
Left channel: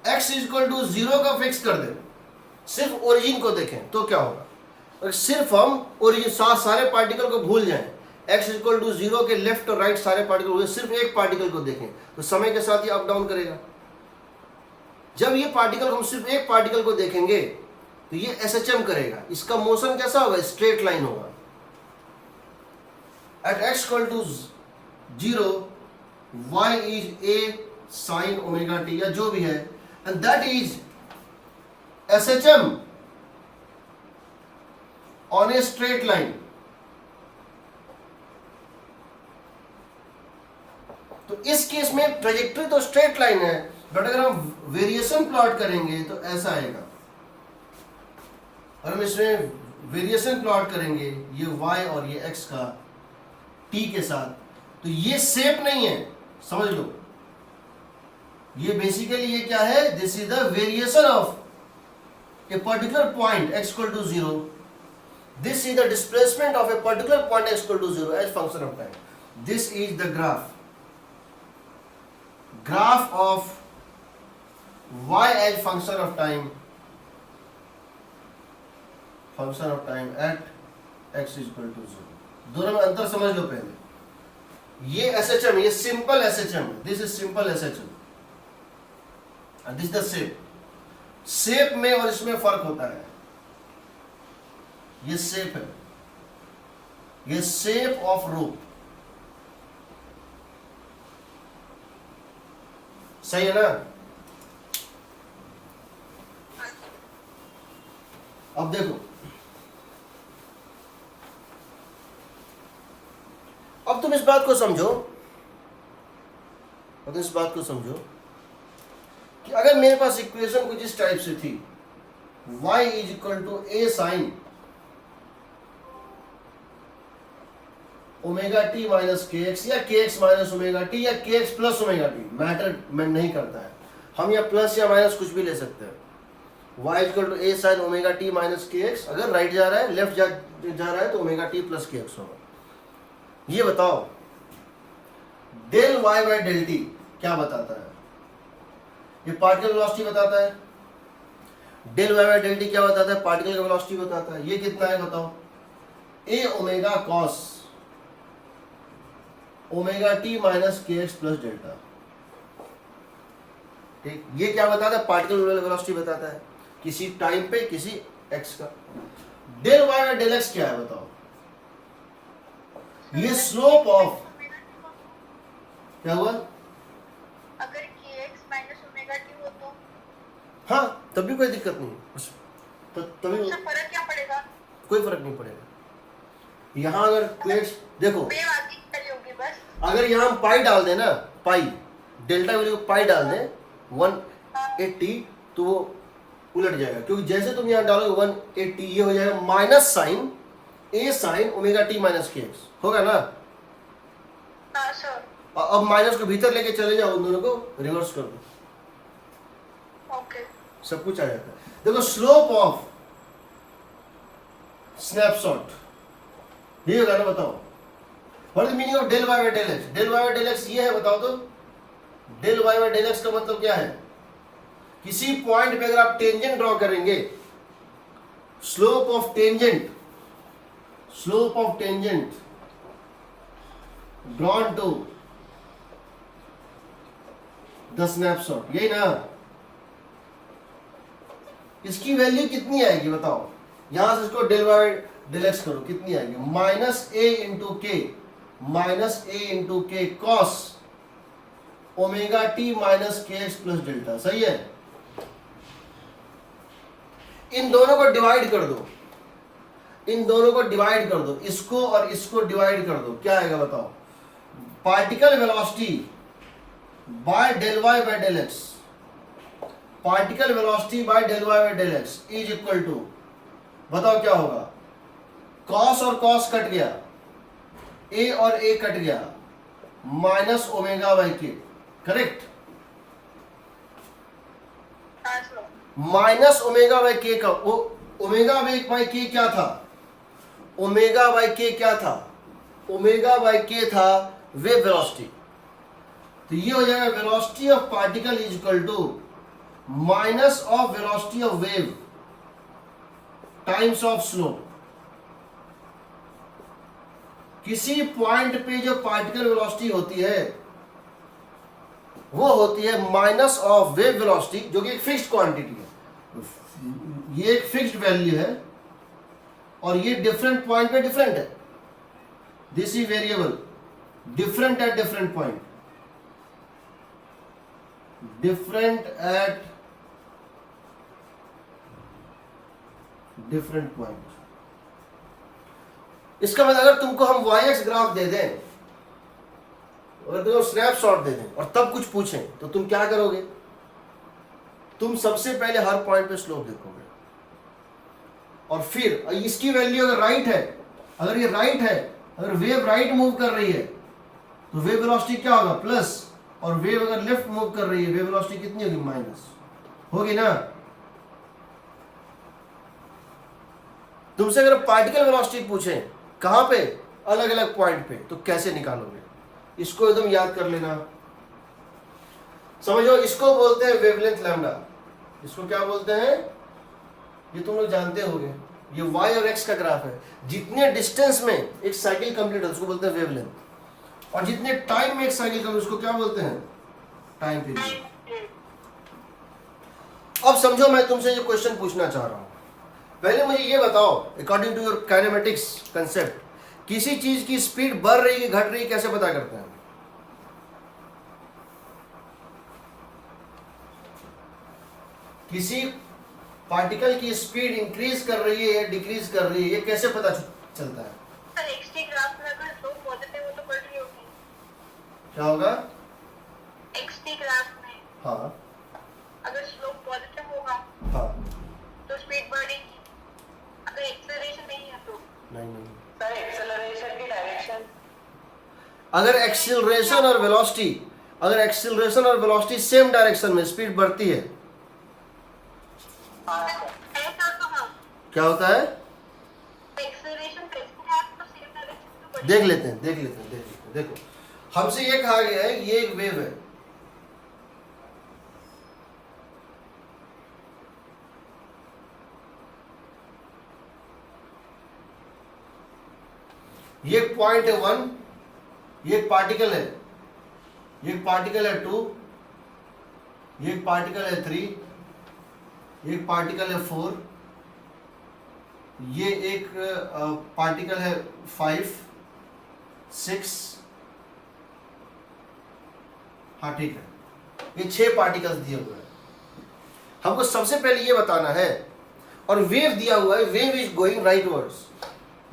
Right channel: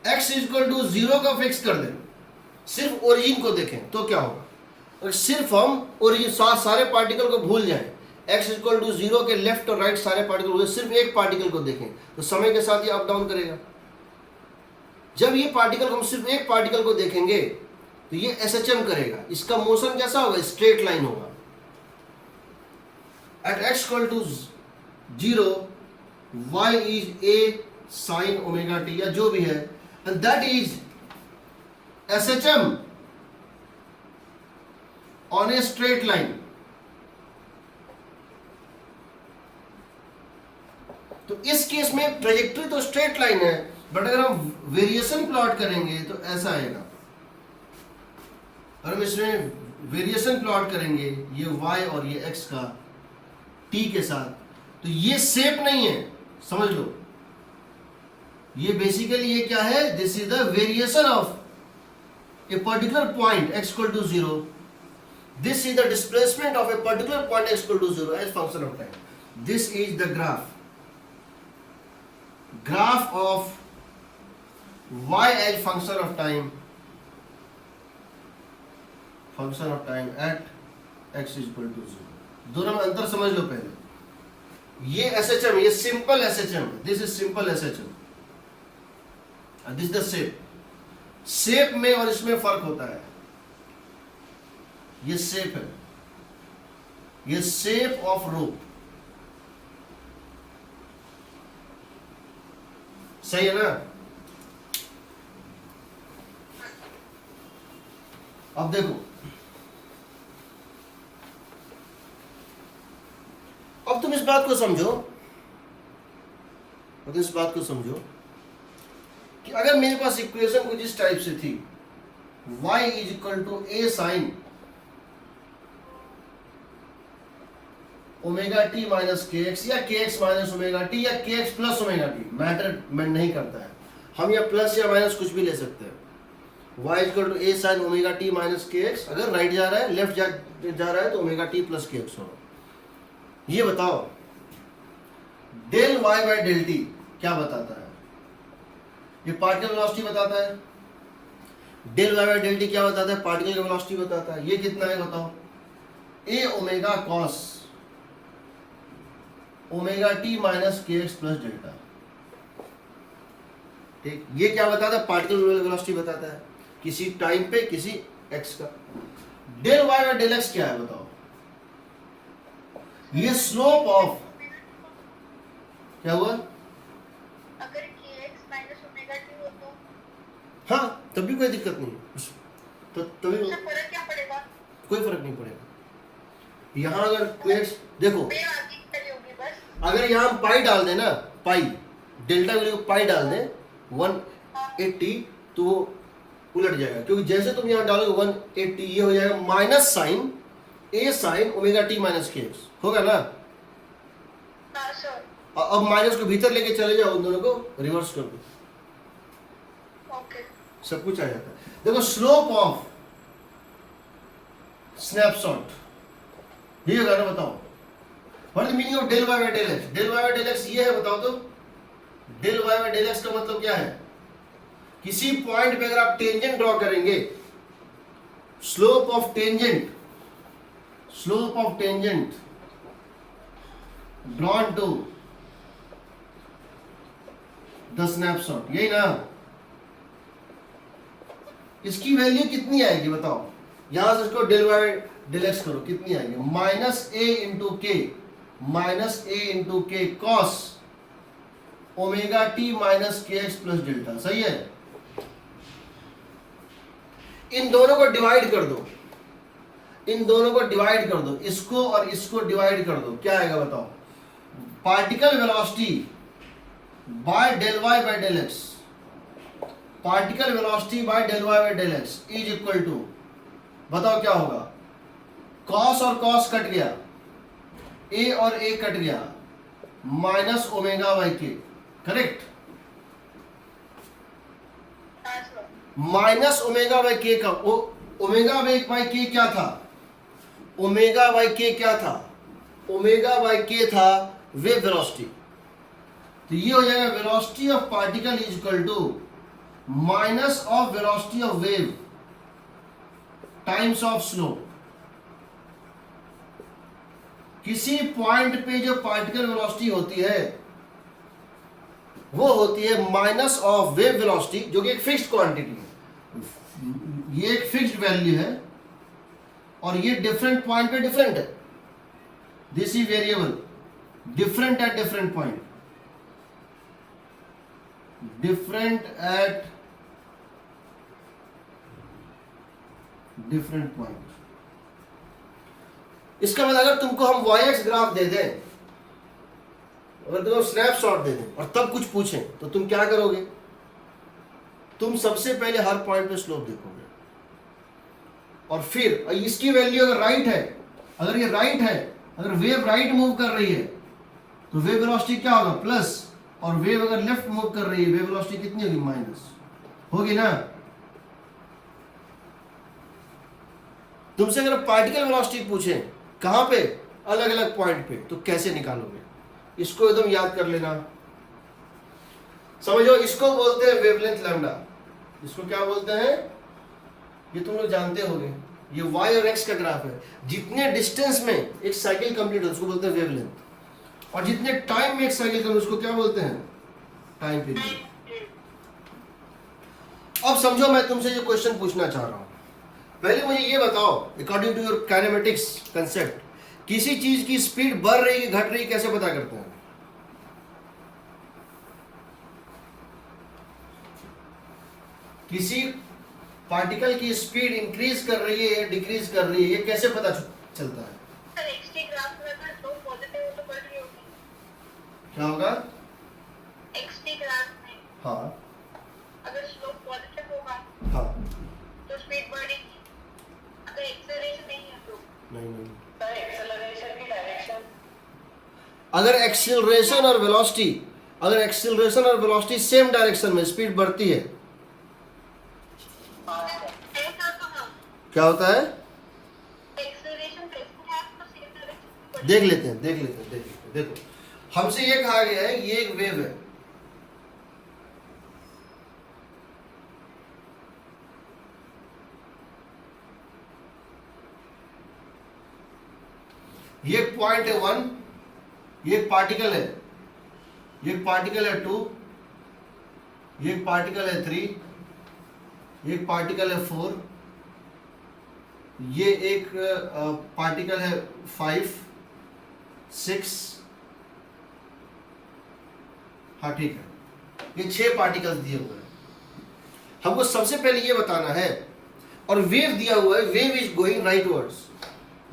x इक्वल टू 0 का फिक्स कर दें, सिर्फ ओरिजिन को देखें तो क्या होगा? और सिर्फ हम ओरिजिन सारे पार्टिकल को भूल जाएं, x इक्वल टू 0 के लेफ्ट और राइट सारे पार्टिकल, सिर्फ एक पार्टिकल को देखें तो समय के साथ ये अप डाउन करेगा। जब ये पार्टिकल, हम सिर्फ एक पार्टिकल को देखेंगे तो ये SHM करेगा, इसका मोशन कैसा होगा? स्ट्रेट लाइन होगा। At x equal to 0 y is a sine omega t, या जो भी है, and that is SHM on a straight line. तो इस केस में ट्रेजेक्टरी तो स्ट्रेट लाइन है, बट अगर हम वेरिएशन प्लॉट करेंगे तो ऐसा आएगा। और हम इसमें वेरिएशन प्लॉट करेंगे ये y और ये x का t के साथ, तो ये शेप नहीं है, समझ लो। ये बेसिकली ये क्या है, this is the variation of a particular point x equal to 0, this is the displacement of a particular point x equal to 0 as function of time. This is the graph of y as function of time at x is equal to 0। दोनों में अंतर समझ लो पहले। ये SHM, ये simple SHM, this is simple SHM, this the shape में और इसमें फर्क होता है। ये शेप है, ये शेप ऑफ रूप, सही है ना। अब देखो, अब तुम इस बात को समझो, कि अगर मेरे पास इक्वेशन कुछ इस टाइप से थी, y is equal to a sine omega t minus k x, या k x minus omega t, या k x plus omega t, matter नहीं करता है, हम या प्लस या माइनस कुछ भी ले सकते हैं। y equal to a sine omega t minus k x, अगर राइट जा रहा है, लेफ्ट जा रहा है तो omega t plus k x होगा। ये बताओ del y by del t क्या बताता है? ये पार्टिकल वेलोसिटी बताता है। Del y by del t क्या बताता है? पार्टिकल का वेलोसिटी बताता है। ये कितना है बताओ? a omega cos omega t minus k x plus delta. ठीक, ये क्या बताता है? पार्टिकल वेलोसिटी बताता है, किसी टाइम पे किसी x का। Del y by del x क्या है बताओ? ये स्लोप ऑफ, क्या हुआ? अगर kx माइनस ओमेगा टी हो तो हाँ, तब भी कोई दिक्कत नहीं, तो तभी उससे फर्क क्या पड़ेगा? कोई फर्क नहीं पड़ेगा। यहाँ अगर क्वेक्स देखो, वेव आगे चली होगी बस। अगर यहाँ हम पाई डाल दें ना, पाई डेल्टा वैल्यू को पाई डाल दें 180, तो वो उलट जाएगा, क्योंकि जैसे तुम यहाँ डालोगे 180, ये हो जाएगा minus sine a sine omega t minus k x, होगा ना। हाँ सर। अब माइनस को भीतर लेके चले जाओ, उन दोनों को रिवर्स कर दो, ओके। सब कुछ आ जाता है। देखो स्लोप ऑफ स्नैपशॉट ये होगा ना, बताओ what is meaning of del y by del x? Del y by del x ये है, बताओ तो। Del y by del x का मतलब क्या है? किसी पॉइंट पे अगर आप टेंजेंट ड्रॉ करेंगे, slope of tangent drawn to the snapshot, यही ना। इसकी वैल्यू कितनी आएगी बताओ? यहां से इसको डेल वाई डेल एक्स करो, कितनी आएगी? माइनस ए इंटू के cos omega t minus k x plus delta, सही है। इन दोनों को डिवाइड कर दो, इसको और इसको डिवाइड कर दो, क्या आएगा बताओ? Particle velocity by del y by del x, particle velocity by del y by del x is equal to, बताओ क्या होगा? कॉस और कॉस कट गया, ए और ए कट गया, माइनस ओमेगा बाई के, करेक्ट। हाँ सर। माइनस ओमेगा बाई के का, ओमेगा बाई के क्या था? ओमेगा बाई के क्या था? ओमेगा बाई के था वेव वेलोसिटी। तो ये हो जाएगा velocity of particle is equal to minus of velocity of wave times of slope. किसी पॉइंट पे जो पार्टिकल वेलोसिटी होती है वो होती है माइनस ऑफ वेव वेलोसिटी, जो कि एक फिक्स्ड क्वांटिटी है। ये एक फिक्स्ड वैल्यू है और ये डिफरेंट पॉइंट पे डिफरेंट है। This is variable, different at different point, different at different point. इसका मतलब अगर तुमको हम वाई एक्स ग्राफ दे दें, अगर तुमको स्नैपशॉट दे दें और तब कुछ पूछें तो तुम क्या करोगे? तुम सबसे पहले हर पॉइंट पे स्लोप देखोगे और फिर इसकी वैल्यू अगर राइट है, अगर ये राइट है, अगर वेव राइट मूव कर रही है तो वेव वेलोसिटी क्या होगा? प्लस, और वेव अगर लेफ्ट मूव कर रही है वेव वेलोसिटी कितनी होगी? माइनस होगी ना। तुमसे अगर पार्टिकल वेलोसिटी पूछे कहां पे? अलग अलग पॉइंट पे, तो कैसे निकालोगे? इसको एकदम याद कर लेना। समझो, इसको बोलते हैं वेवलेंथ लैम्डा। इसको क्या बोलते हैं? ये तुम लोग जानते होगे, ये y और x का ग्राफ है। जितने डिस्टेंस में एक साइकिल कंप्लीट है उसको बोलते हैं वेवलेंथ, और जितने टाइम में एक साइकिल कंप्लीट उसको क्या बोलते हैं? Time period. अब समझो, मैं तुमसे ये क्वेश्चन पूछना चाह रहा हूं। पहले मुझे ये बताओ, according to your kinematics concept, किसी चीज की स्पीड बढ़ रही है घट रही है कैसे पता करते हैं? किसी पार्टिकल की स्पीड इंक्रीज कर रही है या डिक्रीज कर रही है, ये कैसे पता चलता है? सर एक्सटी ग्राफ में अगर स्लोप पॉजिटिव हो तो बढ़ रही होगी। क्या होगा? एक्सटी ग्राफ में हाँ अगर स्लोप पॉजिटिव होगा हाँ, तो स्पीड बढ़ेगी, अगर एक्सेलरेशन नहीं है तो नहीं नहीं, सर एक्सेलरेशन की डायरेक्शन अगर एक्सीलरेशन और वेलोसिटी, अगर एक्सीलरेशन और वेलोसिटी सेम डायरेक्शन में स्पीड बढ़ती है ऐसा तो हाँ, क्या होता है? एक्सेलरेशन कैसे है तो सेम डायरेक्शन में देख लेते हैं, देख लेते हैं, देख लेते हैं। देखो, हमसे ये कहा गया है ये एक वेव है, ये पॉइंट है 1, ये पार्टिकल है, ये पार्टिकल है 2, ये पार्टिकल है 3, ये पार्टिकल है 4, ये एक पार्टिकल है 5, 6, हाँ ठीक है, ये 6 पार्टिकल्स दिए हुए हैं। हमको सबसे पहले ये बताना है, और वेव दिया हुआ है, wave is going rightwards,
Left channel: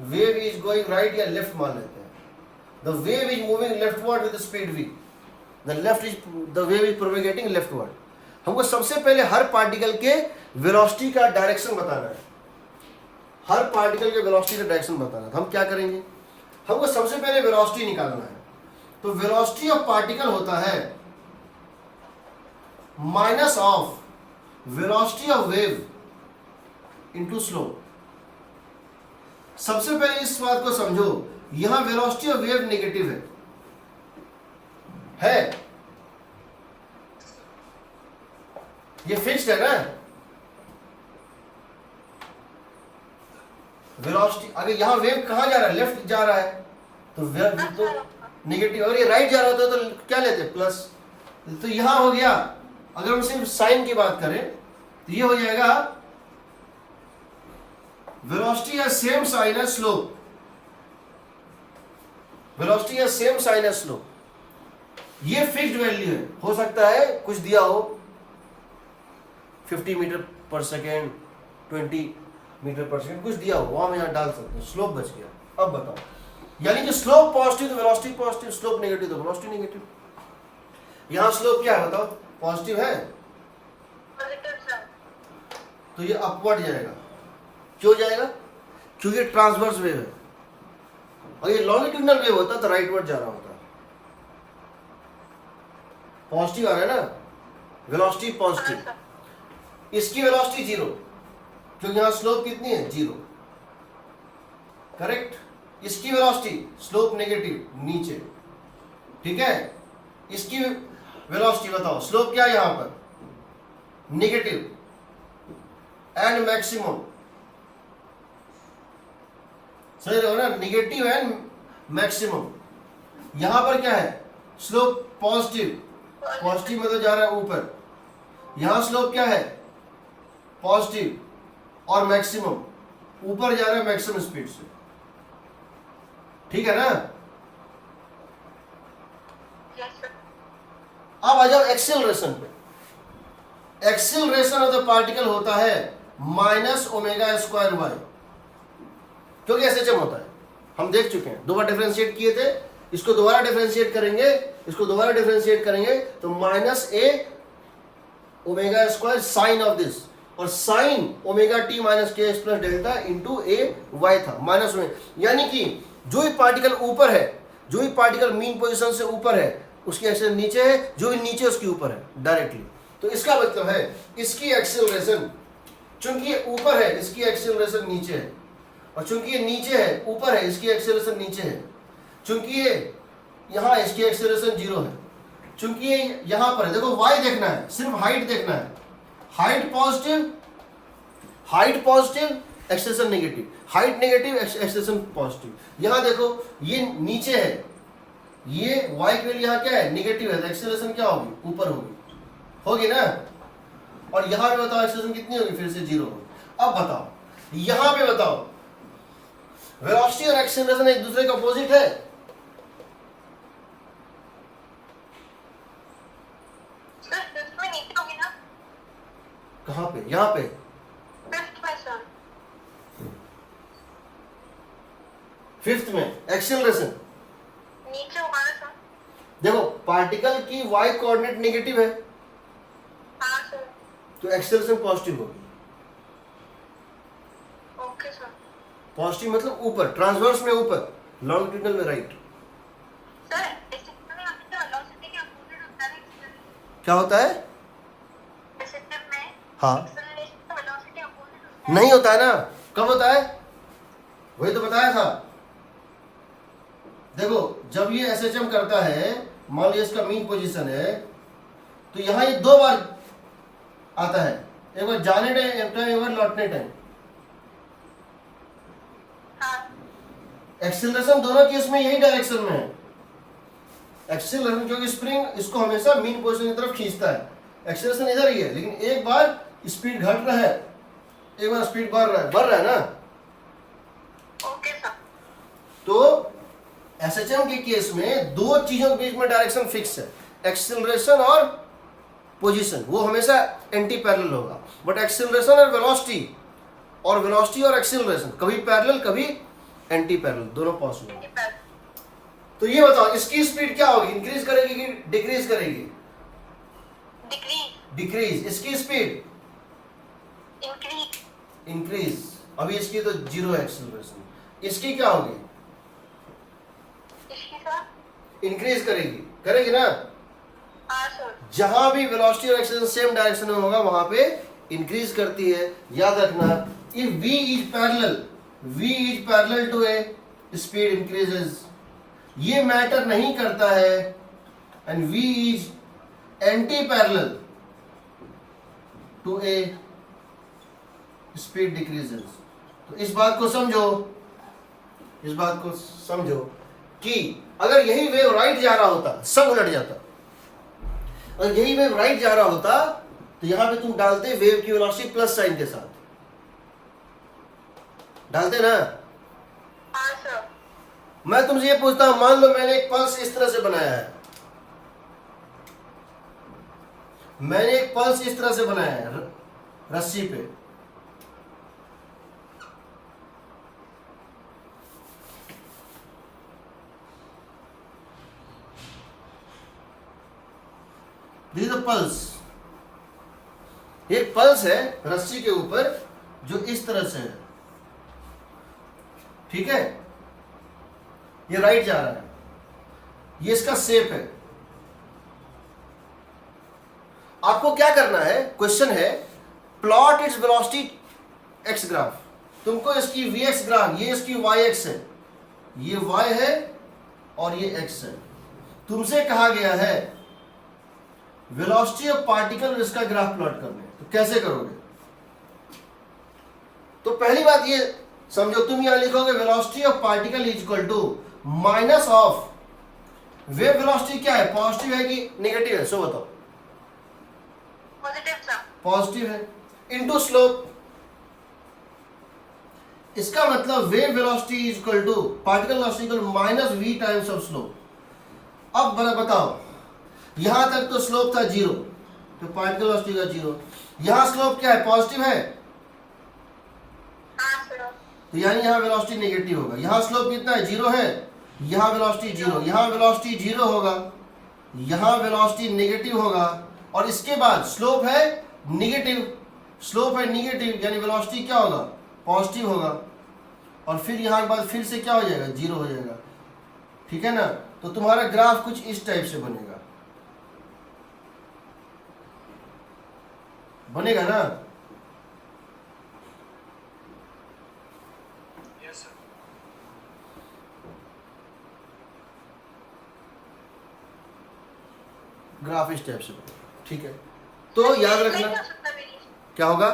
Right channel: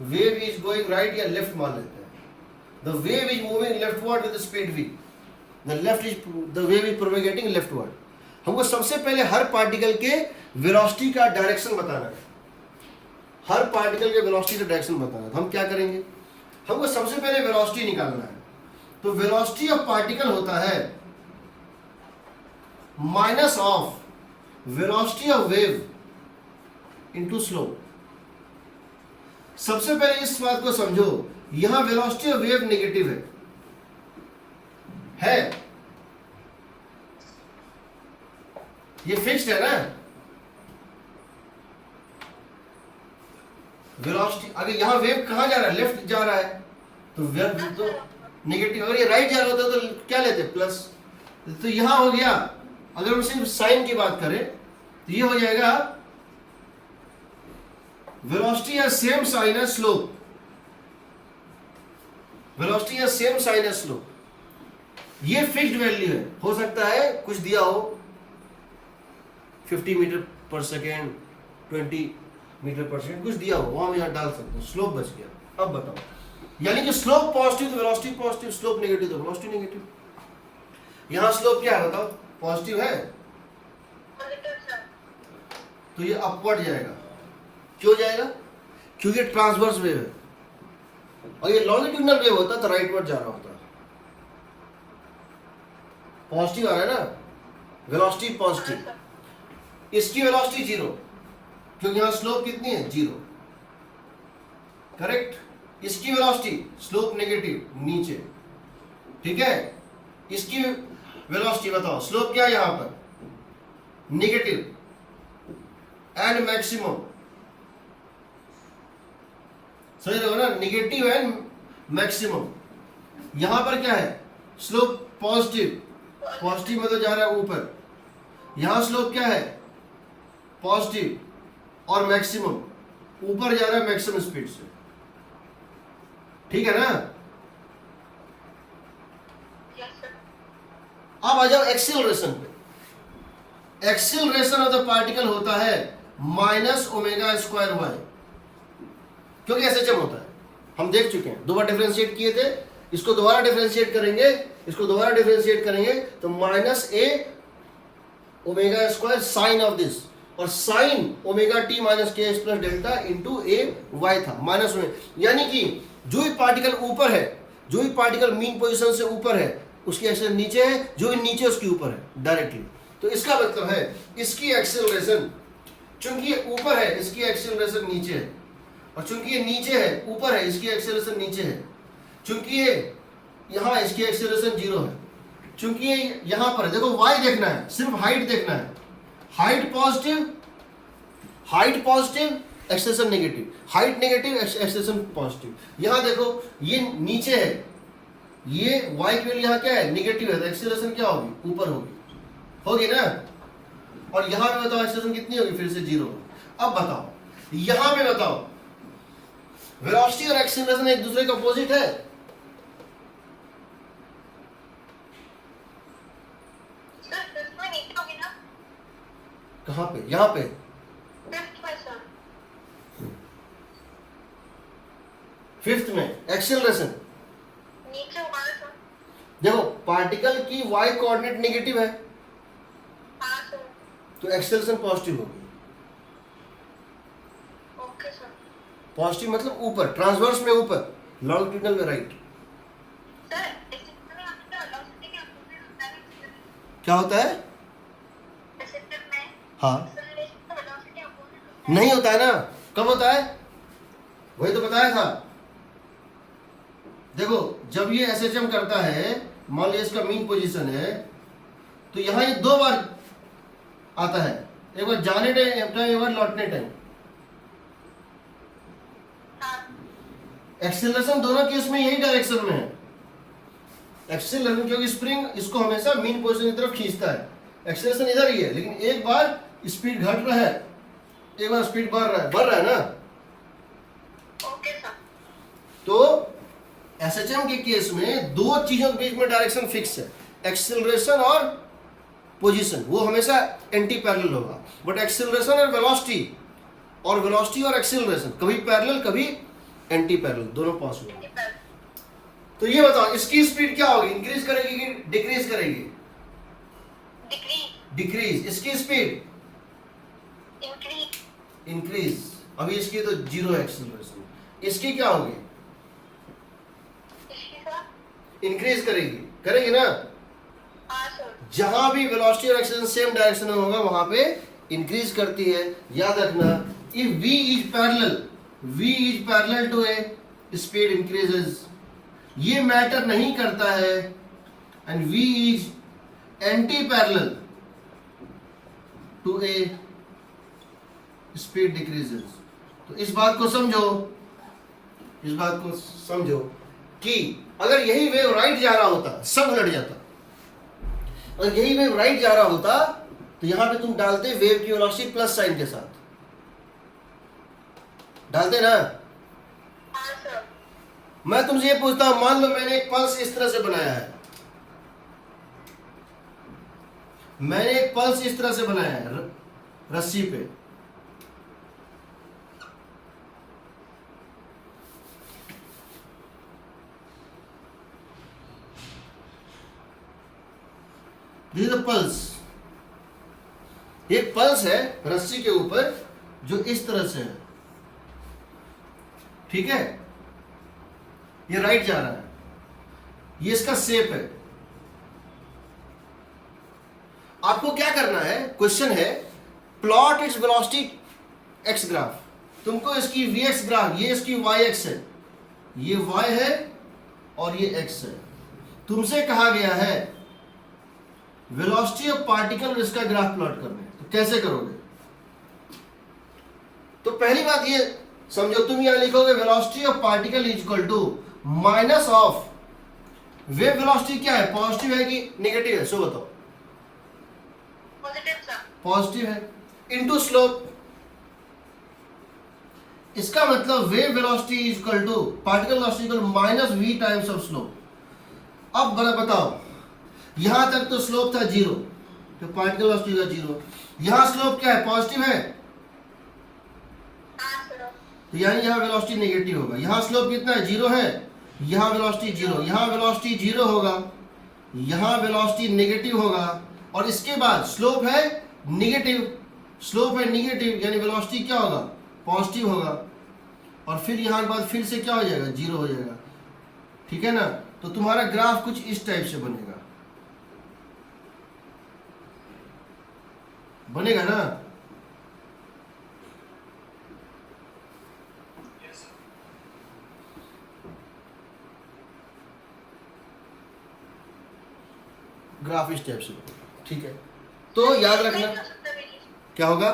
wave is going right या लेफ्ट मान लेते हैं। The wave is moving leftward with speed v, the wave is propagating leftward. हमको सबसे पहले हर पार्टिकल के वेलोसिटी का डायरेक्शन बताना है, हर पार्टिकल के वेलोसिटी का डायरेक्शन बताना है। तो हम क्या करेंगे? हमको सबसे पहले वेलोसिटी निकालना है। तो वेलोसिटी ऑफ पार्टिकल होता है minus of velocity of wave into slope. सबसे पहले इस बात को समझो, यहां वेलोसिटी ऑफ वेव नेगेटिव है, ये फिक्स्ड है ना। वेलोसिटी अगर यहां वेव कहां जा रहा है? लेफ्ट जा रहा है, तो वेव तो नेगेटिव। अगर ये राइट जा रहा होता तो क्या लेते? प्लस। तो यहां हो गया, अगर हम सिर्फ साइन की बात करें तो ये हो जाएगा वेलोसिटी या सेम साइन है स्लोप, वेलोसिटी या सेम साइन है स्लोप। ये फिक्स्ड वैल्यू है, हो सकता है कुछ दिया हो 50 मीटर पर सेकेंड, 20 मीटर पर सेकेंड, कुछ दिया हो, वहां हम यहाँ डाल सकते हैं। स्लोप बच गया। अब बताओ, यानी कि स्लोप पॉजिटिव तो वेलोसिटी पॉजिटिव, स्लोप नेगेटिव तो वेलोसिटी नेगेटिव। यहां स्लोप क्या है बताओ? पॉजिटिव है, पॉजिटिव सर। तो ये अपवर्ड जाएगा। क्यों जाएगा? क्योंकि ट्रांसवर्स वेव है, और ये लॉन्गिट्यूडनल वेव होता तो राइटवर्ड जा रहा होता। पॉजिटिव आ रहा है ना, वेलोसिटी पॉजिटिव, इसकी वेलोसिटी 0, क्योंकि यहां स्लोप कितनी है? 0, करेक्ट। इसकी वेलोसिटी स्लोप नेगेटिव, नीचे, ठीक है। इसकी वेलोसिटी बताओ, स्लोप क्या है यहां पर? नेगेटिव, एंड मैक्सिमम, समझ रहे हो ना, नेगेटिव एंड मैक्सिमम। यहां पर क्या है? स्लोप पॉजिटिव, पॉजिटिव मतलब जा रहा है ऊपर। यहां स्लोप क्या है? पॉजिटिव, और मैक्सिमम ऊपर जा रहा है मैक्सिमम स्पीड से, ठीक है ना। Yes sir. अब आ जाओ एक्सेलरेशन पे। एक्सेलरेशन ऑफ द पार्टिकल होता है माइनस ओमेगा स्क्वायर वाई, क्योंकि एसएचएम होता है। हम देख चुके हैं, 2 बार डिफरेंशिएट किए थे, इसको दोबारा डिफरेंशिएट करेंगे, इसको दोबारा डिफरेंशिएट करेंगे तो minus a omega square sign of this, और sign omega t minus k x plus delta into ए वाई था माइनस में, यानी कि जो भी पार्टिकल ऊपर है, जो भी पार्टिकल मीन पोजीशन से ऊपर है उसकी एक्सेलरेशन नीचे है, जो भी नीचे उसके ऊपर है डायरेक्टली। तो इसका मतलब है इसकी एक्सेलरेशन, चूंकि ये ऊपर है इसकी एक्सेलरेशन नीचे है, और चूंकि ये नीचे है ऊपर है इसकी एक्सेलरेशन नीचे है, चूंकि ये यहाँ इसकी एक्सेलरेशन 0 है, चूंकि ये यहाँ पर है। देखो y देखना है, सिर्फ हाइट देखना है, height positive acceleration negative, height negative acceleration positive. यहाँ देखो ये नीचे है, ये y की वैल्यू यहाँ क्या है नेगेटिव है, तो एक्सेलरेशन क्या होगी ऊपर होगी ना, और यहाँ पे बताओ एक्सेलरेशन कितनी होगी, फिर से 0 होगी। अब बताओ यहाँ पे बताओ वेलोसिटी और एक्सेलरेशन एक दूसरे के अपोजिट है? सर फिफ्थ में नीचे होगी ना? कहाँ पे? यहाँ पे फिफ्थ में सर। फिफ्थ में एक्सेलरेशन नीचे होगा ना सर? देखो पार्टिकल की y कोऑर्डिनेट नेगेटिव है हाँ सर। तो एक्सेलरेशन पॉजिटिव होगी। Okay sir. पॉजिटिव मतलब ऊपर, ट्रांसवर्स में ऊपर, लॉन्गिट्यूडनल में राइट। सर एक्सेप्टर में आपके क्या वेलोसिटी के अपोजिट होता है ना? क्या होता है? एक्सेप्टर में हाँ एक्सेलरेशन का वेलोसिटी अपोजिट होता है। नहीं होता है ना, कब होता है? वही तो बताया था। देखो जब ये एसएचएम करता है, मान लीजिए इसका मीन पोजीशन है, तो यहाँ ये 2 बार आता है, एक बार जाने टाइम एक बार लौटने टाइम। हाँ एक्सेलरेशन दोनों केस में यही डायरेक्शन में है। एक्सेलरेशन क्योंकि स्प्रिंग इसको हमेशा मीन पोजीशन की तरफ खींचता है, एक्सेलरेशन इधर ही है, लेकिन एक बार स्पीड घट रहा है, एक बार स्पीड बढ़ रहा है ना। Okay sir. तो एसएचएम के केस में 2 चीजों के बीच में डायरेक्शन फिक्स है, एक्सेलरेशन और पोजीशन, वो हमेशा एंटी पैरेलल होगा। बट एक्सेलरेशन और वेलोसिटी और एक्सेलरेशन कभी पैरेलल कभी एंटी पैरेलल, दोनों पॉसिबल है। तो ये बताओ इसकी स्पीड क्या होगी, इंक्रीज करेगी कि डिक्रीज करेगी? डिक्रीज। इसकी स्पीड इंक्रीज। अभी इसकी तो 0 एक्सेलरेशन, इसकी क्या होगी? इंक्रीज करेगी ना। हाँ सर। जहां भी वेलोसिटी और एक्सेलरेशन सेम डायरेक्शन में होगा वहां पे इंक्रीज करती है। याद रखना, if v is parallel to a speed increases, ये मैटर नहीं करता है, and v is anti parallel to a speed decreases. तो इस बात को समझो कि अगर यही वेव राइट जा रहा होता सब उलट जाता, और यही वेव राइट जा रहा होता तो यहां पे तुम डालते वेव की वेलोसिटी प्लस साइन के साथ डालते ना। हाँ सर। मैं तुमसे ये पूछता हूं, मान लो मैंने एक पल्स इस तरह से बनाया है, मैंने एक पल्स इस तरह से बनाया है रस्सी पे, दिस इज पल्स। एक पल्स है रस्सी के ऊपर जो इस तरह से है, ठीक है, ये राइट जा रहा है, ये इसका शेप है। आपको क्या करना है, क्वेश्चन है plot its velocity x graph. तुमको इसकी वी एक्स ग्राफ, ये इसकी वाई एक्स है, ये वाई है और ये एक्स है। तुमसे कहा गया है वेलोसिटी ऑफ पार्टिकल और इसका ग्राफ प्लॉट करना है, तो कैसे करोगे? तो पहली बात ये समझो, तुम यहां लिखोगे velocity of particle is equal to minus of wave velocity क्या है, पॉजिटिव है कि नेगेटिव है, सो बताओ। Positive sir. पॉजिटिव है, इनटू स्लोप। इसका मतलब wave velocity is equal to particle velocity equal minus v times of slope. अब बताओ, यहां तक तो स्लोप था 0, तो पार्टिकल वेलोसिटी का 0, यहां स्लोप क्या है, पॉजिटिव है, हाँ सर। तो यानी यहाँ वेलोसिटी नेगेटिव होगा। यहाँ स्लोप कितना है, 0 है, यहाँ वेलोसिटी 0, यहाँ वेलोसिटी 0 होगा, यहाँ वेलोसिटी नेगेटिव होगा, और इसके बाद स्लोप है नेगेटिव, स्लोप है नेगेटिव यानी वेलोसिटी क्या होगा, पॉजिटिव होगा, और फिर यहाँ के बाद फिर से क्या हो जाएगा, 0 हो जाएगा। ठीक है ना। तो तुम्हारा ग्राफ कुछ इस टाइप से बनेगा, बनेगा ना। ग्राफ इस टाइप से बनेगा। ठीक है, तो याद रखना क्या होगा,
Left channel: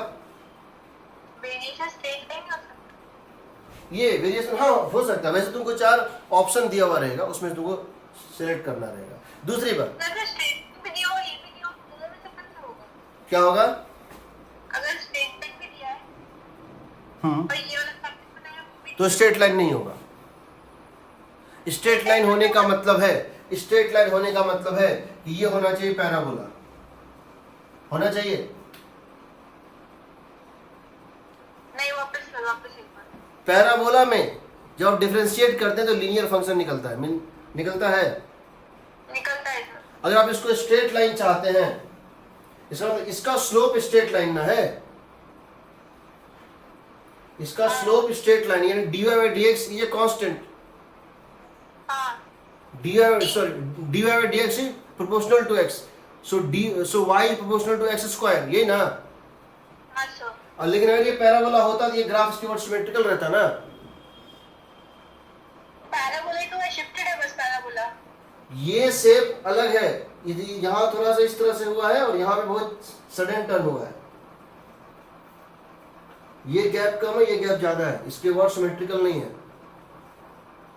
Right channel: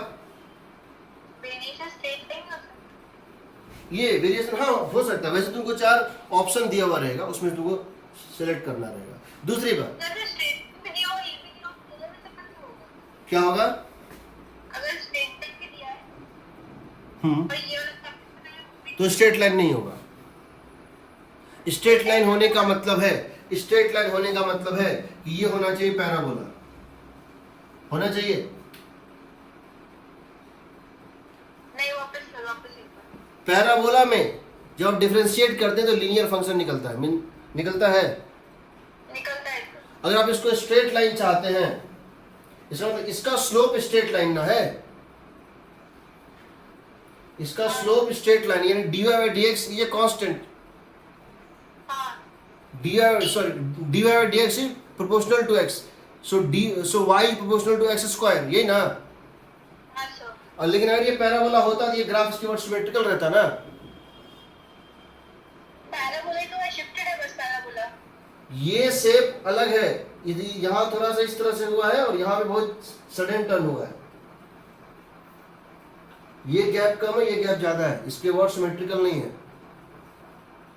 वेरिएशन स्ट्रेट लाइन हो सकता ये वेरिएशन हाँ हो सकता है। वैसे तुमको 4 ऑप्शन दिया हुआ रहेगा, उसमें तुमको सिलेक्ट करना रहेगा। दूसरी बात है। अगर स्ट्रेट में दिया हो, ये भी दिया हो, तो दोनों में से कौन सा होगा? क्या होगा, अगर स्ट्रेट लाइन भी दिया है और ये वाला सर्कल बनाया वो भी तो स्ट्रेट लाइन नहीं होगा। स्ट्रेट लाइन होने का मतलब है, स्ट्रेट लाइन होने का मतलब है कि ये होना चाहिए पैराबोला, होना चाहिए। नहीं, वापस एक बार। पैराबोला में जब आप डिफरेंशिएट करते हैं तो लीनियर फंक्शन निकलता है, निकलता है। निकलता है सर। अगर आप इसको स्ट्रेट लाइन चाहते हैं, इसका मतलब इसका स्लोप स्ट्रेट लाइन ना है, इसका स्लोप स्ट्रेट लाइन यानी dy by dx ये कांस्टेंट, हाँ dy by dx is proportional to x, so y is proportional to x square, यही ना। हाँ सर। और लेकिन अगर ये पैराबोला होता तो ये ग्राफ इसके बाद सिमेट्रिकल रहता ना। पैराबोला ही तो है, शिफ्टेड है बस पैराबोला। ये शेप अलग है, यदि यहाँ थोड़ा सा इस तरह से हुआ है और यहाँ पे बहुत सडन टर्न हुआ है, ये गैप कम है, ये गैप ज्यादा है, इसके वर्ड सिमेट्रिकल नहीं है।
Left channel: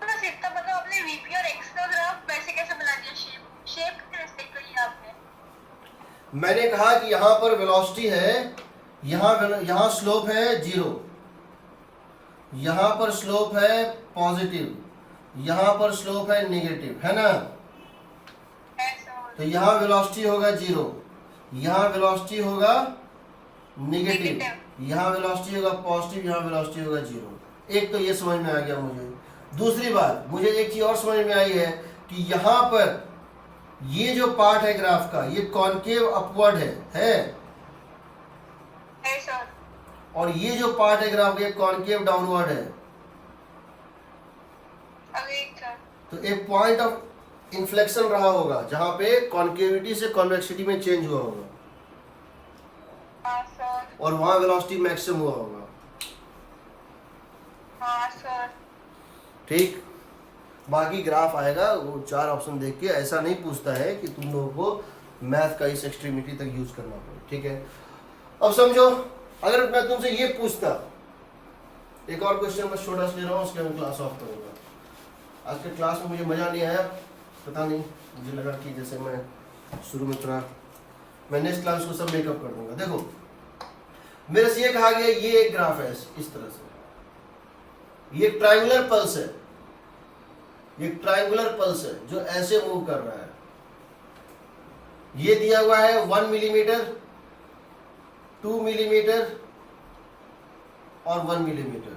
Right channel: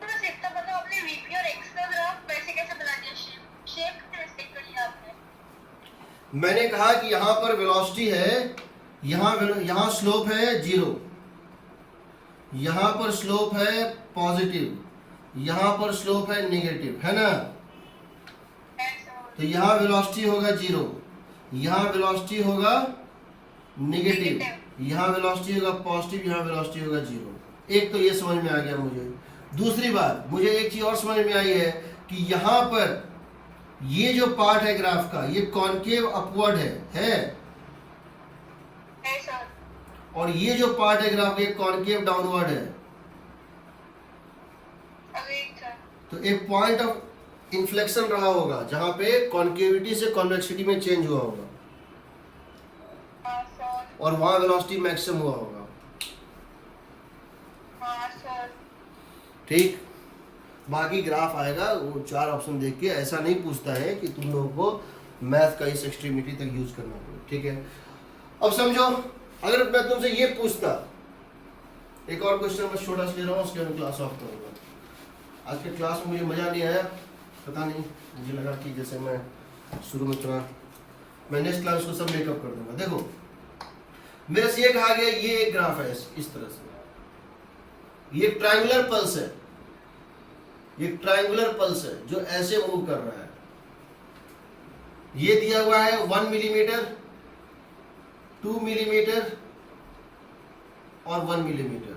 बस इतना मतलब आपने वीपी और एक्स का ग्राफ वैसे कैसे बना दिया, शेप कैसे रिस्पेक्ट कर लिया आपने? मैंने कहा कि यहाँ पर वेलोसिटी है, यहाँ स्लोप है 0, यहाँ पर स्लोप है पॉजिटिव, यहाँ पर स्लोप है नेगेटिव, है ना। तो यहाँ वेलोसिटी होगा 0, यहाँ वेलोसिटी होगा नेगेटिव, यहाँ वेलोसिटी होगा पॉजिटिव, यहाँ वेलोसिटी होगा 0। एक तो ये समझ में आ गया मुझे। दूसरी बात मुझे एक चीज और समझ में आई है कि यहाँ पर ये जो पार्ट है ग्राफ का ये कॉनकेव अपवर्ड है सर। और ये जो पार्ट है ग्राफ का ये कॉनकेव डाउनवर्ड है। अभी सर। तो एक पॉइंट ऑफ इन्फ्लेक्शन रहा होगा जहां पे कॉन्केविटी से कॉन्वेक्सिटी में चेंज हुआ होगा हाँ सर। और वहां वेलोसिटी मैक्सिमम हुआ होगा। हाँ सर। ठीक, बाकी ग्राफ आएगा वो 4 ऑप्शन देख के। ऐसा नहीं पूछता है कि तुम लोगों को मैथ का इस एक्सट्रीमिटी तक यूज करना पड़े। ठीक है, अब समझो अगर मैं तुमसे ये पूछता, एक और क्वेश्चन मैं छोटा सा ले रहा हूँ, उसके बाद क्लास ऑफ करूँगा। आज के क्लास में मुझे मज़ा नहीं आया, पता नहीं, मुझे लगा कि जैसे मैं शुरू में थोड़ा, मैं नेक्स्ट क्लास को सब मेकअप कर दूंगा। देखो मेरे से ये कहा गया ये एक ग्राफ है इस तरह से, ये ट्रायंगुलर पल्स है, ये ट्रायंगुलर पल्स है जो ऐसे मूव कर रहा है। ये दिया हुआ है 1 मिलीमीटर, 2 मिलीमीटर और 1 मिलीमीटर।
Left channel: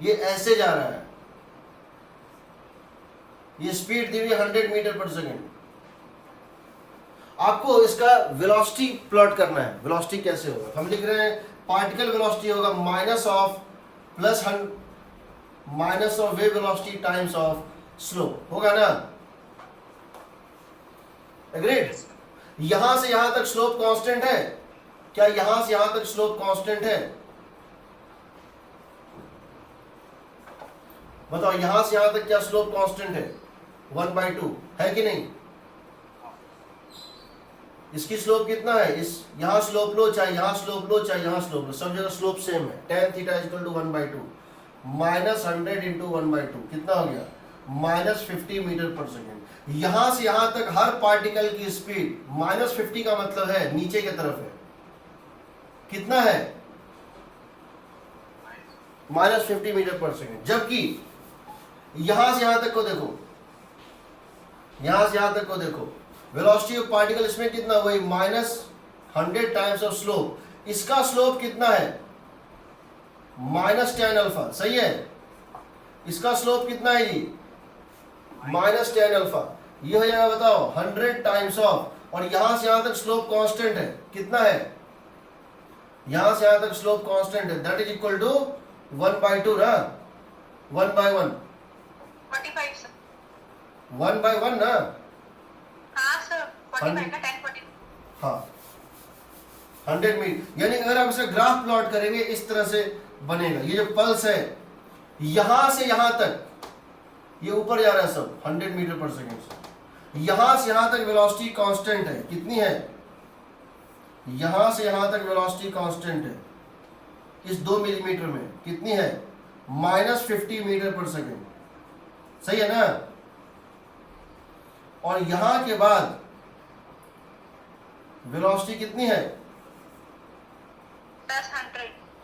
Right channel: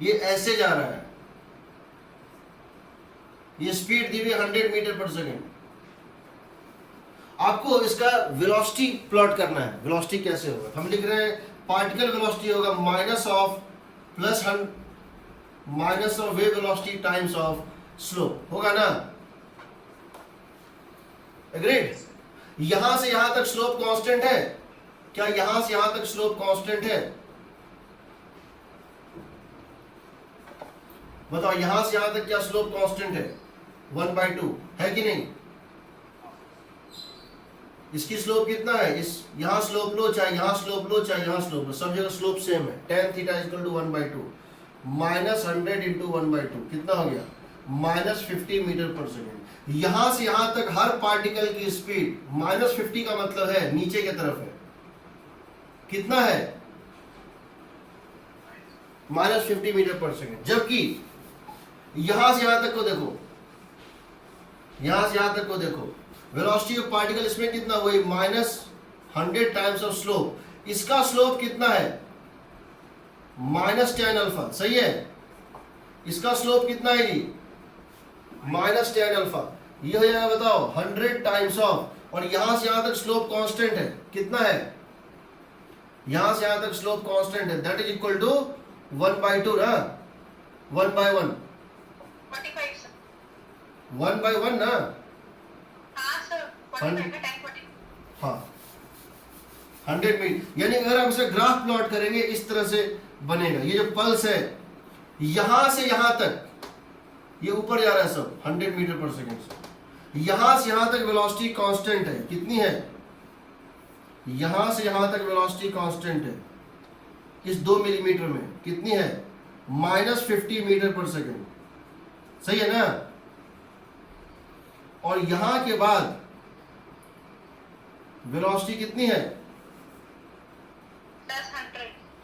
ये ऐसे जा रहा है, ये स्पीड दी हुई 100 मीटर पर सेकेंड। आपको इसका वेलोसिटी प्लॉट करना है। वेलोसिटी कैसे होगा, हम लिख रहे हैं पार्टिकल वेलोसिटी होगा minus of wave velocity times of slope, होगा ना। एग्रीड। यहां से यहां तक स्लोप कांस्टेंट है क्या, यहां से यहां तक स्लोप कांस्टेंट है? बताओ यहां से यहां तक क्या स्लोप कांस्टेंट है? 1/2 है कि नहीं? इसकी स्लोप कितना है, इस यहां स्लोप लो चाहे यहां स्लोप लो चाहे यहां स्लोप लो, सब जगह स्लोप सेम है। tan theta equal to 1/2 -100 into 1/2 कितना हो गया, -50 मीटर पर सेकेंड। यहां से यहां तक हर पार्टिकल की स्पीड -50 का मतलब है नीचे की तरफ है, कितना है, -50 मीटर पर सेकेंड। जबकि यहां से यहां तक को देखो, यहां से यहां तक को देखो, वेलोसिटी ऑफ पार्टिकल इसमें कितना हुआ, -100 टाइम्स ऑफ स्लोप। इसका स्लोप कितना है, माइनस टेन अल्फा, सही है। इसका स्लोप कितना है जी, माइनस टेन अल्फा। ये हो जाएगा बताओ 100 टाइम्स ऑफ, और यहां से यहां तक स्लोप कांस्टेंट है, कितना है, यहां से यहां तक स्लोप कांस्टेंट है, दैट इज इक्वल टू 1/2 ना, 1/1, 45 सर। 1/1 ना, हाँ सर, 45 का 10 हाँ 100 मीटर। यानी अगर आप इसे ग्राफ प्लॉट करेंगे इस तरह से बनेगा। ये जो पल्स है यहां से यहां तक, ये ऊपर जा रहा है सब 100 मीटर पर सेकेंड से, यहां से यहां तक वेलोसिटी कांस्टेंट है, कितनी है, यहां से यहां तक वेलोसिटी कांस्टेंट है इस 2 मिलीमीटर में, कितनी है, -50 मीटर पर सेकेंड, सही है ना। और यहां के बाद वेलोसिटी कितनी है,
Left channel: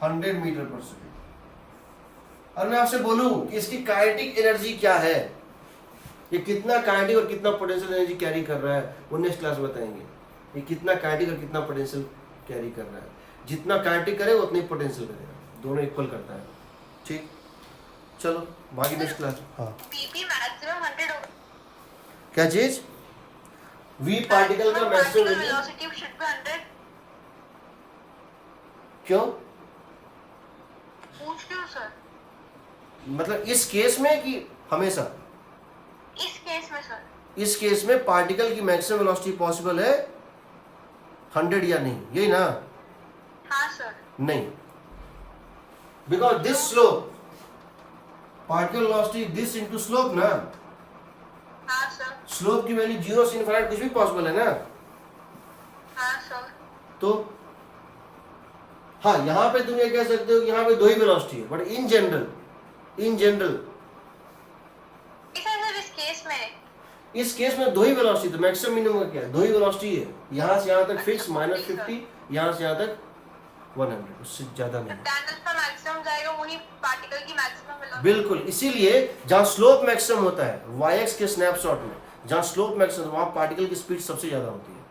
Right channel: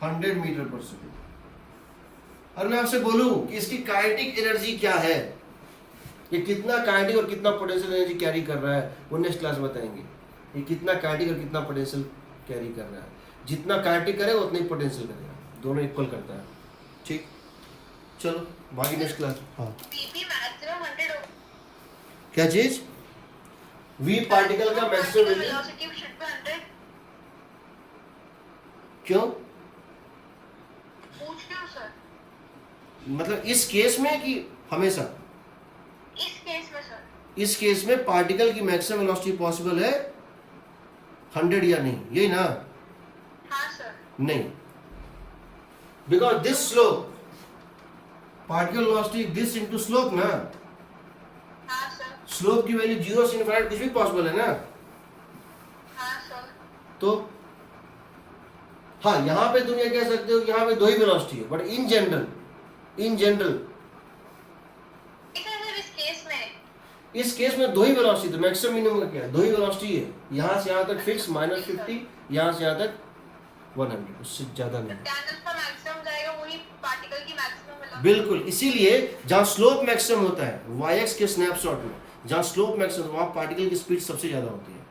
100 मीटर पर सेकेंड। और मैं आपसे बोलूं कि इसकी काइनेटिक एनर्जी क्या है, ये कितना काइनेटिक और कितना पोटेंशियल एनर्जी कैरी कर रहा है, वो नेक्स्ट क्लास बताएंगे। ये कितना काइनेटिक और कितना पोटेंशियल कैरी कर रहा है, जितना काइनेटिक करे उतना ही पोटेंशियल करेगा, दोनों इक्वल करता है। ठीक, चलो बाकी नेक्स्ट क्लास। हाँ पीपी मैक्सिमम 100 हो। क्या चीज, वी पार्टिकल का maximum value velocity should be 100। क्यों, पूछ रही हूँ सर, मतलब इस केस में कि हमेशा, इस केस में सर। इस केस में पार्टिकल की मैक्सिमम वेलोसिटी पॉसिबल है 100 या नहीं, यही ना, हाँ सर। नहीं, because this slope, particle velocity this into slope ना, हाँ सर। स्लोप की वैल्यू 0 से इनफाइनाइट कुछ भी पॉसिबल है ना, हाँ सर। तो हाँ यहां पे तुम ये कह सकते हो कि यहाँ पे 2 ही वेलोसिटी है, बट इन जनरल इस केस में 2 ही वेलोसिटी, तो मैक्सिमम मिनिमम का क्या है, 2 ही वेलोसिटी है, यहां से यहां तक फिक्स -50, यहां से यहां तक 100, उससे ज्यादा नहीं। मैक्सिमम जाएगा वही पार्टिकल की मैक्सिमम वेलोसिटी। बिल्कुल, इसीलिए जहां स्लोप मैक्सिमम होता है y एक्स के स्नैपशॉट में, जहां स्लोप मैक्सिमम वहां पार्टिकल की स्पीड सबसे ज्यादा होती है।